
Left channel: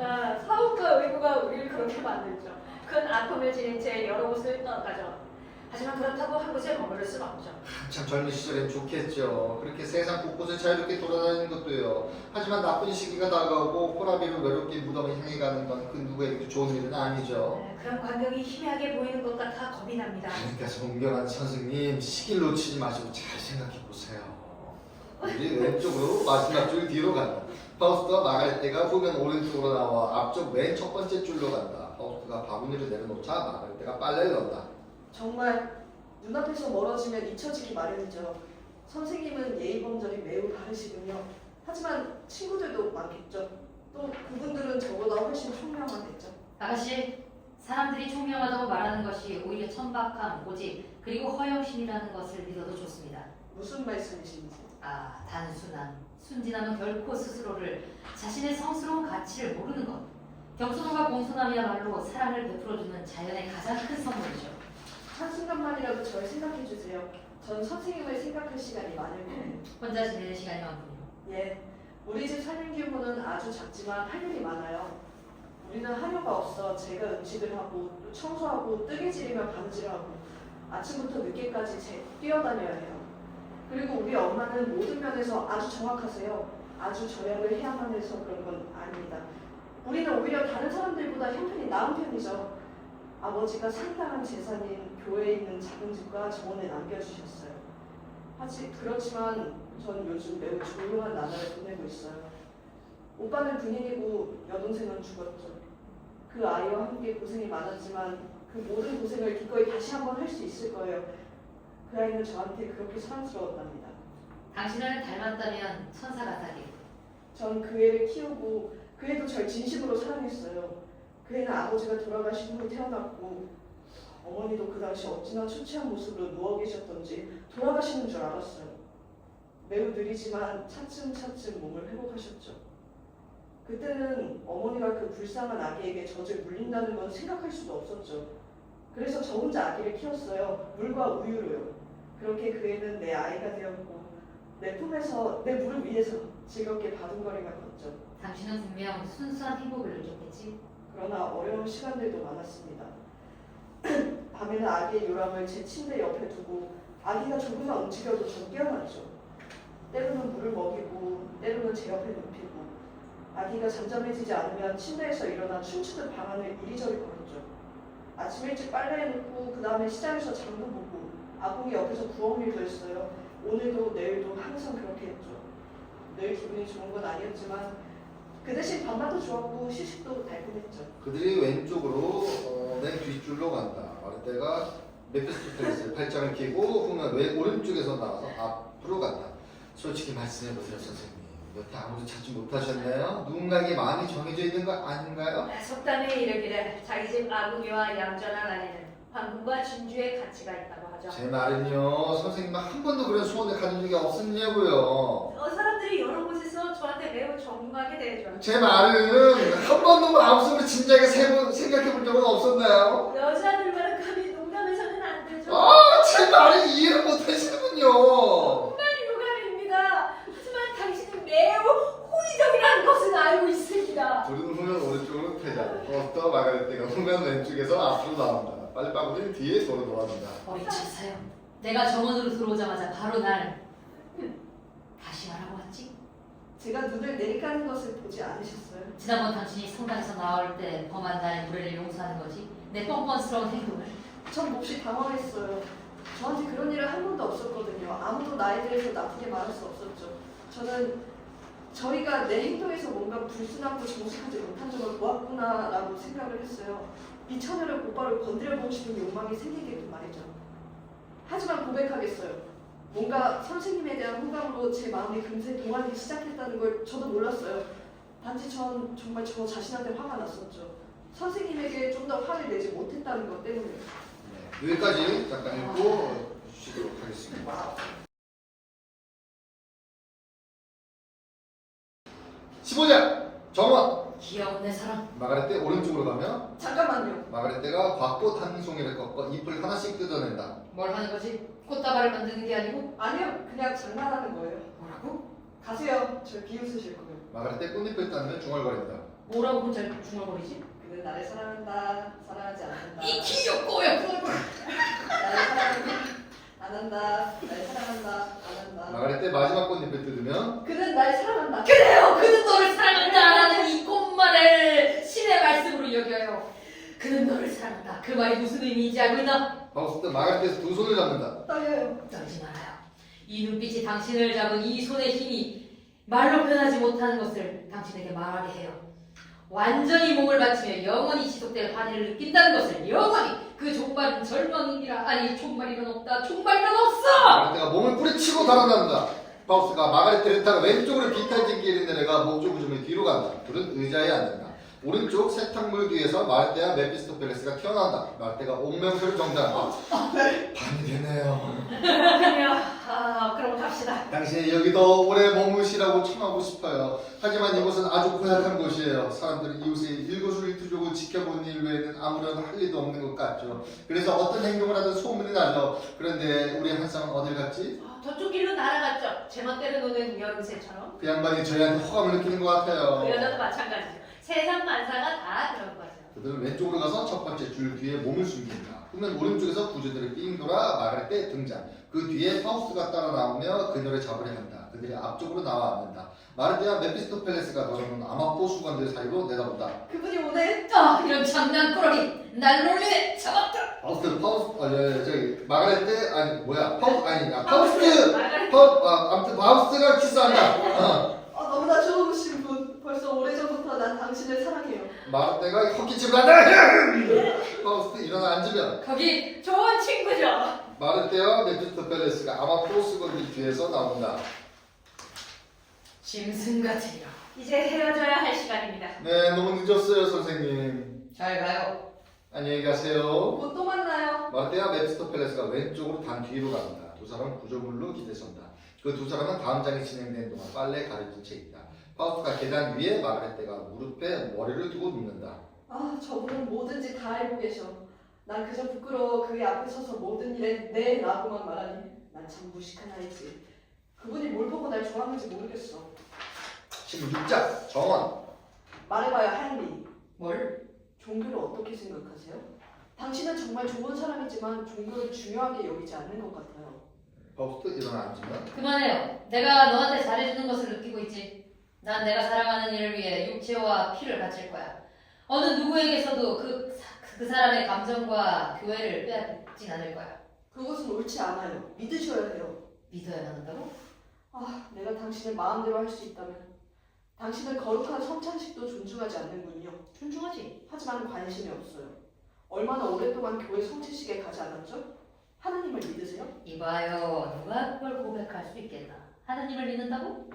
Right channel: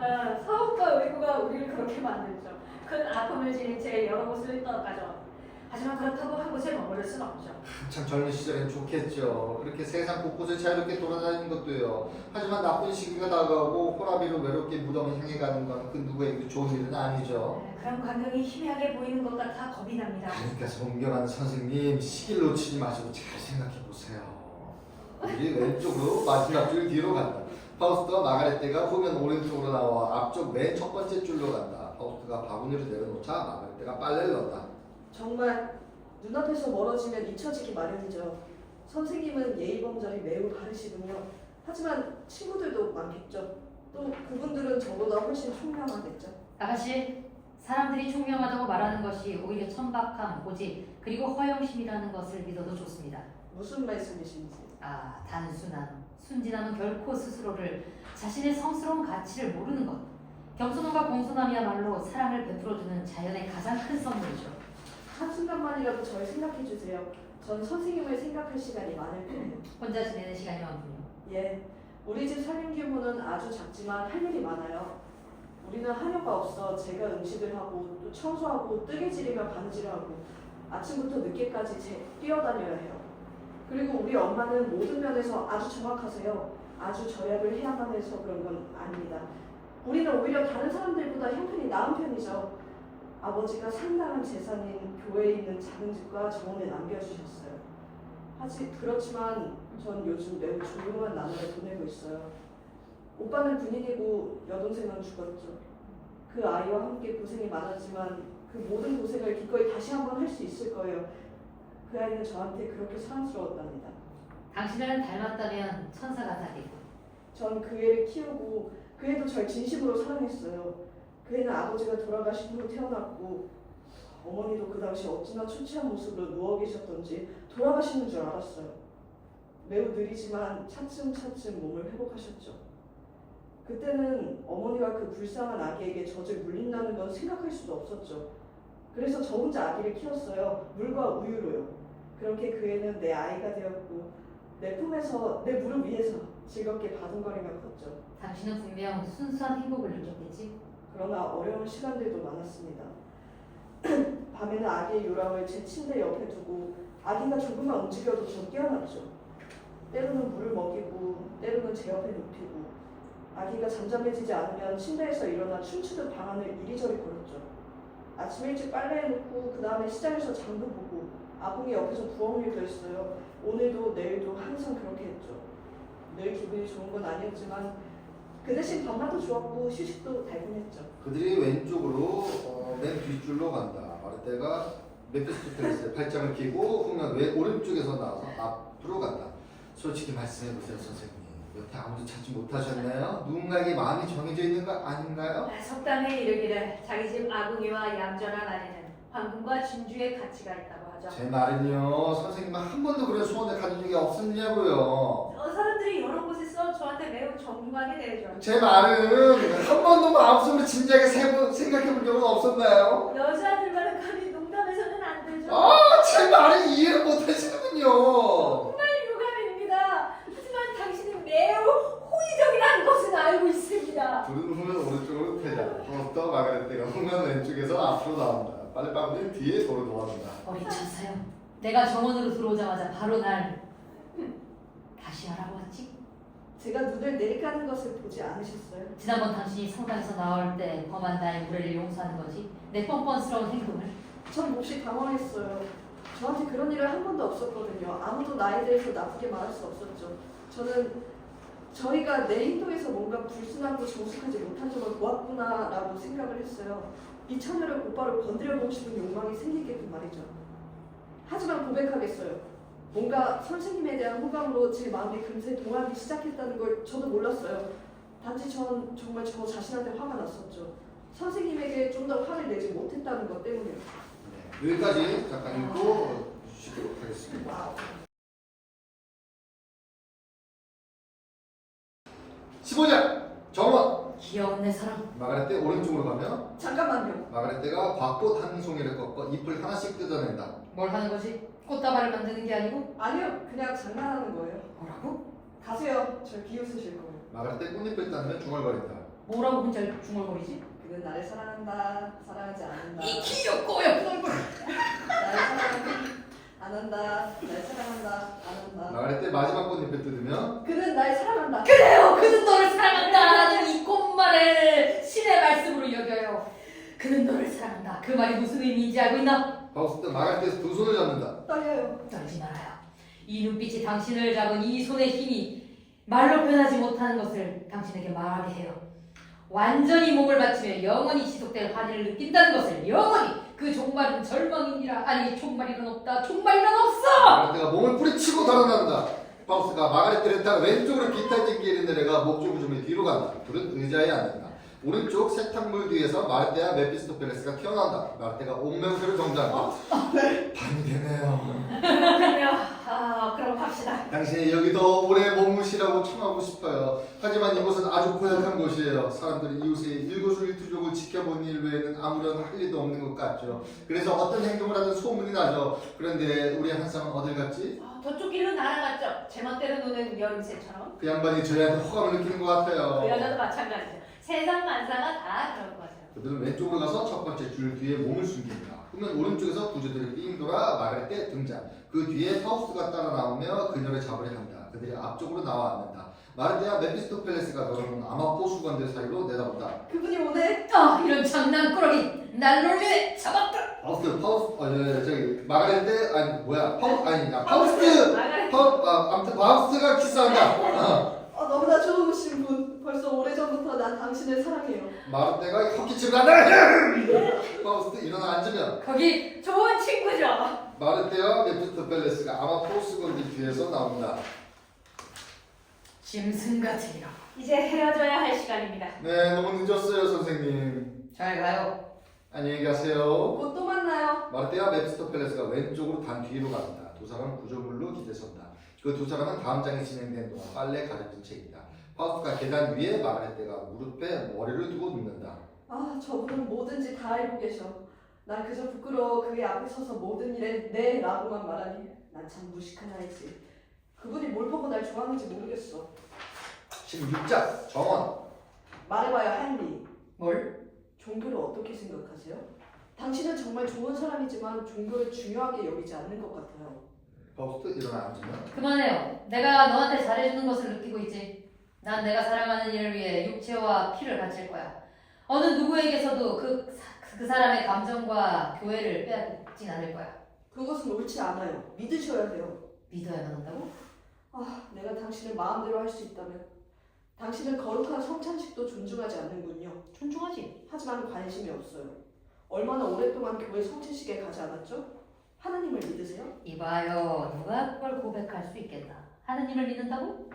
사업과 의무가 우리를 그렇게 만들죠. 큰 아픔을 지닌 채 여러 곳을 떠나가죠. 하지만 그렇다고 한 곳에 머무를 순 없죠. 참 젊은 시절엔 좋겠죠. 그렇게 세상 곳곳을 자유롭게 돌아다니는 것도요. 하지만 나쁜 시기가 다가오고 호라비로 외롭게 무덤을 향해 가는 건 그 누구에게도 좋은 일은 아니죠. 그런 광경이 희미하게 보이는 것 같아 겁이 납니다. 그러니까 존경하는 선생님, 시기를 놓치지 마시고 잘 생각해 보세요. 우리 왼쪽으로 마지막 줄 뒤로 간다. 파우스트와 마가레테가 후면 오른쪽으로 나와 앞쪽 맨 첫 번째 줄로 간다. 파우스트가 바구니를 내려놓자 마가레테가 빨래를 넣는다. 정말 눈앞에서 멀어지면 잊혀지기 마련이죠. 선생님은 예의범절이 매우 바르시군요. 하지만 친구들도 많겠죠. 또 그분들은 저보다 훨씬 총명하겠죠. 아가씨, 사람들이 총명하다고 말하는 것이 오히려 천박함, 고집, 그리고 허영심이라는 것을 믿어도 좋습니다. 무슨 말씀이신지. 아, 단순함, 순진함은 결코 스스로를 자신의 성스러운 가치를 모르는 것. 겸손함과 공손함이야말로 사랑을 베풀어주는 자연의 가장 큰 선물이죠. 한순간만이라도 절 생각해 주세요. 전 선생님을 생각할 시간이 많을 거예요. 혼자 지내는 시간이 많군요. 예, 우리 집 살림 규모는 아주 작지만 할 일이 많아요. 우리는 하려가 없어 제가 음식을 하고 또 청소하고 뜨개질이며 바느질하고 아침부터 늦게까지 뛰어다녀야 해요. 그리고 우리 엄마는 모든 면에서 아주 정확하세요. 아주 절약을 해야만 해서 그런 건 아닙니다. 우리는 오히려 다른 사람들보다 형편이 나은 편이죠. 아버지가 상당한 재산인 교회에 있는 작은 집과 정원에 남겨주셨어요. 그렇지만 전 요즘 매우 조용한 나날을 보내고 있어요. 오빠는 군인이고 여동생은 죽었죠. 그 아이와 함께 고생이 많았지만 그 모든 고생을 기꺼이 다시 한번 할 수 있을 거예요. 그 아이는 저한테 그렇게 사랑스러웠답니다. 당신을 닮았다면 천사 같아겠고. 전 그 애를 키우고 그 애도 절 진심으로 사랑했어요. 그 애는 아버지가 돌아가신 후 태어났고 어머니도 그 당시 어찌나 초췌한 모습으로 누워 계셨던지 돌아가시는 줄 알았어요. 매우 느리지만 차츰차츰 몸을 회복하셨죠. 그때는 어머니가 그 불쌍한 아기에게 젖을 물린다는 건 생각할 수도 없었죠. 그래서 저 혼자 아기를 키웠어요. 물과 우유로요. 그렇게 그 애는 내 아이가 되었고 내 품에서 내 무릎 위에서 즐겁게 바둥거리며 컸죠. 당신은 분명 순수한 행복을 느꼈겠지? 그러나 어려운 시간들도 많았습니다. 밤에는 아기의 요람을 제 침대 옆에 두고 아기가 조금만 움직여도 전 깨어났죠. 때로는 물을 먹이고 때로는 제 옆에 눕히고 아기가 잠잠해지지 않으면 침대에서 일어나 춤추듯 방 안을 이리저리 걸었죠. 아침 일찍 빨래해놓고 그 다음에 시장에서 장도 보고 아궁이 옆에서 부엌일도 했어요. 오늘도 내일도 항상 그렇게 했죠. 늘 기분이 좋은 건 아니었지만 그 대신 밥맛도 좋았고 시식도 달콤했죠. 그들이 왼쪽으로 맨 뒷줄로 간다. 마르테가 메피스토펠레스의 팔짱을 끼고 후면 오른쪽에서 나와서 앞으로 간다. 솔직히 말씀해보세요, 선생님. 여태 아무도 찾지 못하셨나요? 누군가에게 마음이 정해져 있는 거 아닌가요? 속담에 이르기를 자기 집 아궁이와 얌전한 아내는 황금과 진주의 가치가 있다고 하죠. 제 말은요, 선생님은 한 번도 그런 소원을 가진 적이 없었냐고요. 사람들이 여러 곳에서 저한테 매우 존경하게 되죠. 제 말은 한 번도 마음속으로 진지하게 생각해 본 적은 없었나요? 여자들과는 감히 농담해서는 안 되죠. 제 말을 이해를 못 하시는군요. 정말 유감입니다. 하지만 당신이 매우 호의적이라는 것은 알고 있습니다. 둘은 후면 오른쪽으로 퇴장. 또 마가레테가 후면 왼쪽에서 앞으로 나온다. 빨래바구니를 뒤에 도로 놓아준다. 어리쳤어요. 내가 정원으로 들어오자마자 바로 날 다시 말하고 왔지? 제가 눈을 내리까는 것을 보지 않으셨어요? 지난번 당신이 성당에서 나올 때 범한 나의 무례를 용서하는 거지? 내 뻔뻔스러운 행동을? 전 몹시 당황했어요. 저한테 그런 일은 한 번도 없었거든요. 아무도 나에 대해서 나쁘게 말할 수 없었죠. 저는 저희가 내 행동에서 뭔가 불순하고 정직하지 못한 점을 보았구나라고 생각을 했어요. 이 처녀를 곧바로 건드려보고 싶은 욕망이 생기게끔 말이죠. 하지만 고백하겠어요. 뭔가 선생님에 대한 호감으로 제 마음이 금세 동하기 시작했다는 걸 저도 몰랐어요. 단지 전 정말 저 자신한테 화가 났었죠. 선생님에게 좀 더 화를 내지 못했다는 것 때문에. 네, 여기까지 잠깐 읽고 쉬도록 하겠습니다. 15장 정원. 귀여운 내 사랑. 마가렛대 오른쪽으로 가면 잠깐만요. 마가렛대가 밭꽃 한 송이를 꺾어 잎을 하나씩 뜯어낸다. 뭘 하는 거지? 꽃다발을 만드는 게 아니고? 아니요, 그냥 장난하는 거예요. 뭐라고? 가세요. 저 비웃으실 거예요. 마가렛대 꽃잎을 따면 중얼거린다. 뭐라고 혼자 중얼거리지? 그는 나를 사랑한다. 사랑하지 않는다. 이 귀엽고요. 나를 사랑한다. 안 한다. 날 사랑한다. 안 한다. 마가렛대 마지막 꽃잎을 뜯으면 그는 날 사랑한다. 그래요. 그는 너를 사랑한다라는 이 꽃말을 신의 말씀으로 여겨요. 그는 너를 사랑한다. 그 말이 무슨 의미인지 알고 있나? 파우스트 마가렛대에서 두 손을 잡는다. 떨려요. 떨지 말아요. 이 눈빛이 당신을 잡은 이 손의 힘이 말로 표현하지 못하는 것을 당신에게 말하게 해요. 완전히 몸을 바치며 영원히 지속될 환희를 느낀다는 것을 영원히 그 종말은 절망이니라. 아니 종말이란 없다. 종말이란 없어. 마가렛대가 몸을 뿌리치고 달아난다. 파우스가 마가렛대를 따라 왼쪽으로 비탈진 길을 내려가 목조 구조물 뒤로 간다. 둘은 의자에 앉는다. 오른쪽 세탁물 뒤에서 마르테와 메피스토펠레스가 튀어나온다. 마르테가 옥명세로 정지한다. 밤이 되네요. 그래요. 그럼 갑시다. 당신이 여기도 오래 머무시라고 청하고 싶어요. 하지만 이곳은 아주 고약한 곳이에요. 사람들은 이웃의 일거수일투족을 지켜본 일 외에는 아무런 할 일도 없는 것 같죠. 그래서 어떤 행동을 하든 소문이 나죠. 그런데 우리 한쌍은 어딜 갔지? 저쪽 길로 날아갔죠. 제멋대로 노는 여름새처럼. 그 양반이 저희한테 호감을 느끼는 것 같아요. 그 여자도 마찬가지죠. 세상 만사가 다 그런 거죠. 그들은 왼쪽으로 가서 첫 번째 줄 뒤에 몸을 숨긴다. 그러면 오른쪽에서 구조들이 삥 돌아 마가렛대 등장. 그 뒤에 파우스가 따라 나오며 그녀를 잡으려 한다. 그들이 앞쪽으로 나와 앉는다. 마르테와 메피스토펠레스가 넣어놓은 아마포 수건들 사이로 내다본다. 그분이 오네. 이런 장난꾸러기 날 놀리네. 잡았다. 파우스트 저기 마가렛대 아니 뭐야 파우스트 마가렛. 아무튼 파우스트가 키스한다. 너무나 좋으신 분. 벌써 오래전부터 난 당신을 사랑해요. 마르테가 헛기침을 한다. 파우스트 일어나 앉으면 거기 좋은 친구죠. 마르테와 메피스토펠레스가 아마포 수건들 뒤에서 나온다. 짐승같으리라. 이제 헤어져야 할 시간입니다. 네, 너무 늦었어요, 선생님. 잘 가요. 안녕히 가세요. 곧 또 만나요. 마르테와 메피스토펠레스가 왼쪽으로 단 뒤로 갑니다. 두 사람은 구조물로 기대선다. 그 두 사람은 다음 장이 진행된 동안 빨래 가려진 채 있다. 파우스트가 계단 위에 마가렛대가 무릎에 머리를 두고 눕는다. 저분은 뭐든지 다 알고 계셔. 난 그저 부끄러워 그의 앞에 서서 모든 일에 네 라고만 말하니 난 참 무식한 아이지. 그분이 뭘 보고 날 좋아하는지 모르겠어. 16장 정원. 말해봐요, 하임리. 뭘? 종교를 어떻게 생각하세요? 당신은 정말 좋은 사람이지만 종교를 중요하게 여기지 않는 것 같아요. 파우스트 일어나 앉으면 그만해요. 내가 너한테 잘해주는 것을 느끼고 있지. 난 내가 사랑하는 일을 위해 육체와 피를 바칠 거야. 어느 누구에게서도 그 사람의 감정과 교회를 빼앗진 않을 거야. 그것은 옳지 않아요. 믿으셔야 해요. 믿어야만 한다고? 내가 당신을 마음대로 할 수 있다면 당신은 거룩한 성찬식도 존중하지 않는군요. 존중하지. 하지만 관심이 없어요. 얼마나 오랫동안 교회 성찬식에 가지 않았죠? 하나님을 믿으세요? 이봐요. 누가 그걸 고백할 수 있겠나? 하나님을 믿는다고?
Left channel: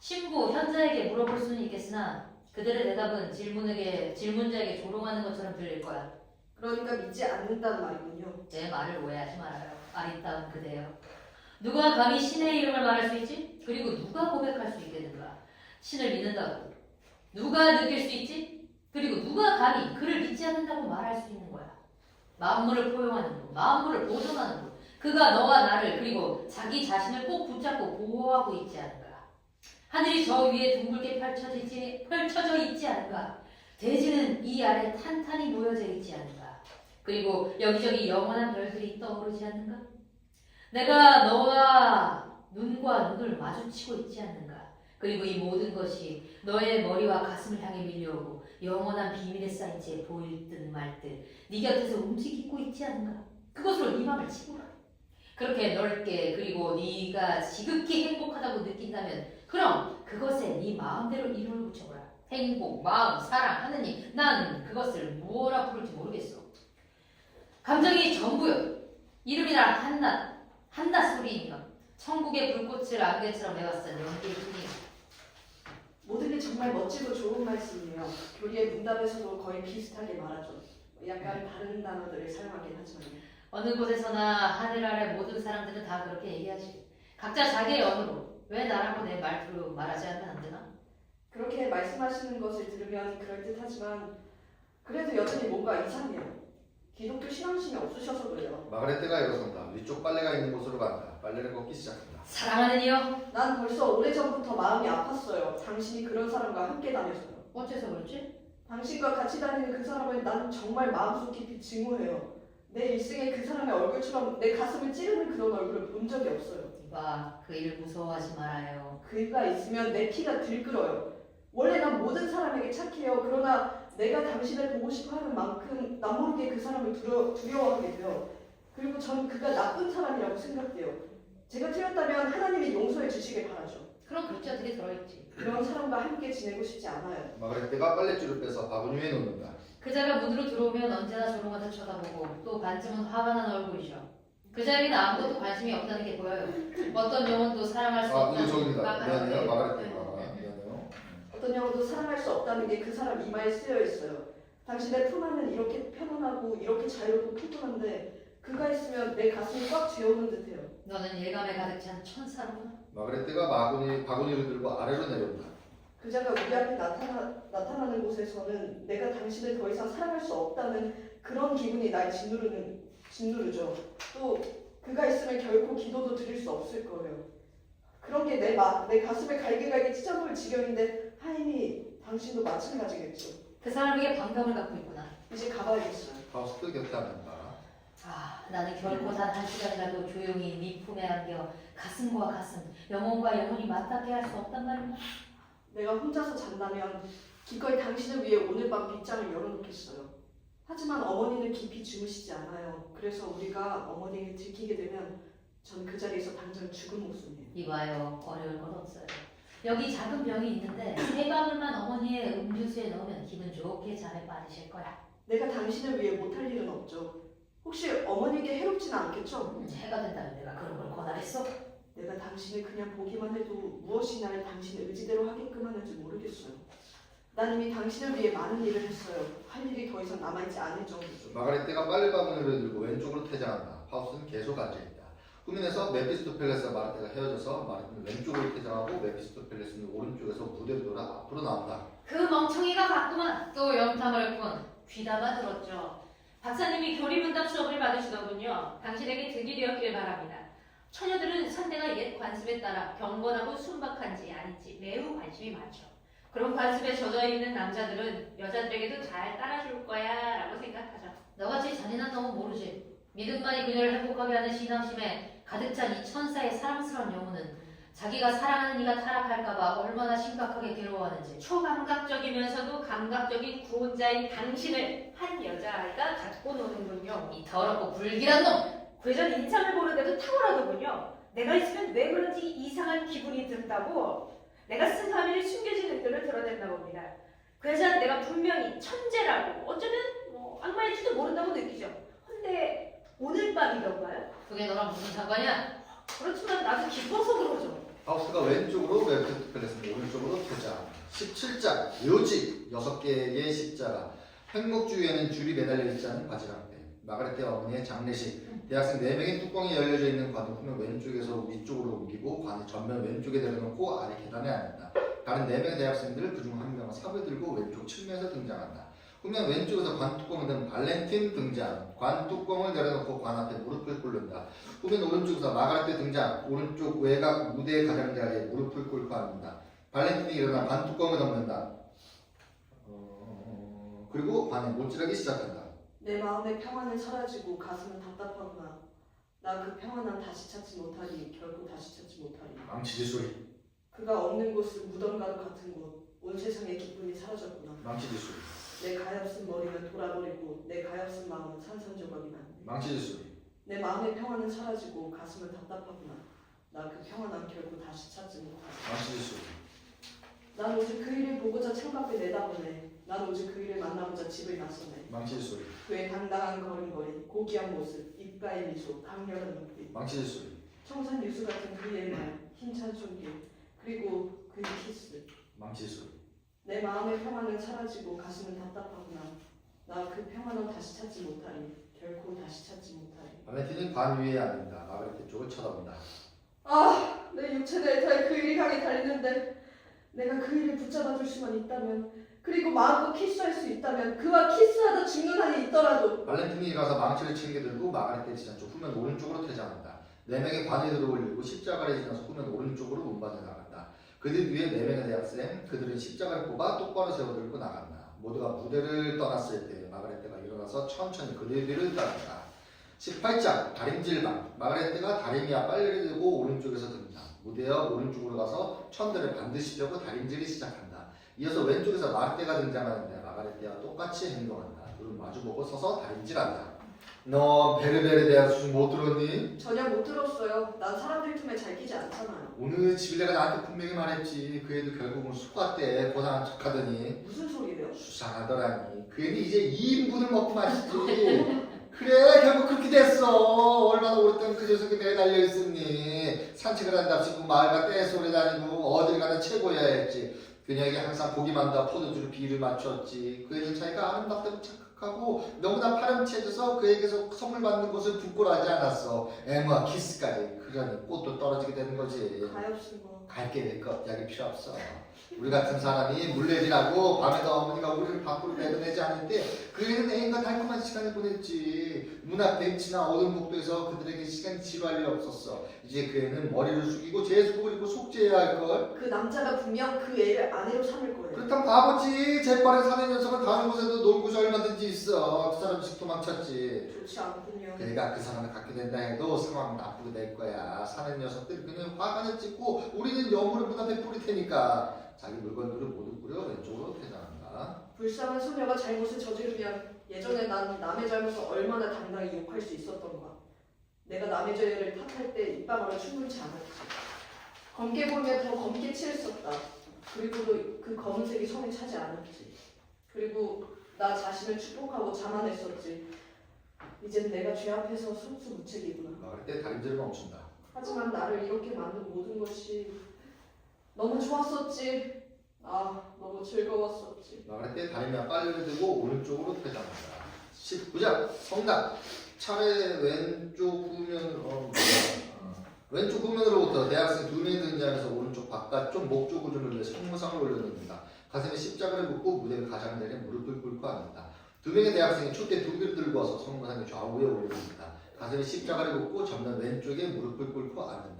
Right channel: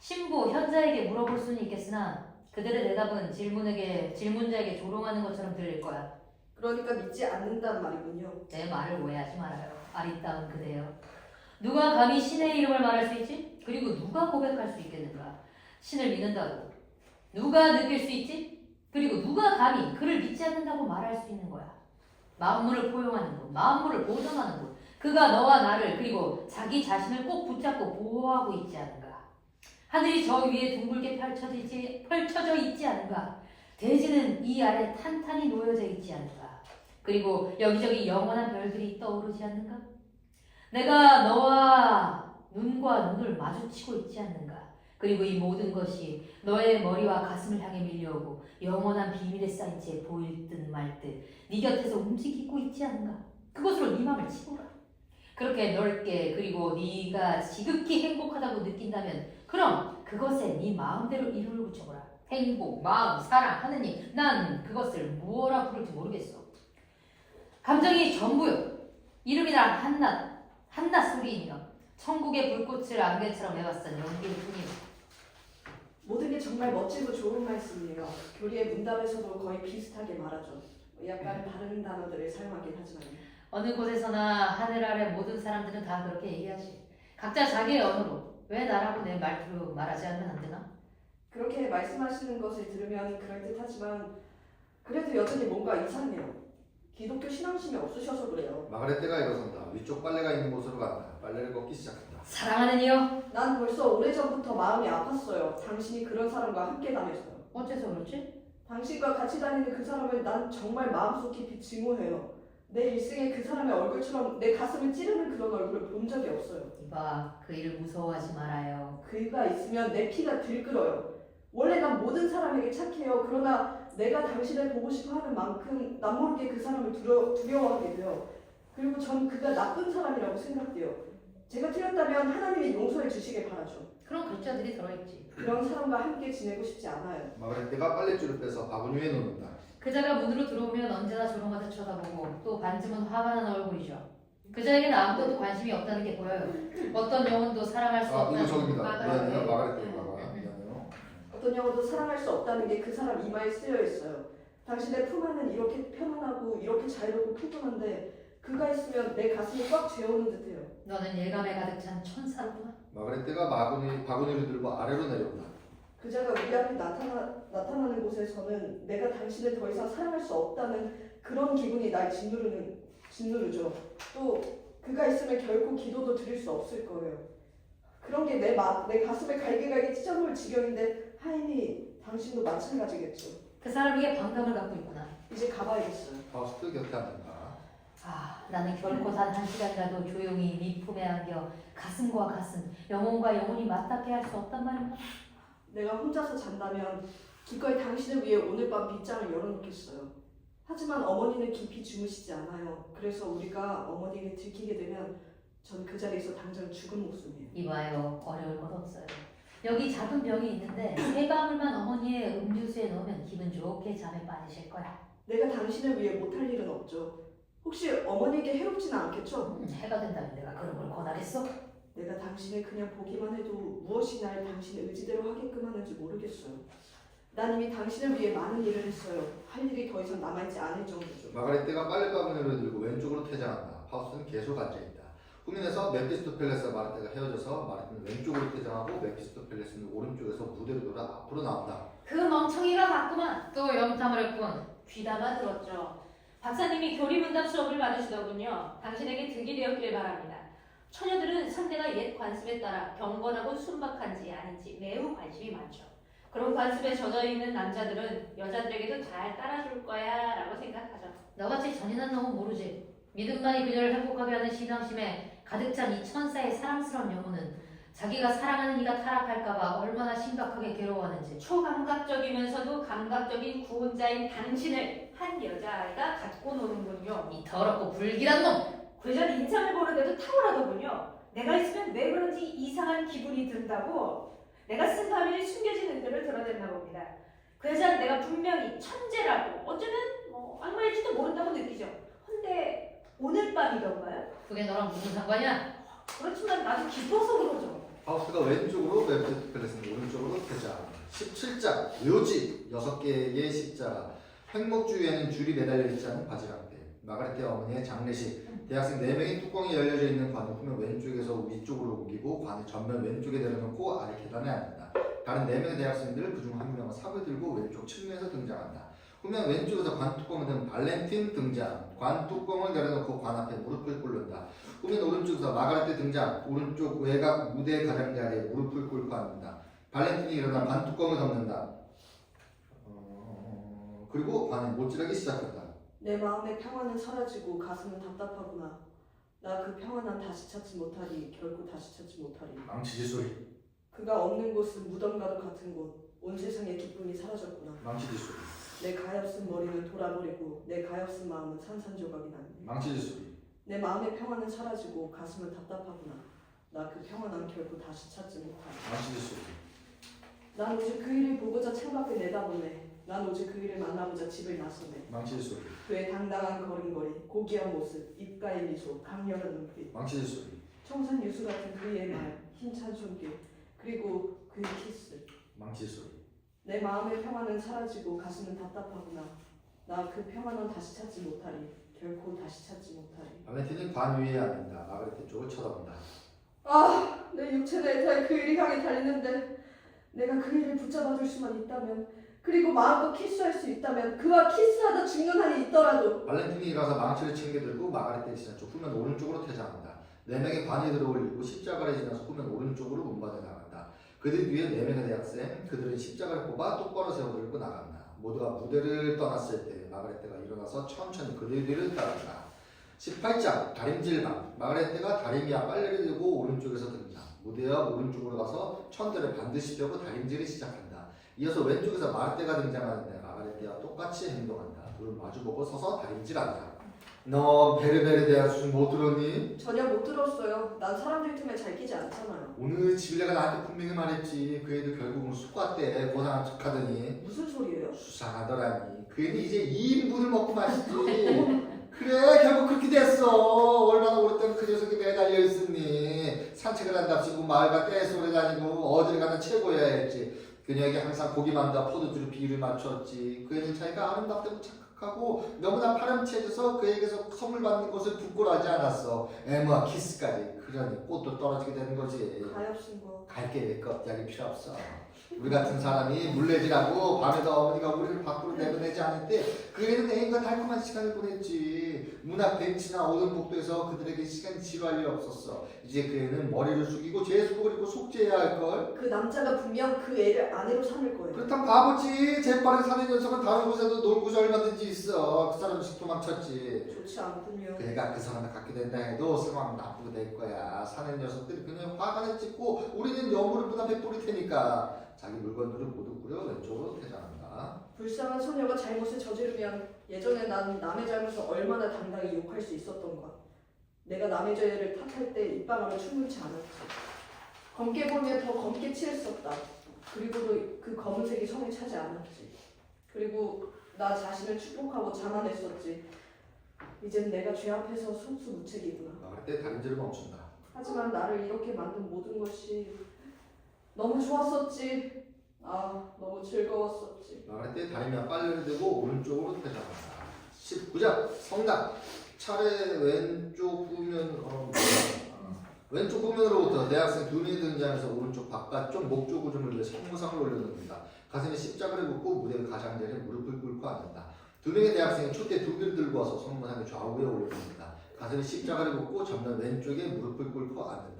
신부, 현자에게 물어볼 수는 있겠으나 그들의 대답은 질문자에게 조롱하는 것처럼 들릴 거야. 그러니까 믿지 않는다는 말이군요. 내 말을 오해하지 말아요. 아리따운 그대여. 누가 감히 신의 이름을 말할 수 있지? 그리고 누가 고백할 수 있겠는가? 신을 믿는다고. 누가 느낄 수 있지? 그리고 누가 감히 그를 믿지 않는다고 말할 수 있는 거야. 만물을 포용하는 분, 만물을 보존하는 분. 그가 너와 나를 그리고 자기 자신을 꼭 붙잡고 보호하고 있지 않은가? 하늘이 저 위에 둥글게 펼쳐져 있지 않은가? 대지는 이 아래 탄탄히 놓여져 있지 않은가? 그리고 여기저기 영원한 별들이 떠오르지 않는가? 내가 너와 눈과 눈을 마주치고 있지 않는가? 그리고 이 모든 것이 너의 머리와 가슴을 향해 밀려오고 영원한 비밀에 쌓인 채 보일 듯 말 듯 네 곁에서 움직이고 있지 않은가? 그것으로 네 마음을 치고라. 그렇게 넓게 그리고 네가 지극히 행복하다고 느낀다면 그럼 그것에 네 마음대로 이름을 붙여보라. 행복, 마음, 사랑, 하느님. 난 그것을 무엇라 부를지 모르겠어. 감정이 전부요. 이름이란 한낱 소리이며 천국의 불꽃을 안개처럼 메웠던 연기일 뿐이요. 모든 게 정말 멋지고 좋은 말씀이에요. 교리의 문답에서도 거의 비슷하게 말하죠. 약간 다른 단어들을 사용하긴 하지만요. 어느 곳에서나 하늘 아래 모든 사람들은 다 그렇게 얘기하지. 각자 자기의 언어로. 왜 나라고 내 말투로 말하지 않으면 안 되나? 그렇게 말씀하시는 것을 들으면 그럴듯하지만 그래도 여전히 뭔가 이상해요. 기독교 신앙심이 없으셔서 그래요. 마가렛가 일어선다. 위쪽 빨래가 있는 곳으로 간다. 빨래를 걷기 시작한다. 사랑하는 이여. 난 벌써 오래전부터 마음이 아팠어요. 당신이 그런 사람과 함께 다녀서요. 어째서 그렇지? 당신과 같이 다니는 그 사람을 난 정말 마음속 깊이 증오해요. 내 일생에 그 사람의 얼굴처럼 내 가슴을 찌르는 그런 얼굴을 본 적이 없어요. 이봐, 그 일을 무서워하지 말아요. 그가 있으면 내 피가 들끓어요. 원래 난 모든 사람에게 착해요. 그러나 내가 당신을 보고 싶어 하는 만큼 난 모르게 그 사람을 두려워하게 돼요. 그리고 전 그가 나쁜 사람이라고 생각돼요. 제가 틀렸다면 하나님이 용서해 주시길 바라죠. 그런 글자들이 들어있지. 그런 사람과 함께 지내고 싶지 않아요. 마가렛가 빨랫줄을 빼서 바구니 위에 놓는다. 그자가 문으로 들어오면 언제나 조롱하듯 쳐다보고 또 반쯤은 화가 난 얼굴이죠. 그자에게는 아무것도 관심이 없다는 게 보여요. 어떤 영혼도 사랑할 수 아, 없다는 저기입니다. 마가렛. 미안해요. 마가렛가 미안해요. 어떤 영혼도 사랑할 수 없다는 게 그 사람 이마에 쓰여 있어요. 당신의 품 안은 이렇게 편안하고 이렇게 자유롭고 푸근한데 그가 있으면 내 가슴을 꽉 재우는 듯해요. 너는 예감에 가득 찬 천사로구나. 마가렛가 바구니를 들고 아래로 내려온다. 그자가 우리 앞에 나타나는 곳에서는 내가 당신을 더 이상 사랑할 수 없다는 그런 기분이 날 짓누르죠. 또 그가 있으면 결코 기도도 드릴 수 없을 거예요. 그런 게 내 가슴을 갈기갈기 찢어놓을 지경인데 하인이 당신도 마찬가지겠죠. 그 사람에게 반감을 갖고 있구나. 이제 가봐야겠어요. 파우스트 곁에 앉는다. 아, 나는 결코 단 한 시간이라도 조용히 네 품에 안겨 가슴과 가슴, 영혼과 영혼이 맞닿게 할 수 없단 말이야. 내가 혼자서 잔다면 기꺼이 당신을 위해 오늘 밤 빗장을 열어놓겠어요. 하지만 어머니는 깊이 주무시지 않아요. 그래서 우리가 어머니를 들키게 되면 전 그 자리에서 당장 죽은 목숨이에요. 이봐요, 어려울 것 없어요. 여기 작은 병이 있는데 세 방울만 어머니의 음료수에 넣으면 기분 좋게 잠에 빠지실 거야. 내가 당신을 위해 못할 일은 없죠. 혹시 어머니에게 해롭지는 않겠죠? 해가 된다면 내가 그런 걸 권하겠어? 내가 당신을 그냥 보기만 해도 무엇이 날 당신의 의지대로 하게끔 하는지 모르겠어요. 난 이미 당신을 위해 많은 일을 했어요. 할 일이 더 이상 남아있지 않을 정도죠. 마가렛가 빨래 바구니를 들고 왼쪽으로 퇴장한다. 파우스는 계속 앉아있다. 후면에서 메피스토펠레스와 마르테가 헤어져서 마르테는 왼쪽으로 퇴장하고 메피스토펠레스는 오른쪽에서 무대로 돌아 앞으로 나온다. 그 멍청이가 갔구만. 또 영탐을 했군. 귀담아 들었죠. 박사님이 교리문답 수업을 받으시더군요. 당신에게 득이 되었길 바랍니다. 처녀들은 상대가 옛 관습에 따라 경건하고 순박한지 아닌지 매우 관심이 많죠. 그런 관습에 젖어 있는 남자들은 여자들에게도 잘 따라줄 거야 라고 생각하죠. 너같이 잔인한 놈은 모르지. 믿음만이 그녀를 행복하게 하는 신앙심에 가득 찬 이 천사의 사랑스러운 영혼은 자기가 사랑하는 이가 타락할까봐 얼마나 심각하게 괴로워하는지. 초감각적이면서도 감각적인 구원자인 당신을 한 여자아이가 갖고 노는군요. 이 더럽고 불길한 놈! 그전 인상을 보는데도 탁월하더군요. 내가 있으면 왜 그런지 이상한 기분이 든다고 내가 쓴 파미를 숨겨진 의도를 드러냈나 봅니다. 그 여자는 내가 분명히 천재라고 어쩌면 악마일지도 모른다고 느끼죠. 근데 오늘 밤이던가요? 그게 너랑 무슨 상관이야? 그렇지만 나도 기뻐서 그러죠. 파우스가 왼쪽으로 메피스토펠레스는 오른쪽으로 퇴장. 17장 묘지 6개의 십자가. 횡목주위에는 줄이 매달려 있지 않은 바지락대. 마가렛 어머니의 장례식. 대학생 4명이 뚜껑이 열려져 있는 관을 후면 왼쪽에서 위쪽으로 옮기고 관을 전면 왼쪽에 내려놓고 아래 계단에 앉는다. 다른 4명의 대학생들을 그중 한 명은 삽을 들고 왼쪽 측면에서 등장한다. 후면 왼쪽에서 관 뚜껑을 든 발렌틴 등장. 관 뚜껑을 내려놓고 관 앞에 무릎을 꿇는다. 후면 오른쪽에서 마가렛 등장. 오른쪽 외곽 무대 가장자리에 무릎을 꿇고 앉는다. 발렌틴이 일어나 관 뚜껑을 덮는다. 그리고 관에 못질하기 시작한다. 내 마음의 평안은 사라지고 가슴은 답답하구나. 나 그 평안은 다시 찾지 못하리. 결코 다시 찾지 못하리. 망치질 소리. 그가 없는 곳은 무덤가루 같은 곳. 온 세상의 기쁨이 사라졌구나. 망치질 소리. 내 가엾은 머리는 돌아버리고 내 가엾은 마음은 산산조각이 난다. 망치질 소리. 내 마음의 평안은 사라지고 가슴은 답답하구나. 나 그 평안은 결코 다시 찾지 못하리. 망치질 소리. 난 오직 그 일을 보고자 창밖을 내다보네. 난 오직 그 일을 만나고자 집을 나서네. 망치질 소리. 그의 당당한 걸음걸이, 고귀한 모습, 입가의 미소, 강렬한 눈빛, 망치질 소리. 청산 유수 같은 그의 말, 힘찬 손길, 그리고 그의 키스. 망치 소리. 내 마음의 평안은 사라지고 가슴은 답답하구나. 나 그 평안은 다시 찾지 못하리. 결코 다시 찾지 못하리. 발렌틴은 반 위에 앉는다. 마그레트 쪽을 쳐다본다. 아, 내 육체 델타에 그 일이 강에 달리는데 내가 그 일을 붙잡아줄 수만 있다면, 그리고 마음껏 키스할 수 있다면, 그와 키스하다 죽는 한이 있더라도. 발렌틴이 가서 망치를 챙겨들고 마그레트를 지난 쪽 후면 오른쪽으로 퇴장한다. 4명의 관이들을 올리고 십자가를 지나서 후면 오른쪽으로 운반해 나간다. 그들 위에 4명의 대학생, 그들은 십자가를 뽑아 똑바로 세워들고 나간다. 모두가 무대를 떠났을 때 마그레트가 일어나서 천천히 그들 뒤를 따른다. 18장 다림질방. 마그레트가 다리미와 빨래를 들고 오른쪽에서 등장. 무대와 오른쪽으로 가서 천들을 반드시 펴고 다림질을 시작한다. 이어서 왼쪽에서 마르테가 등장하는데 마그레트와 똑같이 행동한다. 둘은 마주보고 서서 다림질한다. 너 베르베르 대학 수준 못 들었니? 전혀 못 들었어요. 난 사람들 틈에 잘 끼지 않잖아요. 오늘 지빌레가 나한테 분명히 말했지. 그 애도 결국은 숙과때 고상한 척하더니 무슨 소리예요? 수상하더라니. 그 애는 이제 2인분을 먹고 마시지. 그래 결국 그렇게 됐어. 얼마나 오랫동안 그 녀석이 매달려 있었니. 산책을 한답시고 마을과 떼소리 다니고 어딜 가나 최고여야 했지. 그녀에게 항상 고기만두와 포도주로 비를 맞췄지. 그 애는 자기가 아름답다고 착각하고 너무나 파렴치해져서 그에게서 선물 받는 것을 부끄러워하지 않았어. 애무와 키스까지. 그러니 꽃도 떨어지게 되는 거지. 가엾은 거. 갈게 될 겁작이 필요 없어. 우리 같은 사람이 물레질하고 밤에도 어머니가 우리를 밖으로 내보내지 않을 때 그에는 애인과 달콤한 시간을 보냈지. 문 앞 벤치나 오던 복도에서 그들에게 시간이 지루할 리 없었어. 이제 그 애는 머리를 숙이고 제수복을 입고 속죄해야 할걸. 그 남자가 분명 그 애를 아내로 삼을 거예요. 그렇다면 바보지. 재빠른 사내 녀석은 다른 곳에도 놀고서 얼마든지 있어. 그 사람씩 도망쳤지. 좋지 않군요. 그러니까 그 사람을 갖게 된다 해도 상황은 나쁘게 될 거야. 사내 녀석들이 그냥 화관을 찍고 우리는 여물을 문 앞에 뿌릴 테니까. 자기 물건들을 모두 꾸려 왼쪽으로 퇴장한다. 불쌍한 소녀가 잘못을 저지르면 예전에 난 남의 잘못을 얼마나 당당히 욕할 수 있었던가. 내가 남의 죄를 탓할 때 입방아를 충분치 않았지. 검게 보면 더 검게 칠했었다. 그리고 그 검은색이 성에 차지 않았지. 그리고 나 자신을 축복하고 자만했었지. 이젠 내가 죄 앞에서 순수무책이구나. 그때 다림질을 멈춘다. 하지만 나를 이렇게 만든 모든 것이 너무 좋았었지. 아, 너무 즐거웠었지. 그때 다리미와 빨래를 들고 오른쪽으로 퇴장한다. 19장 성당. 차례 왼쪽 후면 왼쪽 후면으로부터 대학생 2명이 등장해서 오른쪽 바깥쪽 목조 구조물에 성모상을 올려놓는다. 가슴에 십자가를 묶고 무대 가장자리에 무릎을 꿇고 앉는다. 2명의 대학생이 촛대 2개를 들고 와서 성모상의 좌우에 올려놓는다. 가슴에 십자가를 묶고 전면 왼쪽에 무릎을 꿇고 앉는다.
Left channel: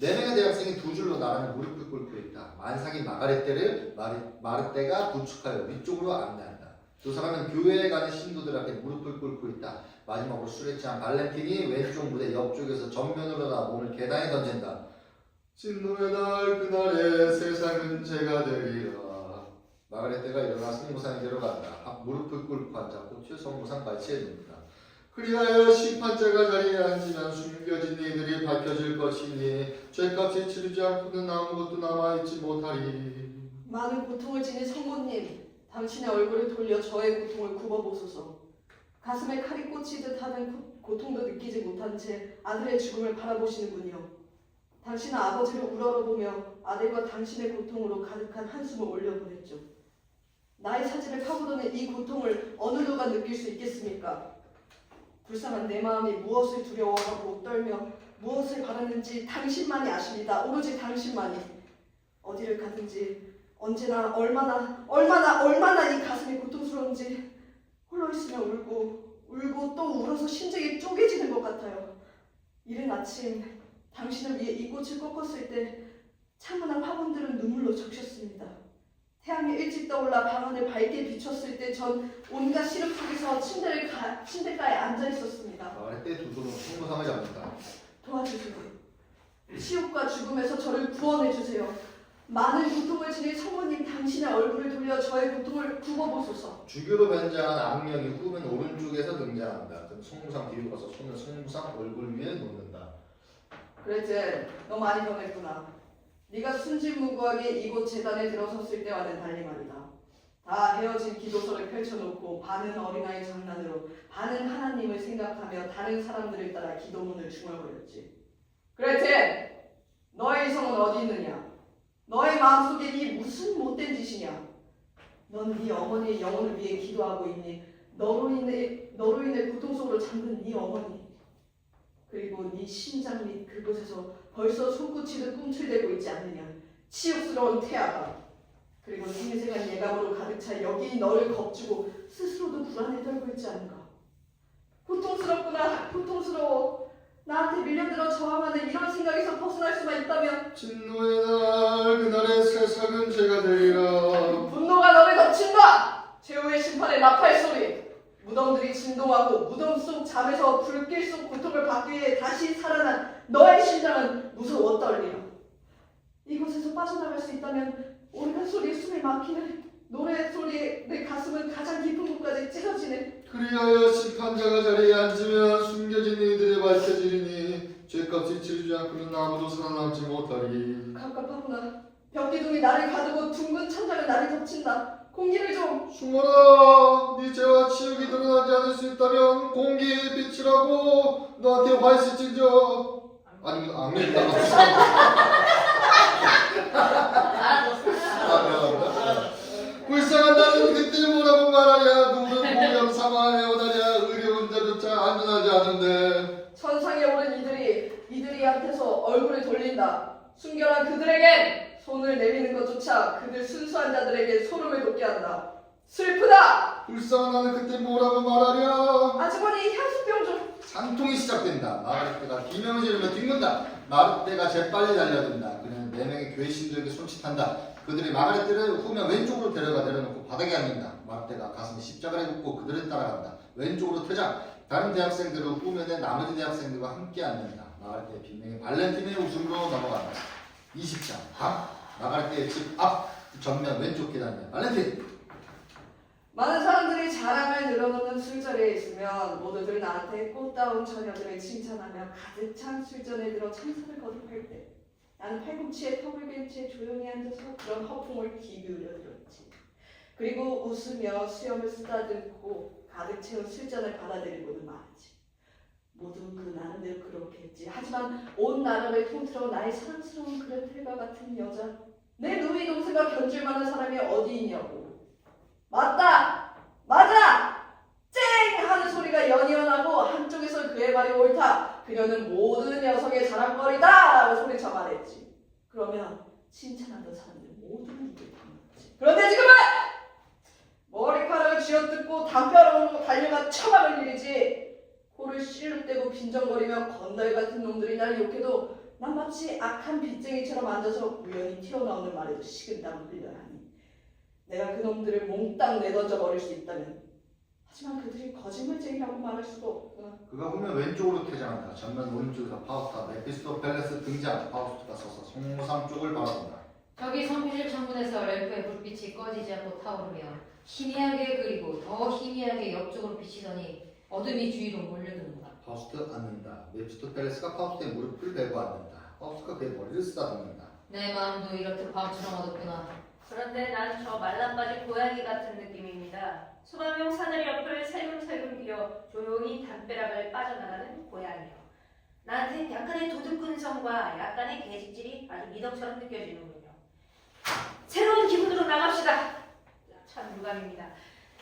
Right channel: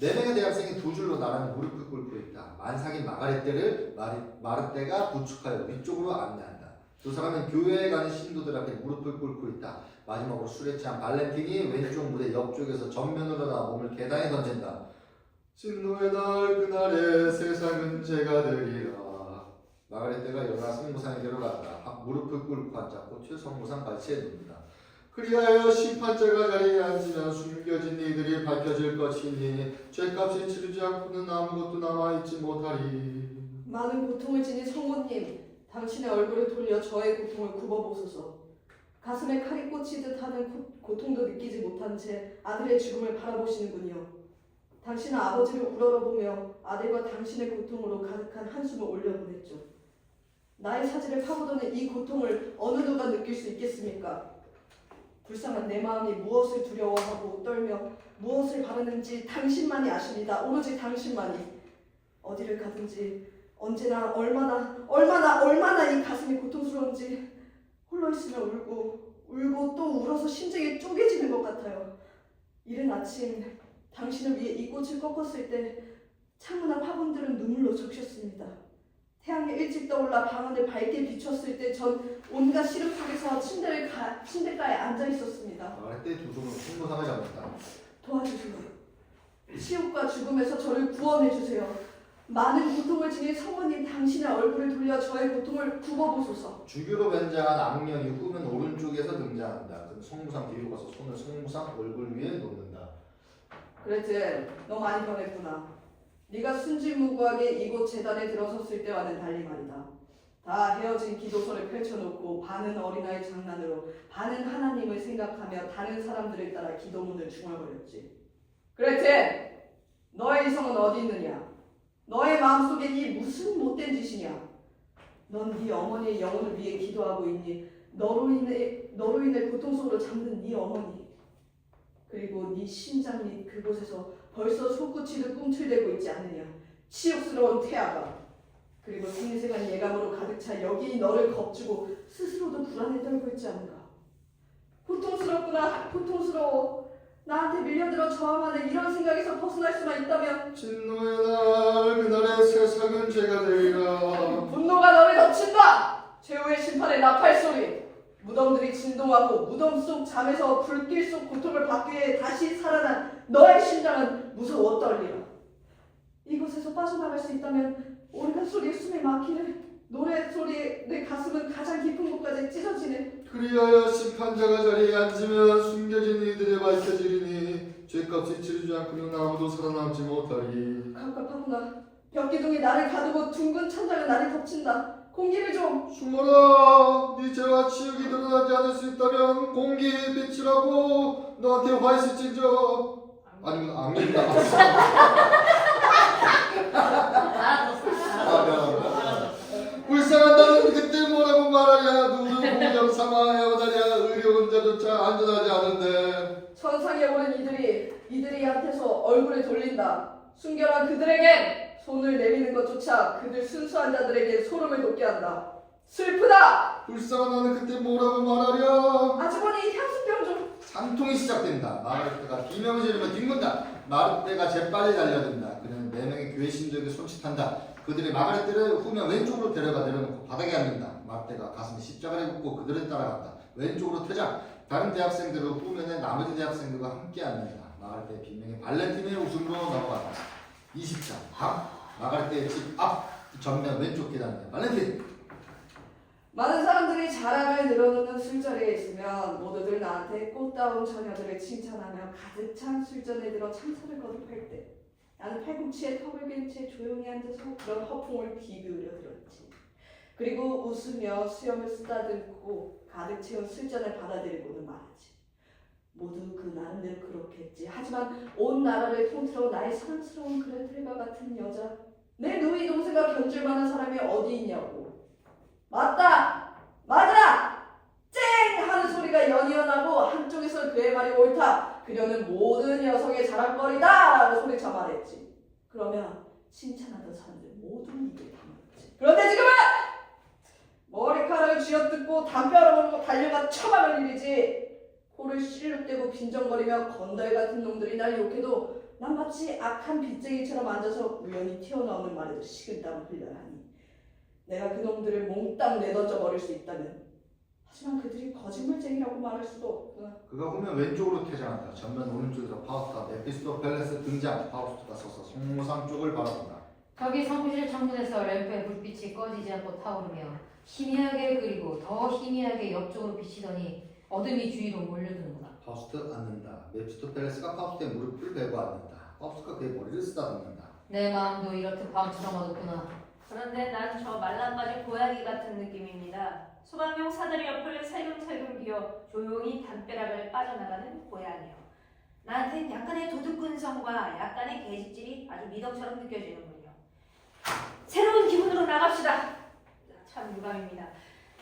4명의 대학생이 2줄로 나란히 무릎을 꿇고 있다. 만삭인 마가렛테를 마르테가 부축하여 위쪽으로 안내한다. 2 사람은 교회에 가는 신도들 앞에 무릎을 꿇고 있다. 마지막으로 술에 취한 발렌틴이 왼쪽 무대 옆쪽에서 전면으로 나와 몸을 계단에 던진다. 진노의 날 그날에 세상은 제가 되리라. 마가렛테가 일어나 성모상에 들어간다. 무릎을 꿇고 앉아 꽃을 성모상 발치에 놓는다. 그리하여 심판자가 자리에 앉으면 숨겨진 이들이 밝혀질 것이니 죄값이 치르지 않고는 아무것도 남아있지 못하리. 많은 고통을 지닌 성모님, 당신의 얼굴을 돌려 저의 고통을 굽어보소서. 가슴에 칼이 꽂히듯 하는 고통도 느끼지 못한 채 아들의 죽음을 바라보시는군요. 당신은 아버지를 우러러보며 아들과 당신의 고통으로 가득한 한숨을 올려보냈죠. 나의 사지를 파고드는 이 고통을 어느 누가 느낄 수 있겠습니까? 불쌍한 내 마음이 무엇을 두려워하고 떨며 무엇을 바라는지 당신만이 아십니다. 오로지 당신만이. 어디를 가든지 언제나 얼마나 이 가슴이 고통스러운지 홀로 있으면 울고 또 울어서 심장이 쪼개지는 것 같아요. 이른 아침 당신을 위해 이 꽃을 꺾었을 때 창문 앞 화분들은 눈물로 적셨습니다. 태양이 일찍 떠올라 방안을 밝게 비췄을 때 전 온갖 시름 속에서 침대가에 앉아 있었습니다. 마가렛테 2 손으로 성모상을 잡는다. 도와주세요. 치욕과 죽음에서 저를 구원해 주세요. 많은 고통을 지닌 성모님, 당신의 얼굴을 돌려 저의 고통을 굽어보소서. 주교로 변장한 악령이 후면 오른쪽에서 등장한다. 그럼 성모상 뒤로 가서 손을 성모상 얼굴 위에 놓는다. 그랬지, 너 많이 변했구나. 네가 순진무구하게 이곳 재단에 들어섰을 때와는 달리 말이다. 다 헤어진 기도서를 펼쳐놓고 반은 어린아이 장난으로 반은 하나님을 생각하며 다른 사람들을 따라 기도문을 중얼거렸지. 그랬지, 너의 이성은 어디 있느냐? 너의 마음속에 이 무슨 못된 짓이냐? 넌 네 어머니의 영혼을 위해 기도하고 있니? 너로 인해 고통 속으로 잠든 네 어머니, 그리고 네 심장 및 그곳에서 벌써 손끝이듯 꿈틀대고 있지 않느냐? 치욕스러운 태아가, 그리고 생생한 예감으로 가득 차 여기 너를 겁주고 스스로도 불안에 떨고 있지 않은가? 고통스럽구나. 고통스러워. 나한테 밀려들어 저항하는 이런 생각에서 벗어날 수만 있다면 진노의 날 그날의 세상은 죄가 되리라. 분노가 너를 덮친다. 최후의 심판의 나팔 소리. 무덤들이 진동하고 무덤 속 잠에서 불길 속 고통을 받기 위해 다시 살아난 너의 심장은 무서워 떨리라. 이곳에서 빠져나갈 수 있다면 오르간 소리에 숨이 막히네. 노래 소리에 내 가슴은 가장 깊은 곳까지 찢어지네. 그리하여 심판자가 자리에 앉으면 숨겨진 이들이 밝혀지리니 죄값이 치르지 않고는 아무도 살아남지 못하리. 갑갑하구나. 벽기둥이 나를 가두고 둥근 천장은 나를 덮친다. 공기를 좀. 숨어라. 네 죄와 치욕이 드러나지 않을 수 있다면 공기에 비치라고 너한테 화 있을진저. 아니면 악명이 나왔어. 불쌍한 나는 그때 뭐라고 말하랴. 누구를 공자로 삼아 헤어다랴. 의로운 자조차 안전하지 않은데. 천상에 오른 이들이한테서 얼굴을 돌린다. 순결한 그들에겐 손을 내미는 것조차 그들 순수한 자들에게 소름을 돋게 한다. 슬프다. 불쌍한 나는 그때 뭐라고 말하랴. 아주머니 향수병 좀. 산통이 시작된다. 마가렛가 비명을 지르며 뒹군다. 마르테가 재빨리 달려든다. 그는 4명의 교회 신도에게 손짓한다. 그들이 마가렛를 후면 왼쪽으로 데려가 내려놓고 바닥에 앉는다. 마르테가 가슴에 십자가를 긋고 그들을 따라간다. 왼쪽으로 퇴장. 다른 대학생들은 후면에 나머지 대학생들과 함께 앉는다. 마가렛의 빈명이 발렌틴의 웃음으로 넘어간다. 20장 마가렛의 집 앞 전면 왼쪽 계단이다. 발렌틴. 많은 사람들이 자랑을 늘어놓는 술자리에 있으면 모두들 나한테 꽃다운 처녀들을 칭찬하며 가득 찬 술전에 들어 참사를 거듭할 때 나는 팔꿈치에 턱을 빈 채 조용히 앉아서 그런 허풍을 귀 기울여 들었지. 그리고 웃으며 수염을 쓰다듬고 가득 채운 술잔을 받아들이고는 말하지. 모두 그 나름대로 그렇게 했지. 하지만 온 나라를 통틀어 나의 사랑스러운 그레텔과 같은 여자, 내 누이 동생과 견줄 만한 사람이 어디 있냐고. 맞다! 맞아! 쨍! 하는 소리가 연이어나고 한쪽에서 그의 말이 옳다. 그녀는 모든 여성의 자랑거리다! 라고 소리쳐 말했지. 그러면 칭찬하던 사람들 모두 입을 다물었지. 그런데 지금은 머리카락을 쥐어뜯고 담벼락으로 달려가 처박을 일이지. 코를 실룩대고 빈정거리며 건달 같은 놈들이 날 욕해도 난 마치 악한 빚쟁이처럼 앉아서 우연히 튀어나오는 말에도 식은땀을 흘려야 하니 내가 그 놈들을 몽땅 내던져 버릴 수 있다면. 하지만 그들이 거짓말쟁이라고 말할 수도 없구나. 그가 후면 왼쪽으로 퇴장한다. 전면 오른쪽에서 파우스타 메피스토펠레스 등장. 파우스트가 서서 성모상 쪽을 바라본다. 저기 성실 창문에서 램프의 불빛이 꺼지지 않고 타오르며 희미하게 그리고 더 희미하게 옆쪽으로 비치더니 어둠이 주위로 몰려드는구나. 파우스트 앉는다. 메피스토펠레스가 파우스트의 무릎을 베고 앉는다. 파우스트가 그의 머리를 쓰다듬는다. 내 마음도 이렇듯 밤처럼 어둡구나. 그런데 난 저 말랑바지 고양이 같은 느낌입니다. 소방용 사다리 옆을 살금살금 기어 조용히 담벼락을 빠져나가는 고양이요. 나한테 약간의 도둑근성과 약간의 개집질이 아주 미덕처럼 느껴지는군요. 새로운 기분으로 나갑시다. 참 유감입니다.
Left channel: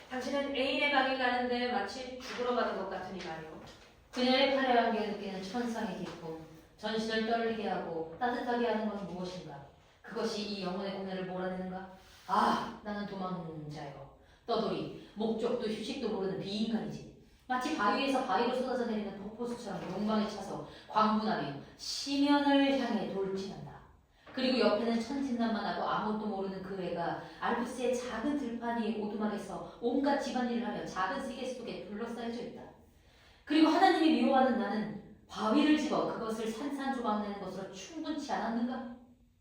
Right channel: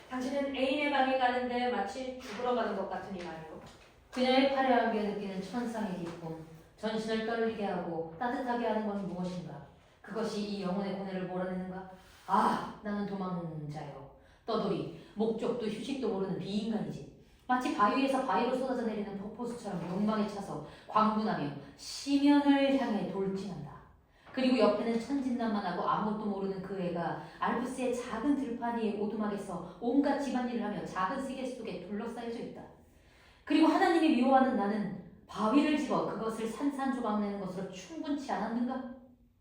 당신은 애인의 방에 가는데 마치 죽으러 가는 것 같으니만요. 그녀의 화려하게 느끼는 천상의 기쁨, 전신을 떨리게 하고 따뜻하게 하는 건 무엇인가? 그것이 이 영혼의 고뇌를 몰아내는가? 아, 나는 도망자요. 떠돌이, 목적도 휴식도 모르는 비인간이지. 마치 바위에서 바위로 쏟아져 내리는 폭포수처럼 욕망에 차서 광분하며 심연을 향해 돌진한다. 그리고 옆에는 천진난만하고 아무것도 모르는 그 애가 알프스의 작은 들판 위의 오두막에서 온갖 집안일을 하며 작은 세계 속에 둘러싸여져 있다. 그리고 하나님이 미워하는 나는 바위를 집어 그것을 산산조각내는 것으로 충분치 않았는가?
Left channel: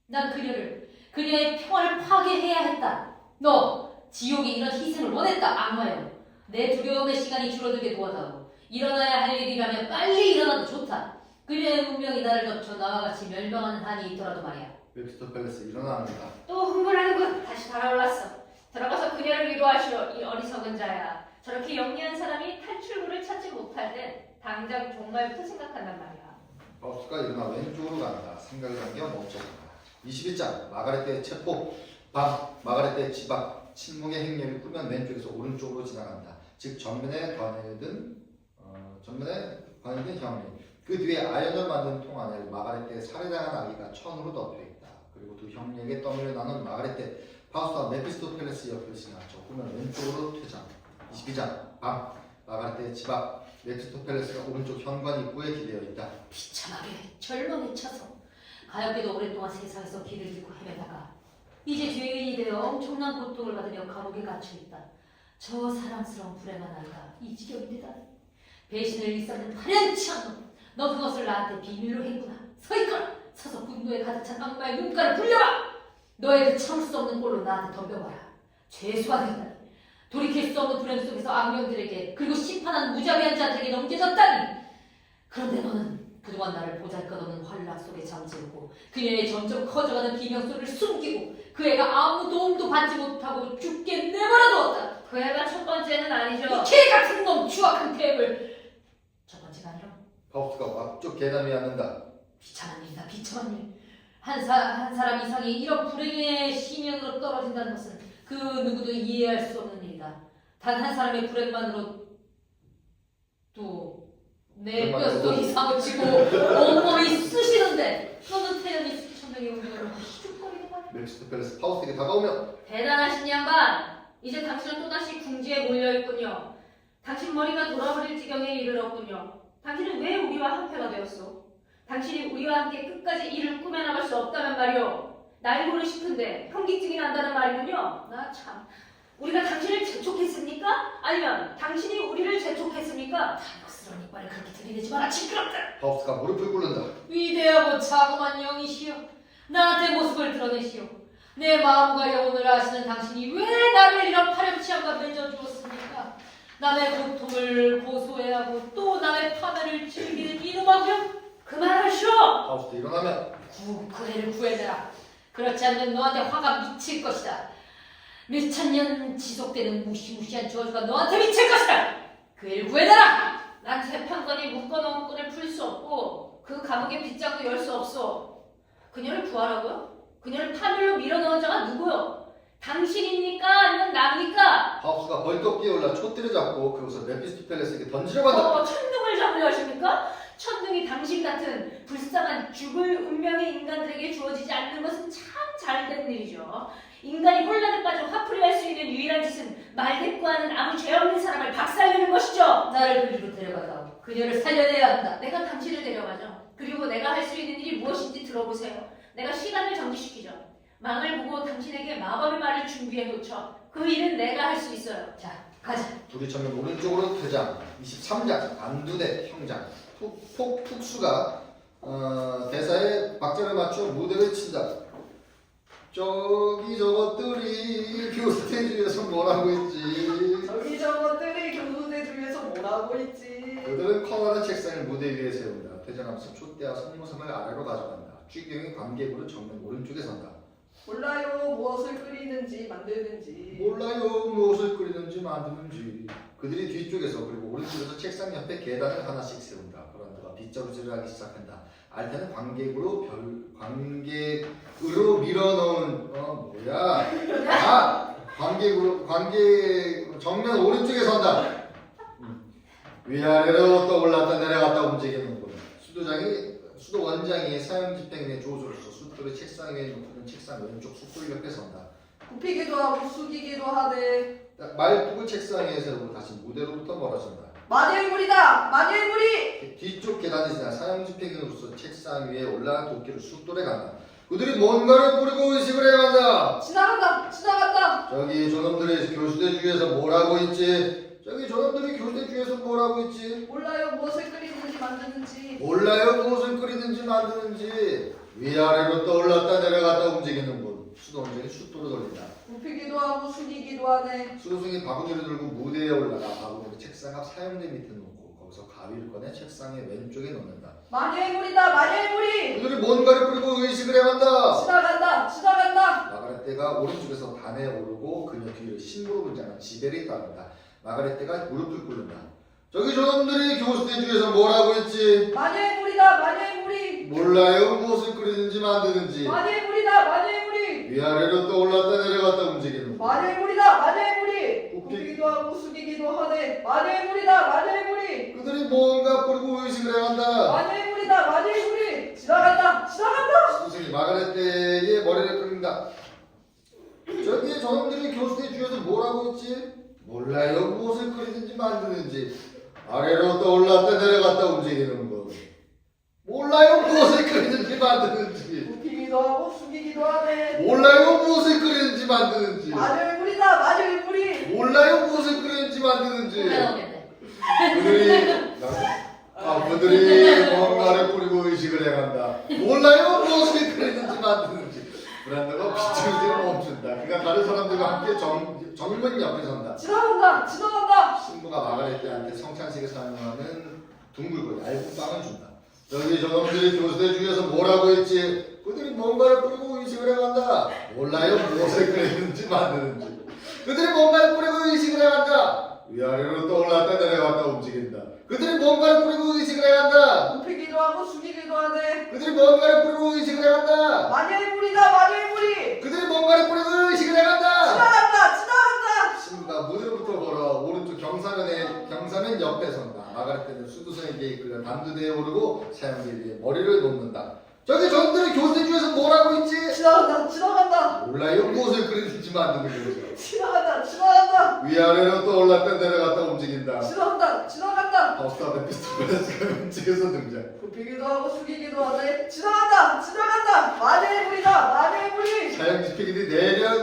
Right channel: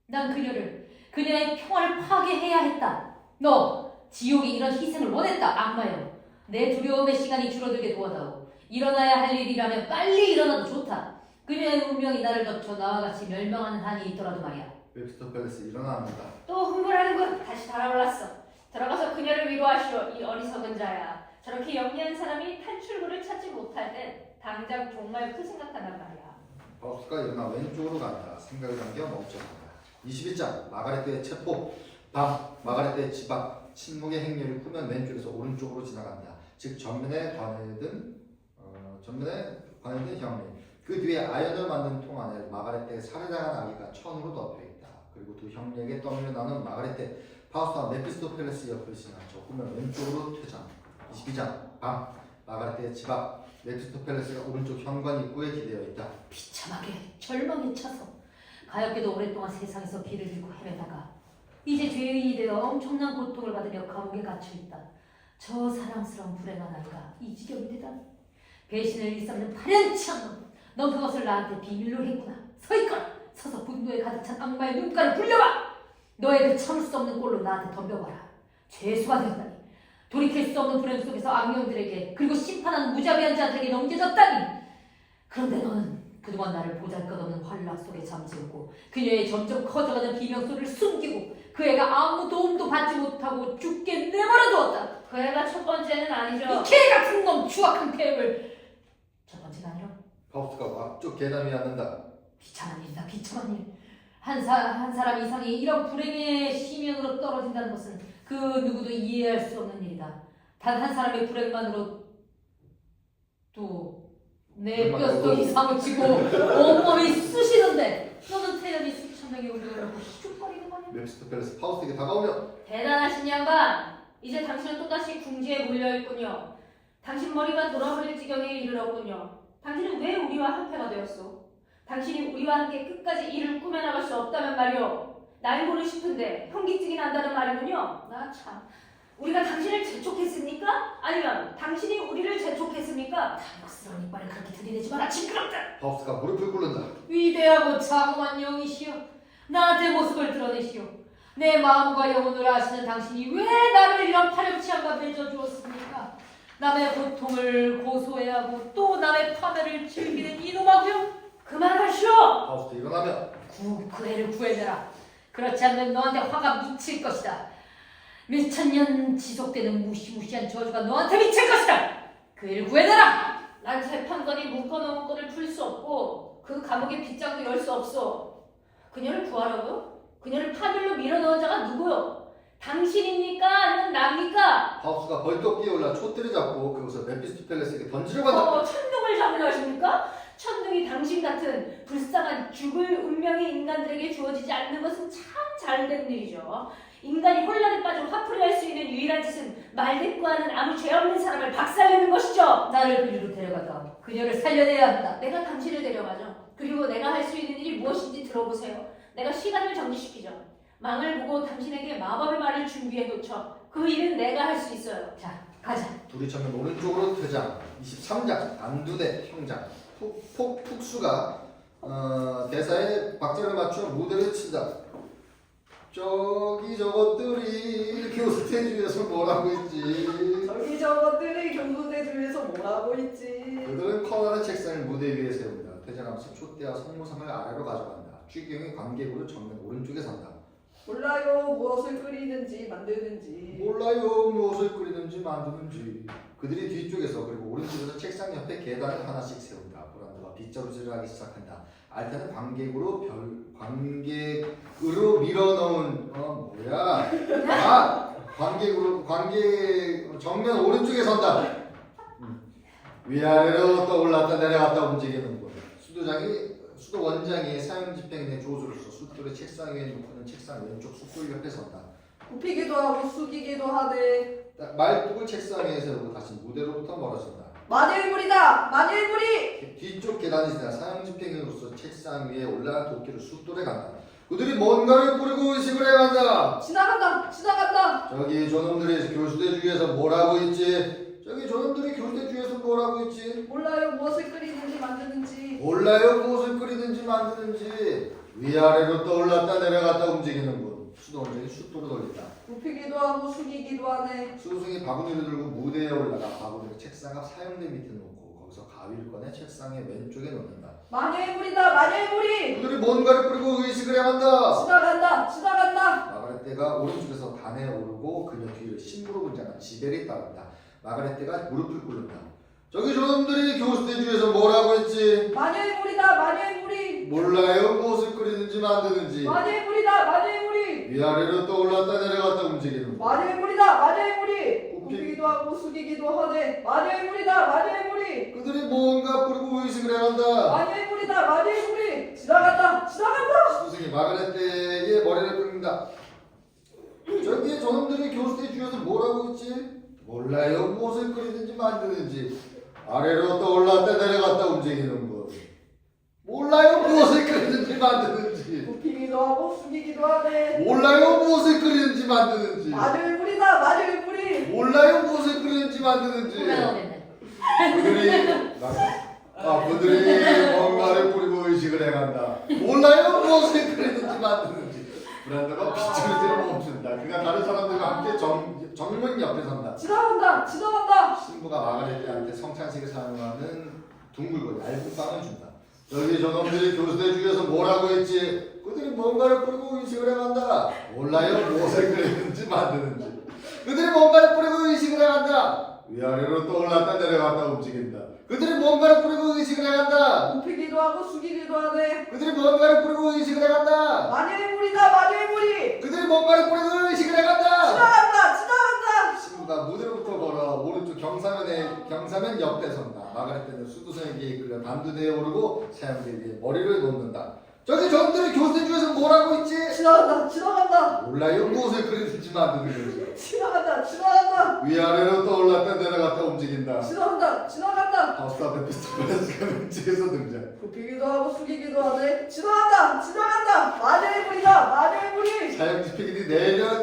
난 그녀의 평화를 파괴해야 했다. 너 지옥이 이런 희생을 원했다. 악마여. 내 두려움의 시간이 줄어들게 도와다오. 일어나야 할 일이라면 빨리 일어나도 좋다. 그녀의 운명이 나를 덮쳐 나와 같이 멸망하는 한이 있더라도 말이야. 메피스토펠레스 일어납니다. 또 흥분하는군. 다시 달아올랐어. 들어가서 그녀를 위로하시오. 이 어리석은 자야. 저렇게 영리한 사람이 탈출구를 찾지 못할 땐 당장 종말부터 생각한단 말이야. 파우스트가 일어나 왼쪽으로 간다. 생각을 당겨 멈춰간다. 22장 마가렛 체포 방 마가렛 지박 침묵의 행렬이 후면 왼쪽에서 오른쪽으로 지나간다. 즉 전면에 관여든 형리. 그 뒤에 아연을 만든 통 안에 마가렛의 살해당한 아기가 천으로 덮여 있다. 그리고 두 형제에게 떠밀려 나눈 마가렛 파우스트와 메피스토펠레스 옆을 지나쳐 후면 왼쪽으로 퇴장. 22장 방 마가렛의 집 앞 메피스토펠레스가 오른쪽 현관 입구에 기대어 있다. 비참하게 절망에 차서 가엾게도 오랫동안 세상에서 길을 잃고 헤매다가 이제 죄인이 되어 엄청난 고통을 받으며 감옥에 갇혀 있다. 저 사랑스러운 불행한 아이가 이 지경이 되다니. 배신을 일삼는 파렴치한 놈, 너 그것을 나한테 비밀로 했구나. 서 있거라. 서서 분노에 가득 찬 악마의 눈가를 굴려봐. 너의 그 참을 수 없는 꼴로 나한테 덤벼봐라. 죄수가 되었다니. 돌이킬 수 없는 불행 속에서 악령들에게 그리고 심판한 무자비한 자들에게 넘겨졌다니. 그런데 너는 그동안 나를 보잘것없는 환락 속에 잠들고 그녀의 점점 커져가는 비명소리를 숨기고 그 애가 아무 도움도 받지 못하고 죽게 내버려두었다. 그 애가 첫 번째는 아니죠. 이 개같은 놈 추악한 계획을. 첫 번째가 아니라 파우스트가 앞쪽 계단 위에 앉는다. 비참한 일이다. 비참한 일. 한 사람 이상이 이런 불행의 심연으로 떨어진다는 것은 그 누구도 이해할 수 없는 일이다. 단 한 사람의 불행만으로 또 내 뼛속이 사무치고 온몸이 쑤시는데 너는 태연히 수천 명의 우리를 슉거리는 거냐? 메피스토펠레스 파우스트에게 다가오며 대단하신 양반. 이제 당신은 또다시 궁지에 몰려있군요. 당신 머리가 돌아버릴 지경에 이르렀군요. 당신은 왜 우리와 한패가 되었소? 당신이 우리와 함께 끝까지 일을 꾸며나갈 수 없다면 말이오. 날고는 싶은데 현기증이 난다는 말이군요. 나 참. 우리가 당신을 재촉했습니까? 아니면 당신이 우리를 재촉했습니까? 당혹스러운 이빨을 그렇게 들이대지 마라. 징그럽다. 파우스트가 무릎을 꿇는다. 위대하고 자그만 영이시여, 나한테 모습을 드러내시오. 내 마음과 영혼을 아시는 당신이 왜 나를 이런 파렴치함과 맺어주었습니까? 남의 고통을 고소해야 하고 또 남의 파멸을 즐기는 이놈하고요. 그만하시오. 파우스트 일어나며 그 애를 구해내라. 그렇지 않으면 너한테 화가 미칠 것이다. 몇천 년 지속되는 무시무시한 저주가 너한테 미칠 것이다. 그 애를 구해내라. 난 재판관이 묶어놓은 건을 풀 수 없고 그 감옥의 빗장도 열 수 없소. 그녀를 구하라고요? 그녀를 파멸로 밀어넣은 자가 누구요? 당신입니까? 아니면 납니까? 파우스트가 벌떡 뛰어올라 촛대를 잡고 그것을 메피스토펠레스에게 던지려고 한다. 천둥을 잡으려 하십니까? 천둥이 당신 같은 불쌍한 죽을 운명의 인간들에게 주어지지 않는 것은 참 잘된 일이죠. 인간이 혼란에 빠져 화풀이할 수 있는 유일한 짓은 말대꾸하는 아무 죄 없는 사람을 박살내는 것이죠. 나를 그리로 데려가다 그녀를 살려내야 한다. 내가 당신을 데려가죠. 그리고 내가 할 수 있는 일이 무엇인지 들어보세요. 내가 시간을 정지시키죠. 망을 보고 당신에게 마법의 말을 준비해 놓죠. 그 일은 내가 할 수 있어요. 자, 가자. 둘이 전면 오른쪽으로 퇴장. 23장 안두대 형장. 푹수가 대사에 박자를 맞추어 무대를 친다. 저기 저것들이 교수대주에서 뭐라고 있지? 저기 저것들이 교수대중에서 뭐라고 있지? 그들은 커다란 책상을 무대 위에 세운다. 퇴장하면서 촛대와 성모상을 아래로 가져간다. 주경이 관객으로 정면 오른쪽에 선다. 몰라요. 무엇을 끓이는지 만드는지. 몰라요. 무엇을 끓이는지 만드는지. 그들이 뒤쪽에서 그리고 오른쪽에서 책상 옆에 계단을 하나씩 세운다. 브란드가 빗자루질을 하기 시작한다. 알타는 관객으로 밀어넣은 관객 정면 오른쪽에 선다. 위아래로 떠올랐다 내려갔다 움직이는 거. 수도 원장이 사형 집행인의 조수로서 숫돌을 책상 위에 놓고는 책상 왼쪽 숫돌 옆에 선다. 굽히기도 하고 숙이기도 하되. 말뚝을 책상 위에 세우고 다시 무대로부터 멀어진다. 마녀의물이다. 마녀의물이. 뒤쪽 계단이 지나 사형 집행인으로서 책상 위에 올라간 도끼를 숫돌에 간다. 그들이 뭔가를 뿌리고 의식을 해간다. 지나간다. 지나간다. 저기 저놈들이 교수대 주위에서 뭐라고 있지? 저기 저놈들이 교수대 주위에서 뭐라고 있지? 몰라요. 무엇을 끓이는지 만드는지. 몰라요. 무엇을 끓이든지 만드는지. 위아래로 떠올랐다 내려갔다 움직이는 분. 수동적인 숫돌을 돌린다. 굽히기도 하고 숙이기도 하네. 수승이 바구니를 들고 무대에 올라가 바구니를 책상 앞 사형대 밑에 놓고 거기서 가위를 꺼내 책상의 왼쪽에 놓는다. 마녀의물이다. 마녀의물이. 그들이 뭔가를 뿌리고 의식을 해간다. 지나간다. 지나간다. 마가렛대가 오른쪽에서 단에 오르고 그녀 뒤를 신부로 분장한 지벨이 따른다. 마가렛대가 무릎을 꿇는다. 저기 저놈들이 교수대 주에서 뭐라고 했지? 마녀의물이다. 마녀의물이. 몰라요. 무엇을 끓이든지 만드는지. 마녀의 물이다. 마녀의 물이. 위아래로 떠올랐다 내려갔다 움직이는 것. 마녀의 물이다. 마녀의 물이. 굽기- 굽기도 하고 숙이기도 하네. 마녀의 물이다. 마녀의 물이. 그들이 뭔가 뿌리고 의식을 해간다. 마녀의 물이다. 마녀의 물이. 지나간다. 지나간다. 스승이 마가렛의 머리를 끌린다. 저기에 저놈들이 교수대 주위에서 뭐라고 했지? 몰라요. 무엇을 끓이든지 만드는지. 아래로 떠올랐다 내려갔다 움직이는 것. 몰라요. 무엇을 끓이든지 만드는지. 굽히기도 하고 숙이기도 하네. 몰라요. 무엇을 끓이든지 만드는지. 마녀의 물이다. 마녀의 물이. 몰라요. 무엇을 끓이든지 만드는지. 나오겠네. 그들이 뭔가를 뿌리고 의식을 해간다. 몰라요. 무엇을 끓이든지 만드는지. 브란더가 빗줄기를 멈춘다. 그가 다른 사람들과 함께 정문 옆에 선다. 지나간다. 지나간다. 신부가 마가렛한테 성찬식에 사용하는 둥글고 얇은 빵을 준다. 여기 저놈들이 교수대 주위에서 뭐라고 했지? 그들이 뭔가를 뿌리고 의식을 해간다. 몰라요. 무엇을 끓이든지 만드는지. 그들이 뭔가를 뿌리고 의식을 해간다. 위아래로 떠올랐다 내려갔다 움직인다. 그들이 뭔가를 뿌리고 의식을 해간다. 굽히기도 하고 숙이기도 하네. 그들이 뭔가를 뿌리고 의식을 해간다. 마녀의 물이다. 마녀의 물이. 그들이 뭔가를 뿌리고 의식을 해간다. 지나간다. 지나간다. 신부가 무대로부터 걸어 오른쪽 경사면 옆에 선다. 마가렛은 수두성에게 이끌려 단두대에 오르고 사형제의 머리를 놓는다. 저기 저들이 교수대 중에서 뭐라고 했지? 지나간다. 지나간다. 몰라요. 무엇을 끓이든지 만드는 거지. 지나간다. 지나간다. 위아래로 떠올랐다 내려갔다 움직인다. 지나간다. 지나간다. 버스와 메피스토펠레스가 왼쪽에서 등장. 굽히기도 하고 숙이기도 하네. 지나간다. 지나간다. 마녀의 물이다. 마녀의 물이. 사형지 피기들이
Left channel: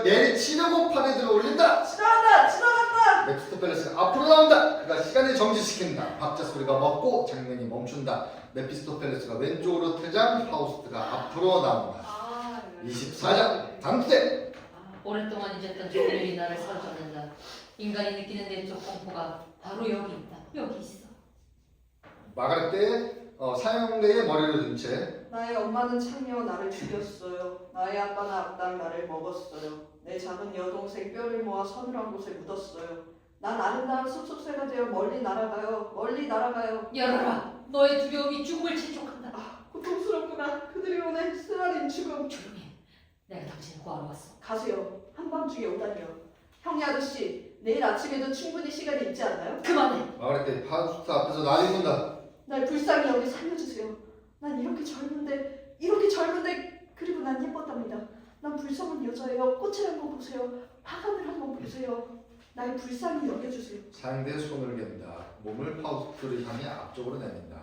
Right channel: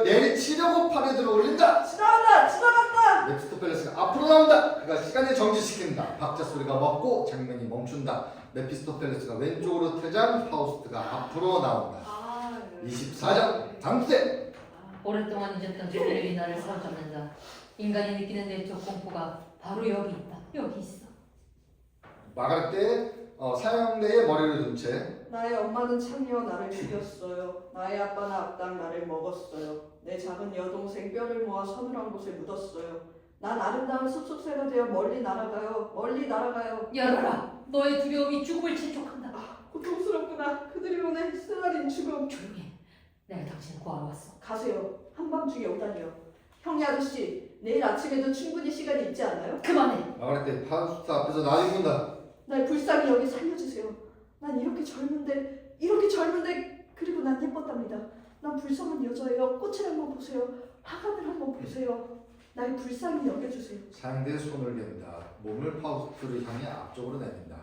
내리치려고 팔에 들어 올린다. 지나간다. 지나간다. 메피스토펠레스가 앞으로 나온다. 그가 시간을 정지시킨다. 박자 소리가 멎고 장면이 멈춘다. 메피스토펠레스가 왼쪽으로 퇴장, 파우스트가 앞으로 나온다. 24장 당대. 오랫동안 잊었던 조들이 나를 사로잡는다. 인간이 느끼는 내적 공포가 바로 여기 있다. 여기 있어. 마가렛 때 사형대의 머리를 둔 채 나의 엄마는 창녀 나를 죽였어요. 나의 아빠는 악당 나를 먹었어요. 내 작은 여동생 뼈를 모아 서늘한 곳에 묻었어요. 난 아름다운 숲속새가 되어 멀리 날아가요. 멀리 날아가요. 열어라. 너의 두려움이 죽음을 재촉한다. 고통스럽구나. 그들이 오늘 쓰라린 죽음. 조용히 해. 내가 당신을 구하러 왔어. 가세요. 한밤중에 오다니요. 형님 아저씨, 내일 아침에도 충분히 시간이 있지 않나요? 그만해. 마가렛 때 파우스트 앞에서 나대군다. 날 불쌍히 여기 살려주세요. 난 이렇게 젊은데 그리고 난 예뻤답니다. 난 불쌍한 여자예요. 꽃을 한번 보세요. 화관을 한번 보세요. 날 불쌍히 여겨주세요. 상대의 손을 갠다. 몸을 파우스트를 향해 앞쪽으로 내민다.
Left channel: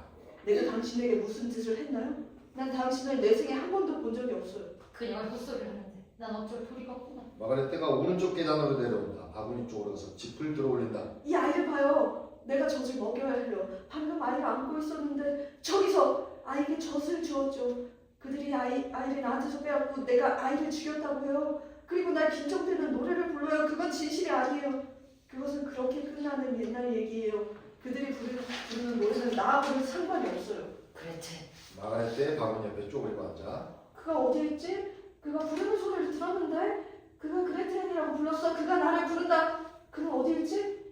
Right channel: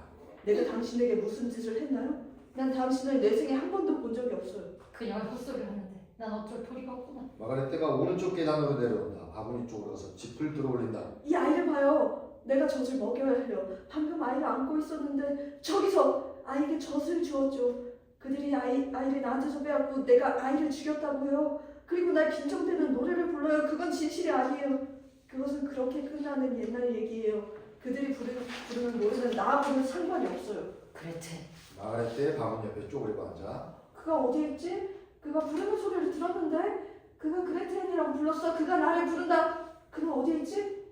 내가 당신에게 무슨 짓을 했나요? 난 당신을 내 생에 한 번도 본 적이 없어요. 그냥 헛소리를 하는데 난 어쩔 도리가 없구나. 마가렛 때가 오른쪽 계단으로 내려온다. 바구니 쪽으로 가서 짚을 들어 올린다. 이 아이를 봐요. 내가 젖을 먹여야 해요. 방금 아이를 안고 있었는데 저기서 아이에게 젖을 주었죠. 그들이 아이를 나한테서 빼앗고 내가 아이를 죽였다고 해요. 그리고 날 빈정대는 노래를 불러요. 그건 진실이 아니에요. 그것은 그렇게 끝나는 옛날 얘기예요. 그들이 부르는 노래는 나하고는 상관이 없어요. 그레텔. 마가렛 때 바구니 옆에 쪼그리고 앉아. 그가 어디에 있지? 그가 부르는 소리를 들었는데 그가 그레텔이라고 불렀어. 그가 나를 부른다. 그는 어디에 있지?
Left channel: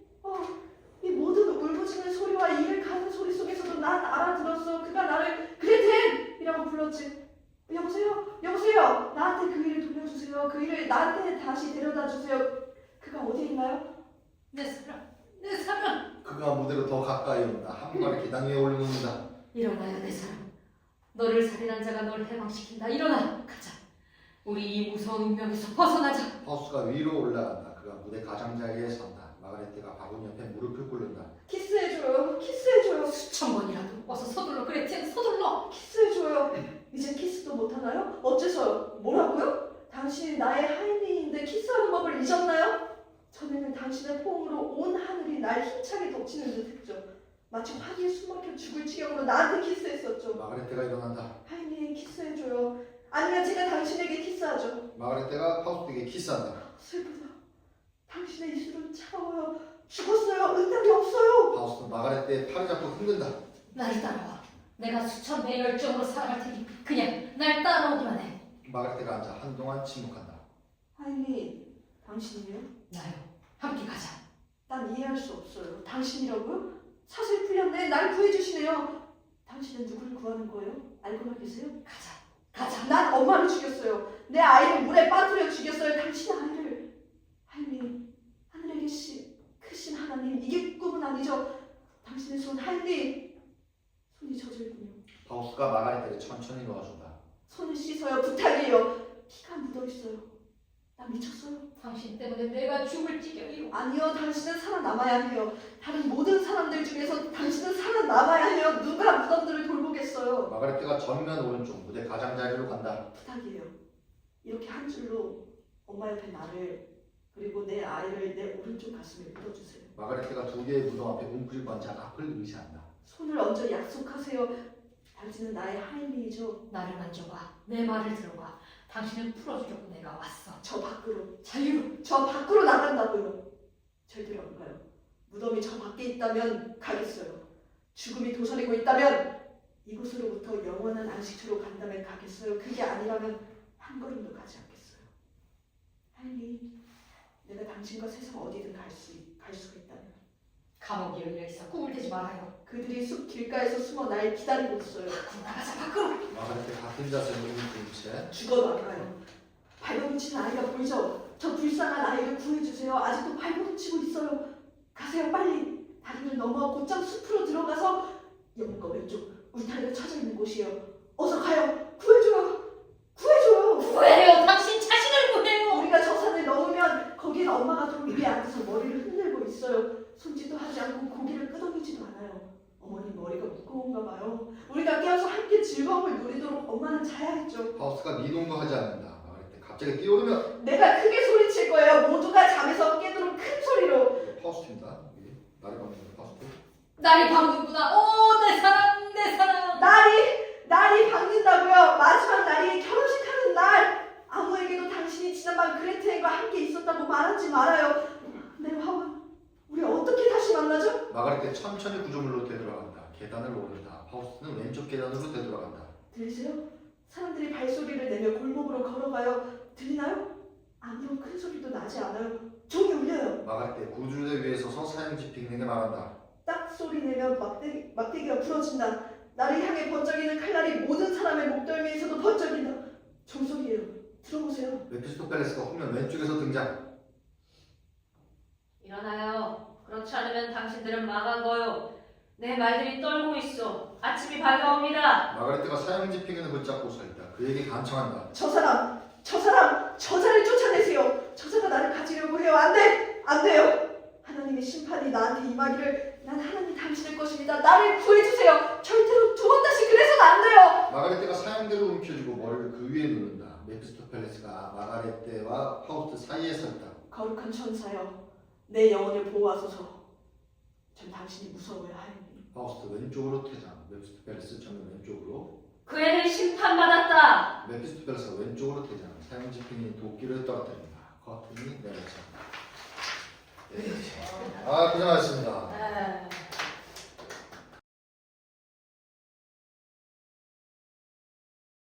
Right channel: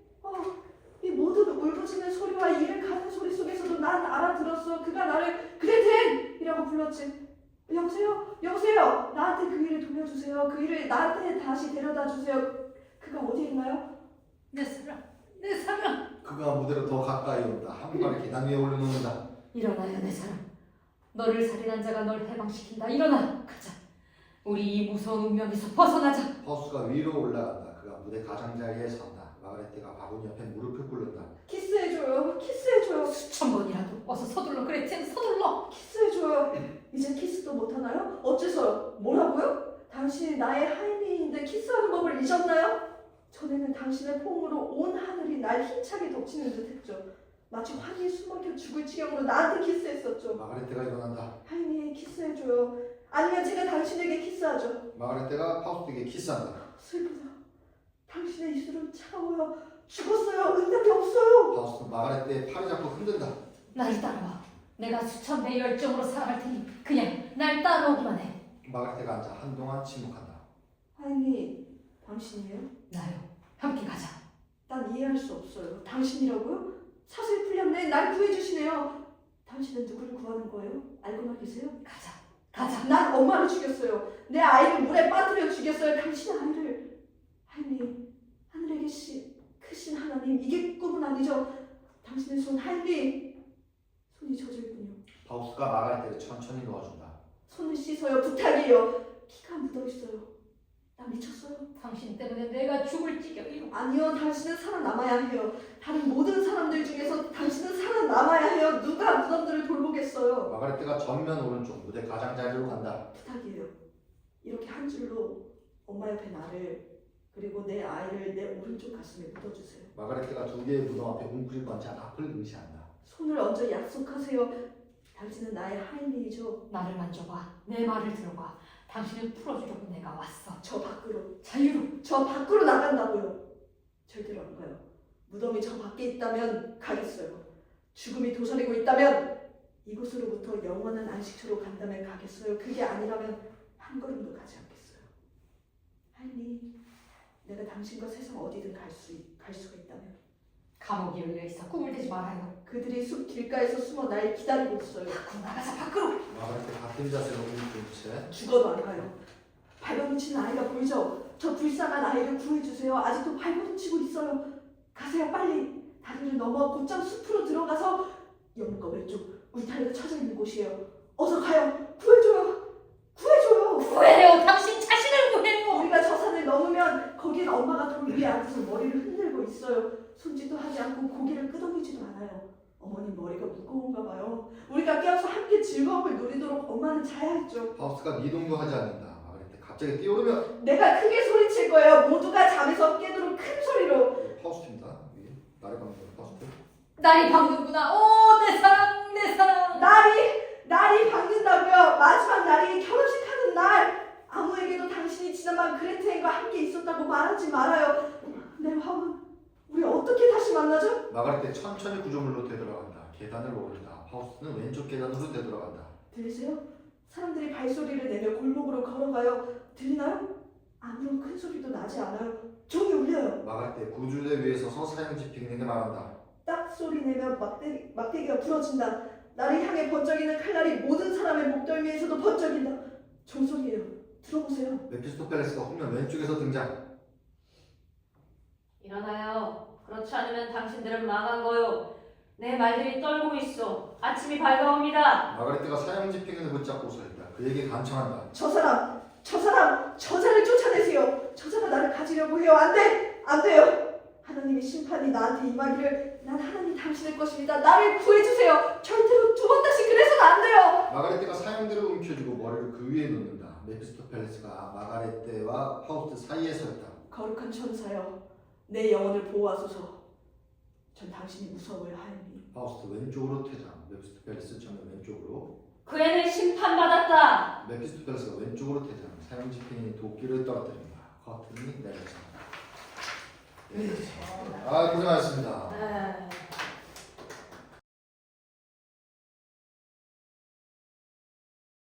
이 모든 울부짖는 소리와 이를 가는 소리 속에서도 난 알아들었어. 그가 나를 그레텔이라고 불렀지. 여보세요. 나한테 그 일을 돌려주세요. 그 일을 나한테 다시 데려다 주세요. 그가 어디에 있나요? 내 사랑. 내 사랑. 그가 무대로 더 가까이 온다. 한 발을 계단 위에 올려놓는다. 일어나요 내 사랑. 너를 살인한 자가 널 해방시킨다. 일어나. 가자. 우리 이 무서운 운명에서 벗어나자. 파우스가 위로 올라간다. 그가 무대 가장자리에 선다. 마가렛 때가 바구니 옆에 무릎을 꿇는다. 키스해줘요. 수천 번이라도 어서 서둘러. 그레텔 서둘러. 키스해줘요. 이제 키스도 못하나요? 어째서요? 뭐라고요? 당신이 나의 하인인데 키스하는 법을 잊었나요? 전에는 당신의 포옹으로 온 하늘이 날 힘차게 덮치는 듯했죠. 마치 환희에 숨막혀 죽을 지경으로 나한테 키스했었죠. 마가렛 때가 일어난다. 하인이 키스해줘요. 아니면 제가 당신에게 키스하죠. 마가렛 때가 파우스트에게 키스한다. 슬프다. 당신의 입술은 차가워요. 죽었어요. 응답이 없어요. 파우스트 마가렛 때의 팔을 잡고 흔든다. 날 따라와. 내가 수천 배의 열정으로 사랑할 테니 그냥 날 따라오기만 해. 마가렛 때가 앉아 한동안 침묵한다. 하인이 당신이요? 나요. 함께 가자. 난 이해할 수 없어요. 당신이라고요? 사슬 풀렸네. 날 구해주시네요. 당신은 누구를 구하는 거예요? 알고나 계세요? 가자. 난 엄마를 죽였어요. 내 아이를 물에 빠뜨려 죽였어요. 당신의 아이를. 하임리, 하늘에 크신 하나님, 이게 꿈은 아니죠. 당신의 손 하임리, 손이 젖어있군요. 파우스가 마가레트를 천천히 놓아준다. 손을 씻어요. 부탁이에요. 피가 묻어있어요. 나 미쳤어요. 당신 때문에 내가 죽을 지경이고. 아니요, 당신은 살아남아야 해요. 다른 모든 사람들 중에서 당신은 살아남아야 해요. 누가 무덤들을 돌보겠어요. 마가레트가 전면 오른쪽 무대 가장자리로 간다. 부탁이에요. 이렇게 한 줄로 엄마 옆에 나를 그리고 내 아이를 내 오른쪽 가슴에 묻어주세요. 마가레트가 두 개의 무덤 앞에 웅크리고 앉아 앞을 의시한다. 손을 얹어 약속하세요. 당신은 나의 하임이죠. 나를 만져봐. 내 말을 들어봐. 당신을 풀어주려고 내가 왔어. 저 밖으로. 자유로. 저 밖으로 나간다고요. 절대로 안 가요. 무덤이 저 밖에 있다면 가겠어요. 죽음이 도사리고 있다면 이곳으로부터 영원한 안식처로 간다면 가겠어요. 그게 아니라면 한 걸음도 가지 않겠어요. 하임이, 내가 당신과 세상 어디든 갈 수가 있다면. 감옥이 열려있어. 꿈을 대지 말아요. 그들이 숲 길가에서 숨어 날 기다리고 있어요. 나가자 밖으로. 마가레트 같은 자세로 웅크린 채 죽어도 안 가요. 발버둥치는 아이가 보이죠? 저 불쌍한 아이를 구해주세요. 아직도 발버둥치고 있어요. 가세요, 빨리. 다리를 넘어 곧장 숲으로 들어가서 영문과 왼쪽 울타리가 쳐져 있는 곳이에요. 어서 가요. 구해줘요. 구해줘요. 구해요. 당신 자신을 구해요. 우리가 저 산을 넘으면 거긴 엄마가 돌 위에 앉아서 머리를 흔들고 있어요. 손짓도 하지 않고 고개를 끄덕이지도 않아요. 어머니 머리가 무거운가 봐요. 우리가 깨어서 함께 즐거움을 누리도록 엄마는 자야 했죠. 파우스가 니동도 하지 않는다. 마가레트 갑자기 뛰어오르며 내가 크게 소리칠 거예요. 모두가 잠에서 깨도록 큰 소리로. 파우스입니다. 나를 감는 파우스트. 날이 밝는구나. 오, 내 사랑, 내 사랑. 날이 밝는다고요. 마지막 날이 결혼식하는 날. 아무에게도 당신이 지난밤 그레테인과 함께 있었다고 말하지 말아요. 내 화원, 우리 어떻게 다시 만나죠? 마가레트 천천히 구조물로 되돌아간다. 계단을 오른다. 파우스트는 왼쪽 계단으로 되돌아간다. 들리세요? 사람들이 발소리를 내며 골목으로 걸어가요. 들리나요? 아무런 큰 소리도 나지 않아요. 종이 울려요. 마가레트 구조대 위에 서서 사형지 빅링에 말한다. 딱 소리 내면 막대기가 부러진다. 나를 향해 번쩍이는 칼날이 모든 사람의 목덜미에서도 번쩍인다. 종소리예요. 들어보세요. 메피스토펠레스가 후면 왼쪽에서 등장. 일어나요. 그렇지 않으면 당신들은 망한 거요. 내 말들이 떨고 있어. 아침이 밝아옵니다. 마가레트가 사형지 핑을 붙잡고 서 있다. 그에게 간청한다. 저 사람, 저자를 쫓아내세요. 저자가 나를 가지려고 해요. 안 돼! 안 돼요! 하나님의 심판이 나한테 임하기를. 난 하나님 당신의 것입니다. 나를 구해주세요. 절대로 두 번 다시 그래서는 안 돼요. 마가레트가 사형대를 움켜쥐고 머리를 그 위에 놓는다. 메피스토펠레스가 마가레트와 파우스트 사이에 서 있다. 거룩한 천사여, 내 영혼을 보호하소서. 전 당신이 무서워요, 하나님. 파우스트 왼쪽으로 퇴장. 메피스토펠레스 정면 왼쪽으로. 그 애는 심판받았다. 메피스토펠레스가 왼쪽으로 퇴장. 사형지 핑이 도끼를 떨어뜨린다. 커튼이 내려진다. 고생하셨습니다.